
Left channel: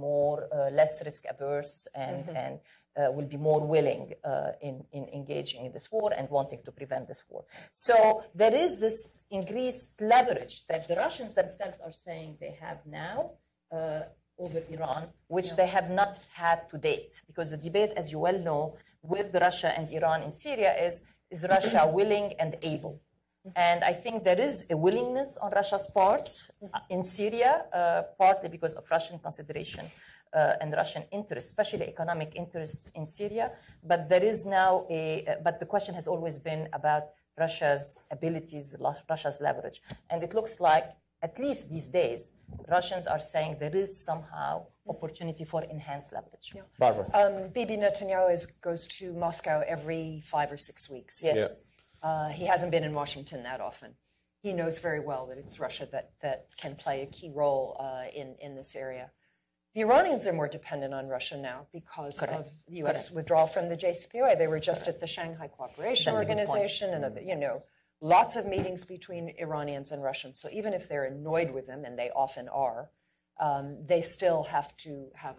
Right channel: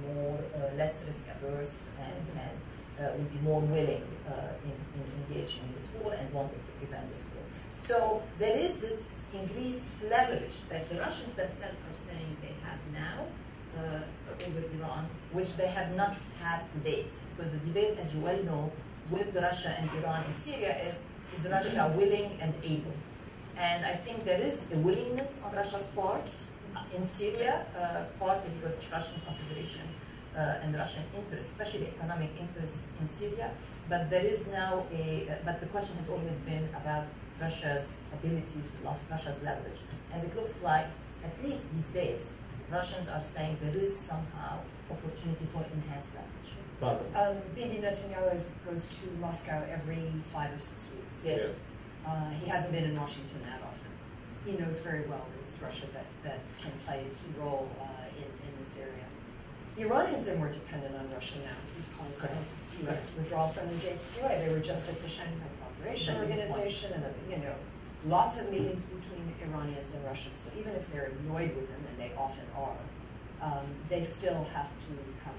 less risk averse and will be more willing in engaging in this war and wanting to prevent this war. So there is this increased leverage that the Russians themselves are saying they have now over Iran, which they have not had to date. Because the debate, as you well know, with Russia and Iran in Syria is Russia willing and able? And I think there is a willingness on Russia's part in Syria, partly because of Russian consideration and Russian interest, especially economic interest in Syria. But there is now but the question has always been about Russia's abilities, Russia's leverage. And it looks like, at least these days, Russians are saying there is somehow opportunity for enhanced leverage. Barbara. Bibi Netanyahu goes to Moscow every 5 or 6 weeks. Yes. Yeah. He hasn't been in Washington that often. He knows very well that it's Russia that can play a key role in this area. The Iranians are more dependent on Russia now because of U.S. withdrawal from the JCPOA. They were just at the Shanghai Cooperation Organization and lots of meetings between Iranians and Russians. So even if they're annoyed with them, and they often are, they still have to have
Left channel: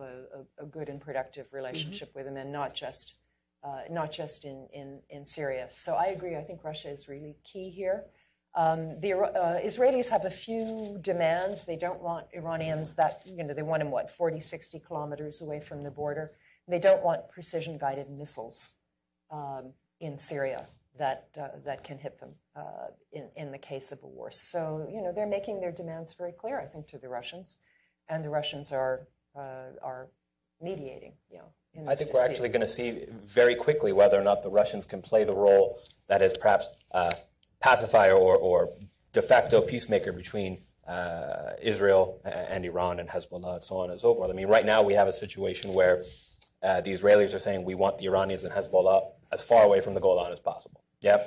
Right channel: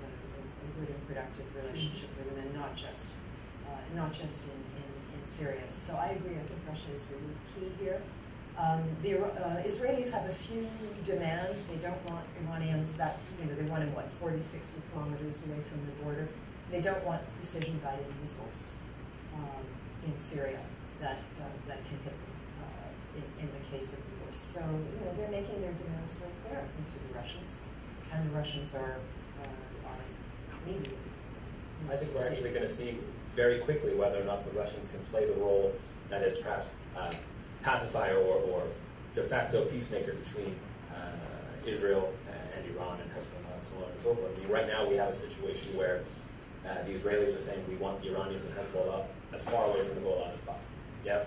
a good and productive relationship with them, and not just in Syria. So I agree. I think Russia is really key here. The Israelis have a few demands. They don't want Iranians they want them, 40, 60 kilometers away from the border. They don't want precision-guided missiles in Syria that can hit them in the case of the war. So, they're making their demands very clear, I think, to the Russians. And the Russians are mediating. I think we're actually going to see very quickly whether or not the Russians can play the role that is perhaps pacifier or de facto peacemaker between Israel and Iran and Hezbollah and so on and so forth. I mean, right now we have a situation where the Israelis are saying we want the Iranians and Hezbollah as far away from the Golan as possible. Yeah?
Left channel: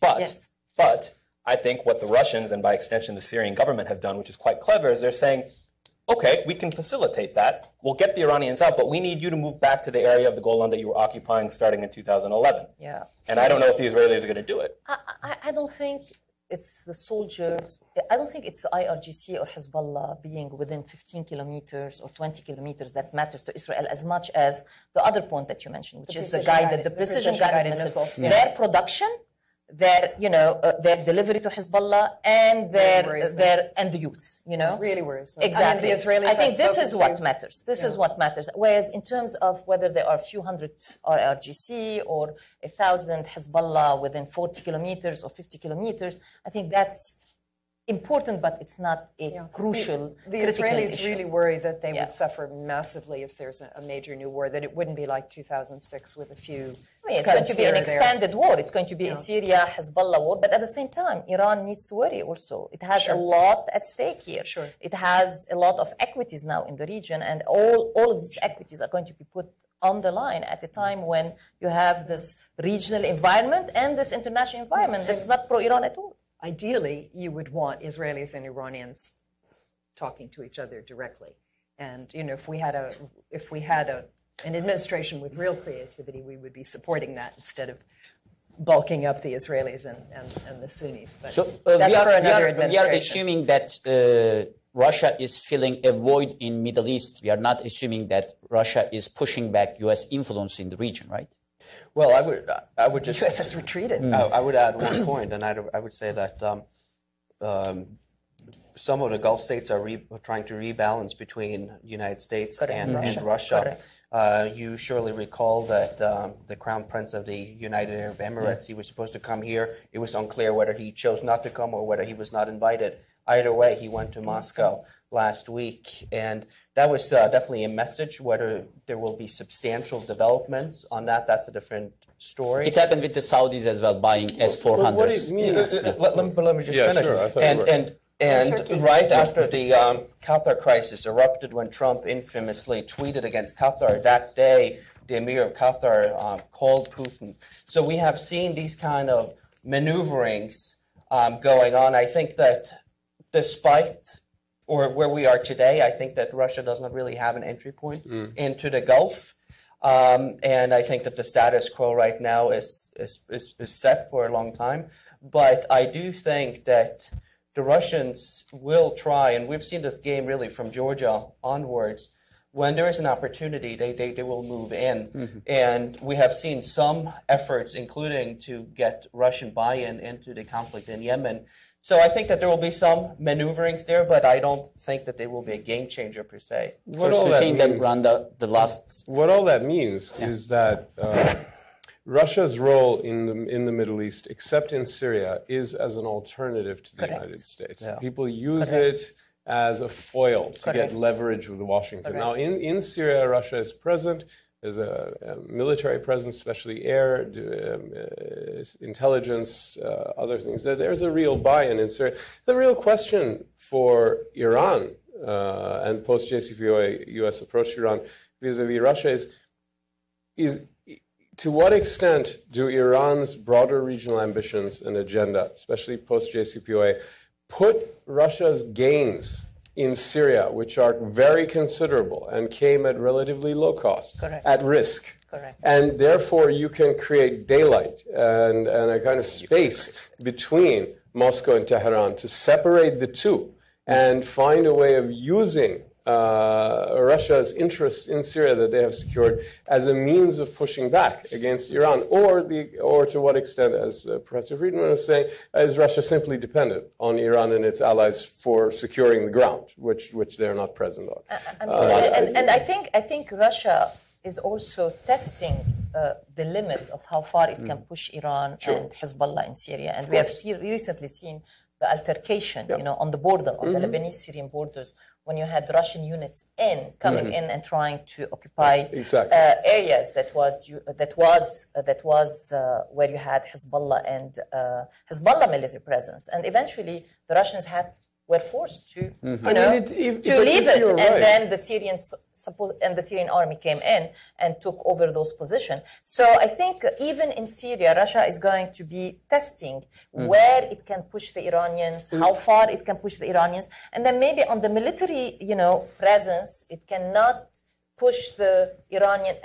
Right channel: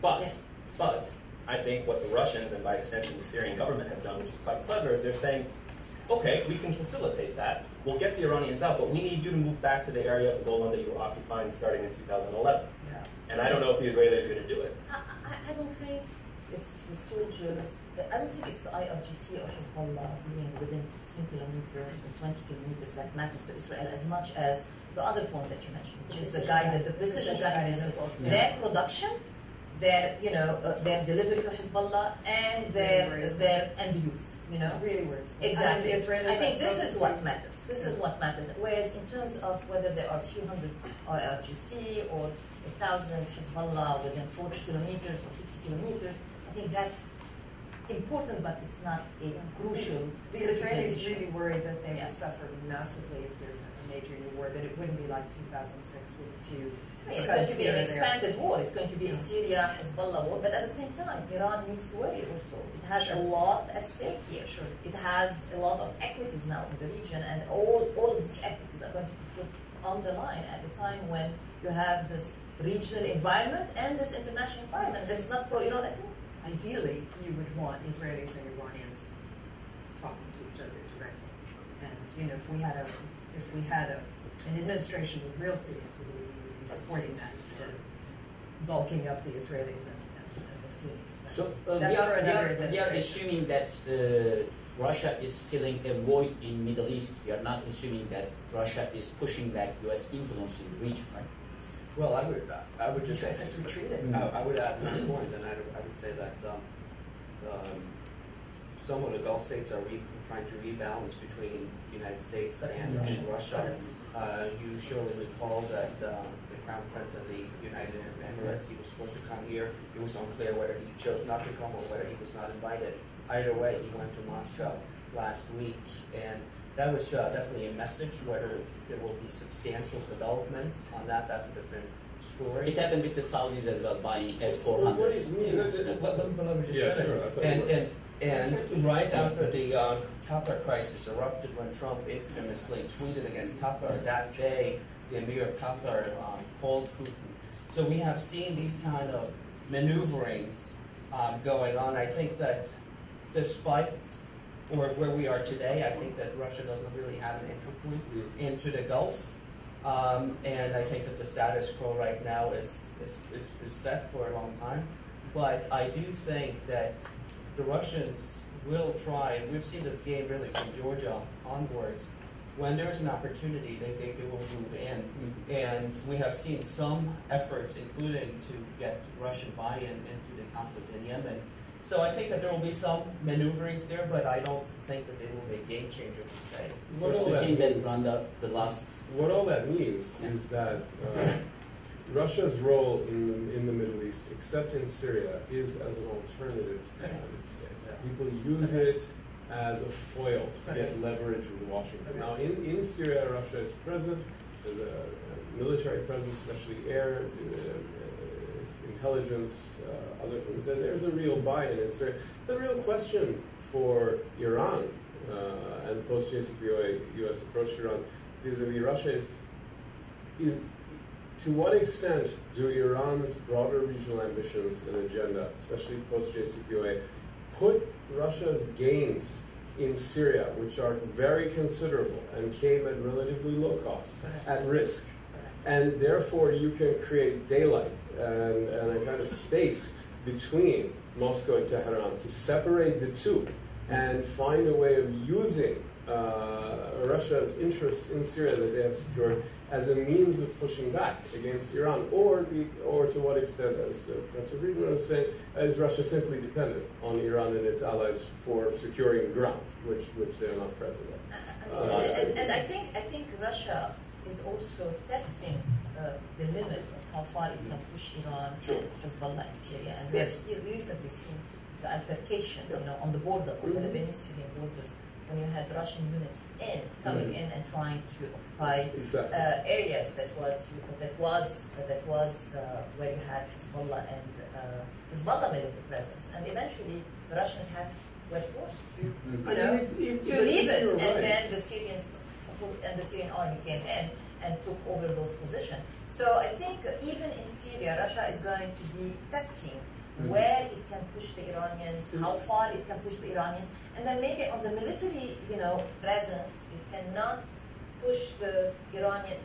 But I think what the Russians, and by extension the Syrian government, have done, which is quite clever, is they're saying, okay, we can facilitate that. We'll get the Iranians out, but we need you to move back to the area of the Golan that you were occupying starting in 2011. Yeah. And I don't know if the Israelis are going to do it. I don't think it's the soldiers. I don't think it's the IRGC or Hezbollah being within 15 kilometers or 20 kilometers that matters to Israel as much as the other point that you mentioned, which is the precision-guided missiles. Yeah. Their production, their delivery to Hezbollah, and and the youth. Really worries. Exactly. I mean, the Israelis, I think this is what matters. This is what matters. Whereas in terms of whether there are a few hundred IRGC or 1,000 Hezbollah within 40 kilometers or 50 kilometers, I think that's important, but it's not a crucial. The critical Israelis issue. really worry that they Yeah. would suffer massively if there's a major new war, that it wouldn't be like 2006 with a few It's going to be an here and there. expanded war. It's going to be Yeah. a Syria-Hezbollah war, but at the same time, Iran needs to worry also. It has Sure. a lot at stake here. Sure. It has a lot of equities now in the region, and all of these equities are going to be put on the line at a time when you have this regional environment and this international environment that's not pro-Iran at all. Ideally, you would want Israelis and Iranians talking to each other directly. And if we had an administration with real creativity, we would be supporting that instead of bulking up the Israelis and the Sunnis. But So that's for another we administration. are assuming that Russia is filling a void in Middle East. We are not assuming that Russia is pushing back U.S. influence in the region, right? Well, I would just. The U.S. has retreated. I would add one point, and I would say that some of the Gulf states are trying to rebalance between the United States and Russia. You surely recall that the Crown Prince of the United Arab Emirates, he was supposed to come here. It was unclear whether he chose not to come or whether he was not invited. Either way, he went to Moscow last week, and that was definitely a message. Whether there will be substantial developments on that, that's a different story. It happened with the Saudis as well, buying S-400s. What do you mean? Let me just finish. Sure, and right after the Qatar crisis erupted, when Trump infamously tweeted against Qatar, that day the Emir of Qatar called Putin. So we have seen these kind of maneuverings going on. I think that despite or where we are today, I think that Russia does not really have an entry point into the Gulf. And I think that the status quo right now is set for a long time. But I do think that the Russians will try, and we've seen this game really from Georgia onwards, when there is an opportunity, they will move in. And we have seen some efforts, including to get Russian buy-in into the conflict in Yemen. So I think that there will be some maneuverings there, but I don't think that they will be a game changer per se. What all that means, Randa, the last. What all that means is that Russia's role in the Middle East, except in Syria, is as an alternative to the United States. Yeah. People use it as a foil to get leverage with Washington. Now, in Syria, Russia is present. There's a military presence, especially air, intelligence, other things. There's a real buy-in in Syria. The real question for Iran and post-JCPOA U.S. approach to Iran vis-a-vis Russia is to what extent do Iran's broader regional ambitions and agenda, especially post-JCPOA, put Russia's gains in Syria, which are very considerable and came at relatively low cost, at risk? And therefore you can create daylight and a kind of space between Moscow and Tehran to separate the two and find a way of using Russia's interests in Syria that they have secured as a means of pushing back against Iran, or to what extent, as Professor Friedman was saying, is Russia simply dependent on Iran and its allies for securing the ground, which they're not present on. And I think Russia is also testing the limits of how far it can push Iran and Hezbollah in Syria, and we have recently seen the altercation, on the border, on the Lebanese-Syrian borders, when you had Russian units coming in and trying to occupy areas that was where you had Hezbollah and Hezbollah military presence, and eventually the Russians were forced to leave it, and then the Syrian army came in and took over those positions. So I think even in Syria, Russia is going to be testing where it can push the Iranians, how far it can push the Iranians, and then maybe on the military, presence, it cannot push the Iranian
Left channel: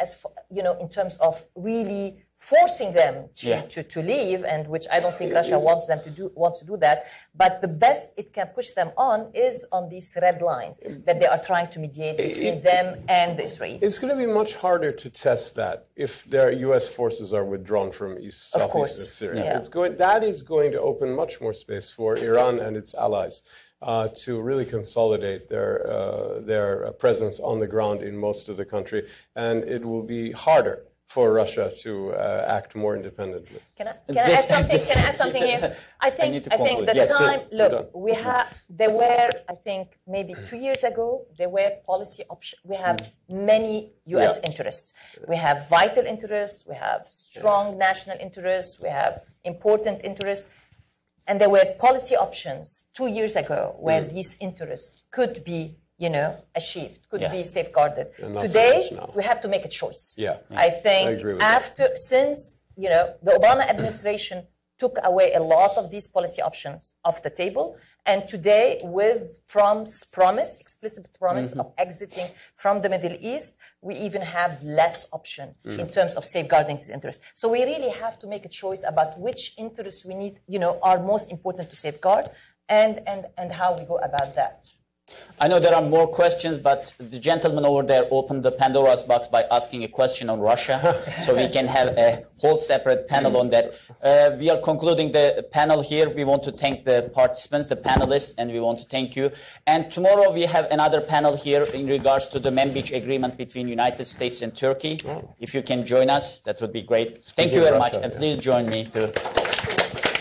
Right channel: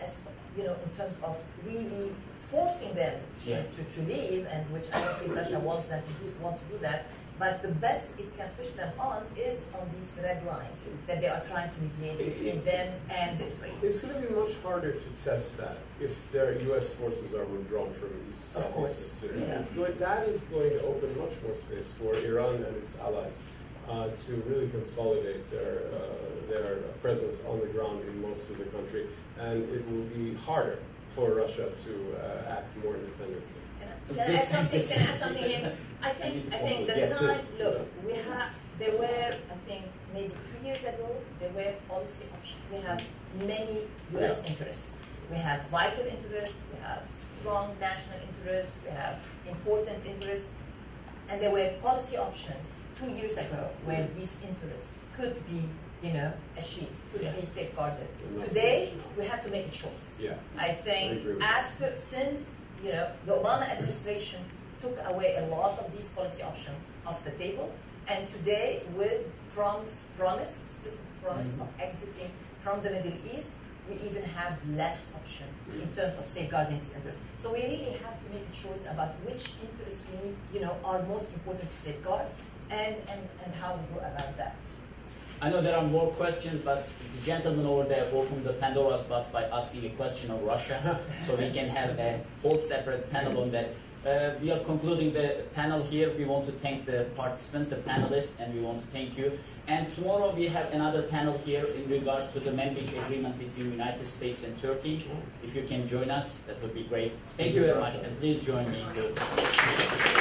in terms of really forcing them to leave, and which I don't think Russia wants to do that. But the best it can push them on is on these red lines that they are trying to mediate between them and the Israelis. It's going to be much harder to test that if their U.S. forces are withdrawn from southeast Syria. Yeah. That is going to open much more space for Iran and its allies to really consolidate their presence on the ground in most of the country, and it will be harder for Russia to act more independently. Can I add something? Can I add something here? I think the Yes, time. Look, we have. There were, I think, maybe 2 years ago, there were policy options. We have many U.S. interests. We have vital interests. We have strong national interests. We have important interests. And there were policy options 2 years ago where these interests could be, achieved, could be safeguarded. Today, we have to make a choice. Yeah. I think since the Obama administration took away a lot of these policy options off the table, and today with Trump's explicit promise of exiting from the Middle East, we even have less option in terms of safeguarding these interests. So we really have to make a choice about which interests we need, are most important to safeguard, and how we go about that. I know there are more questions, but the gentleman over there opened the Pandora's box by asking a question on Russia, so we can have a whole separate panel on that. We are concluding the panel here. We want to thank the participants, the panelists, and we want to thank you. And tomorrow we have another panel here in regards to the Manbij agreement between United States and Turkey. If you can join us, that would be great. Thank you very much, and please join me to...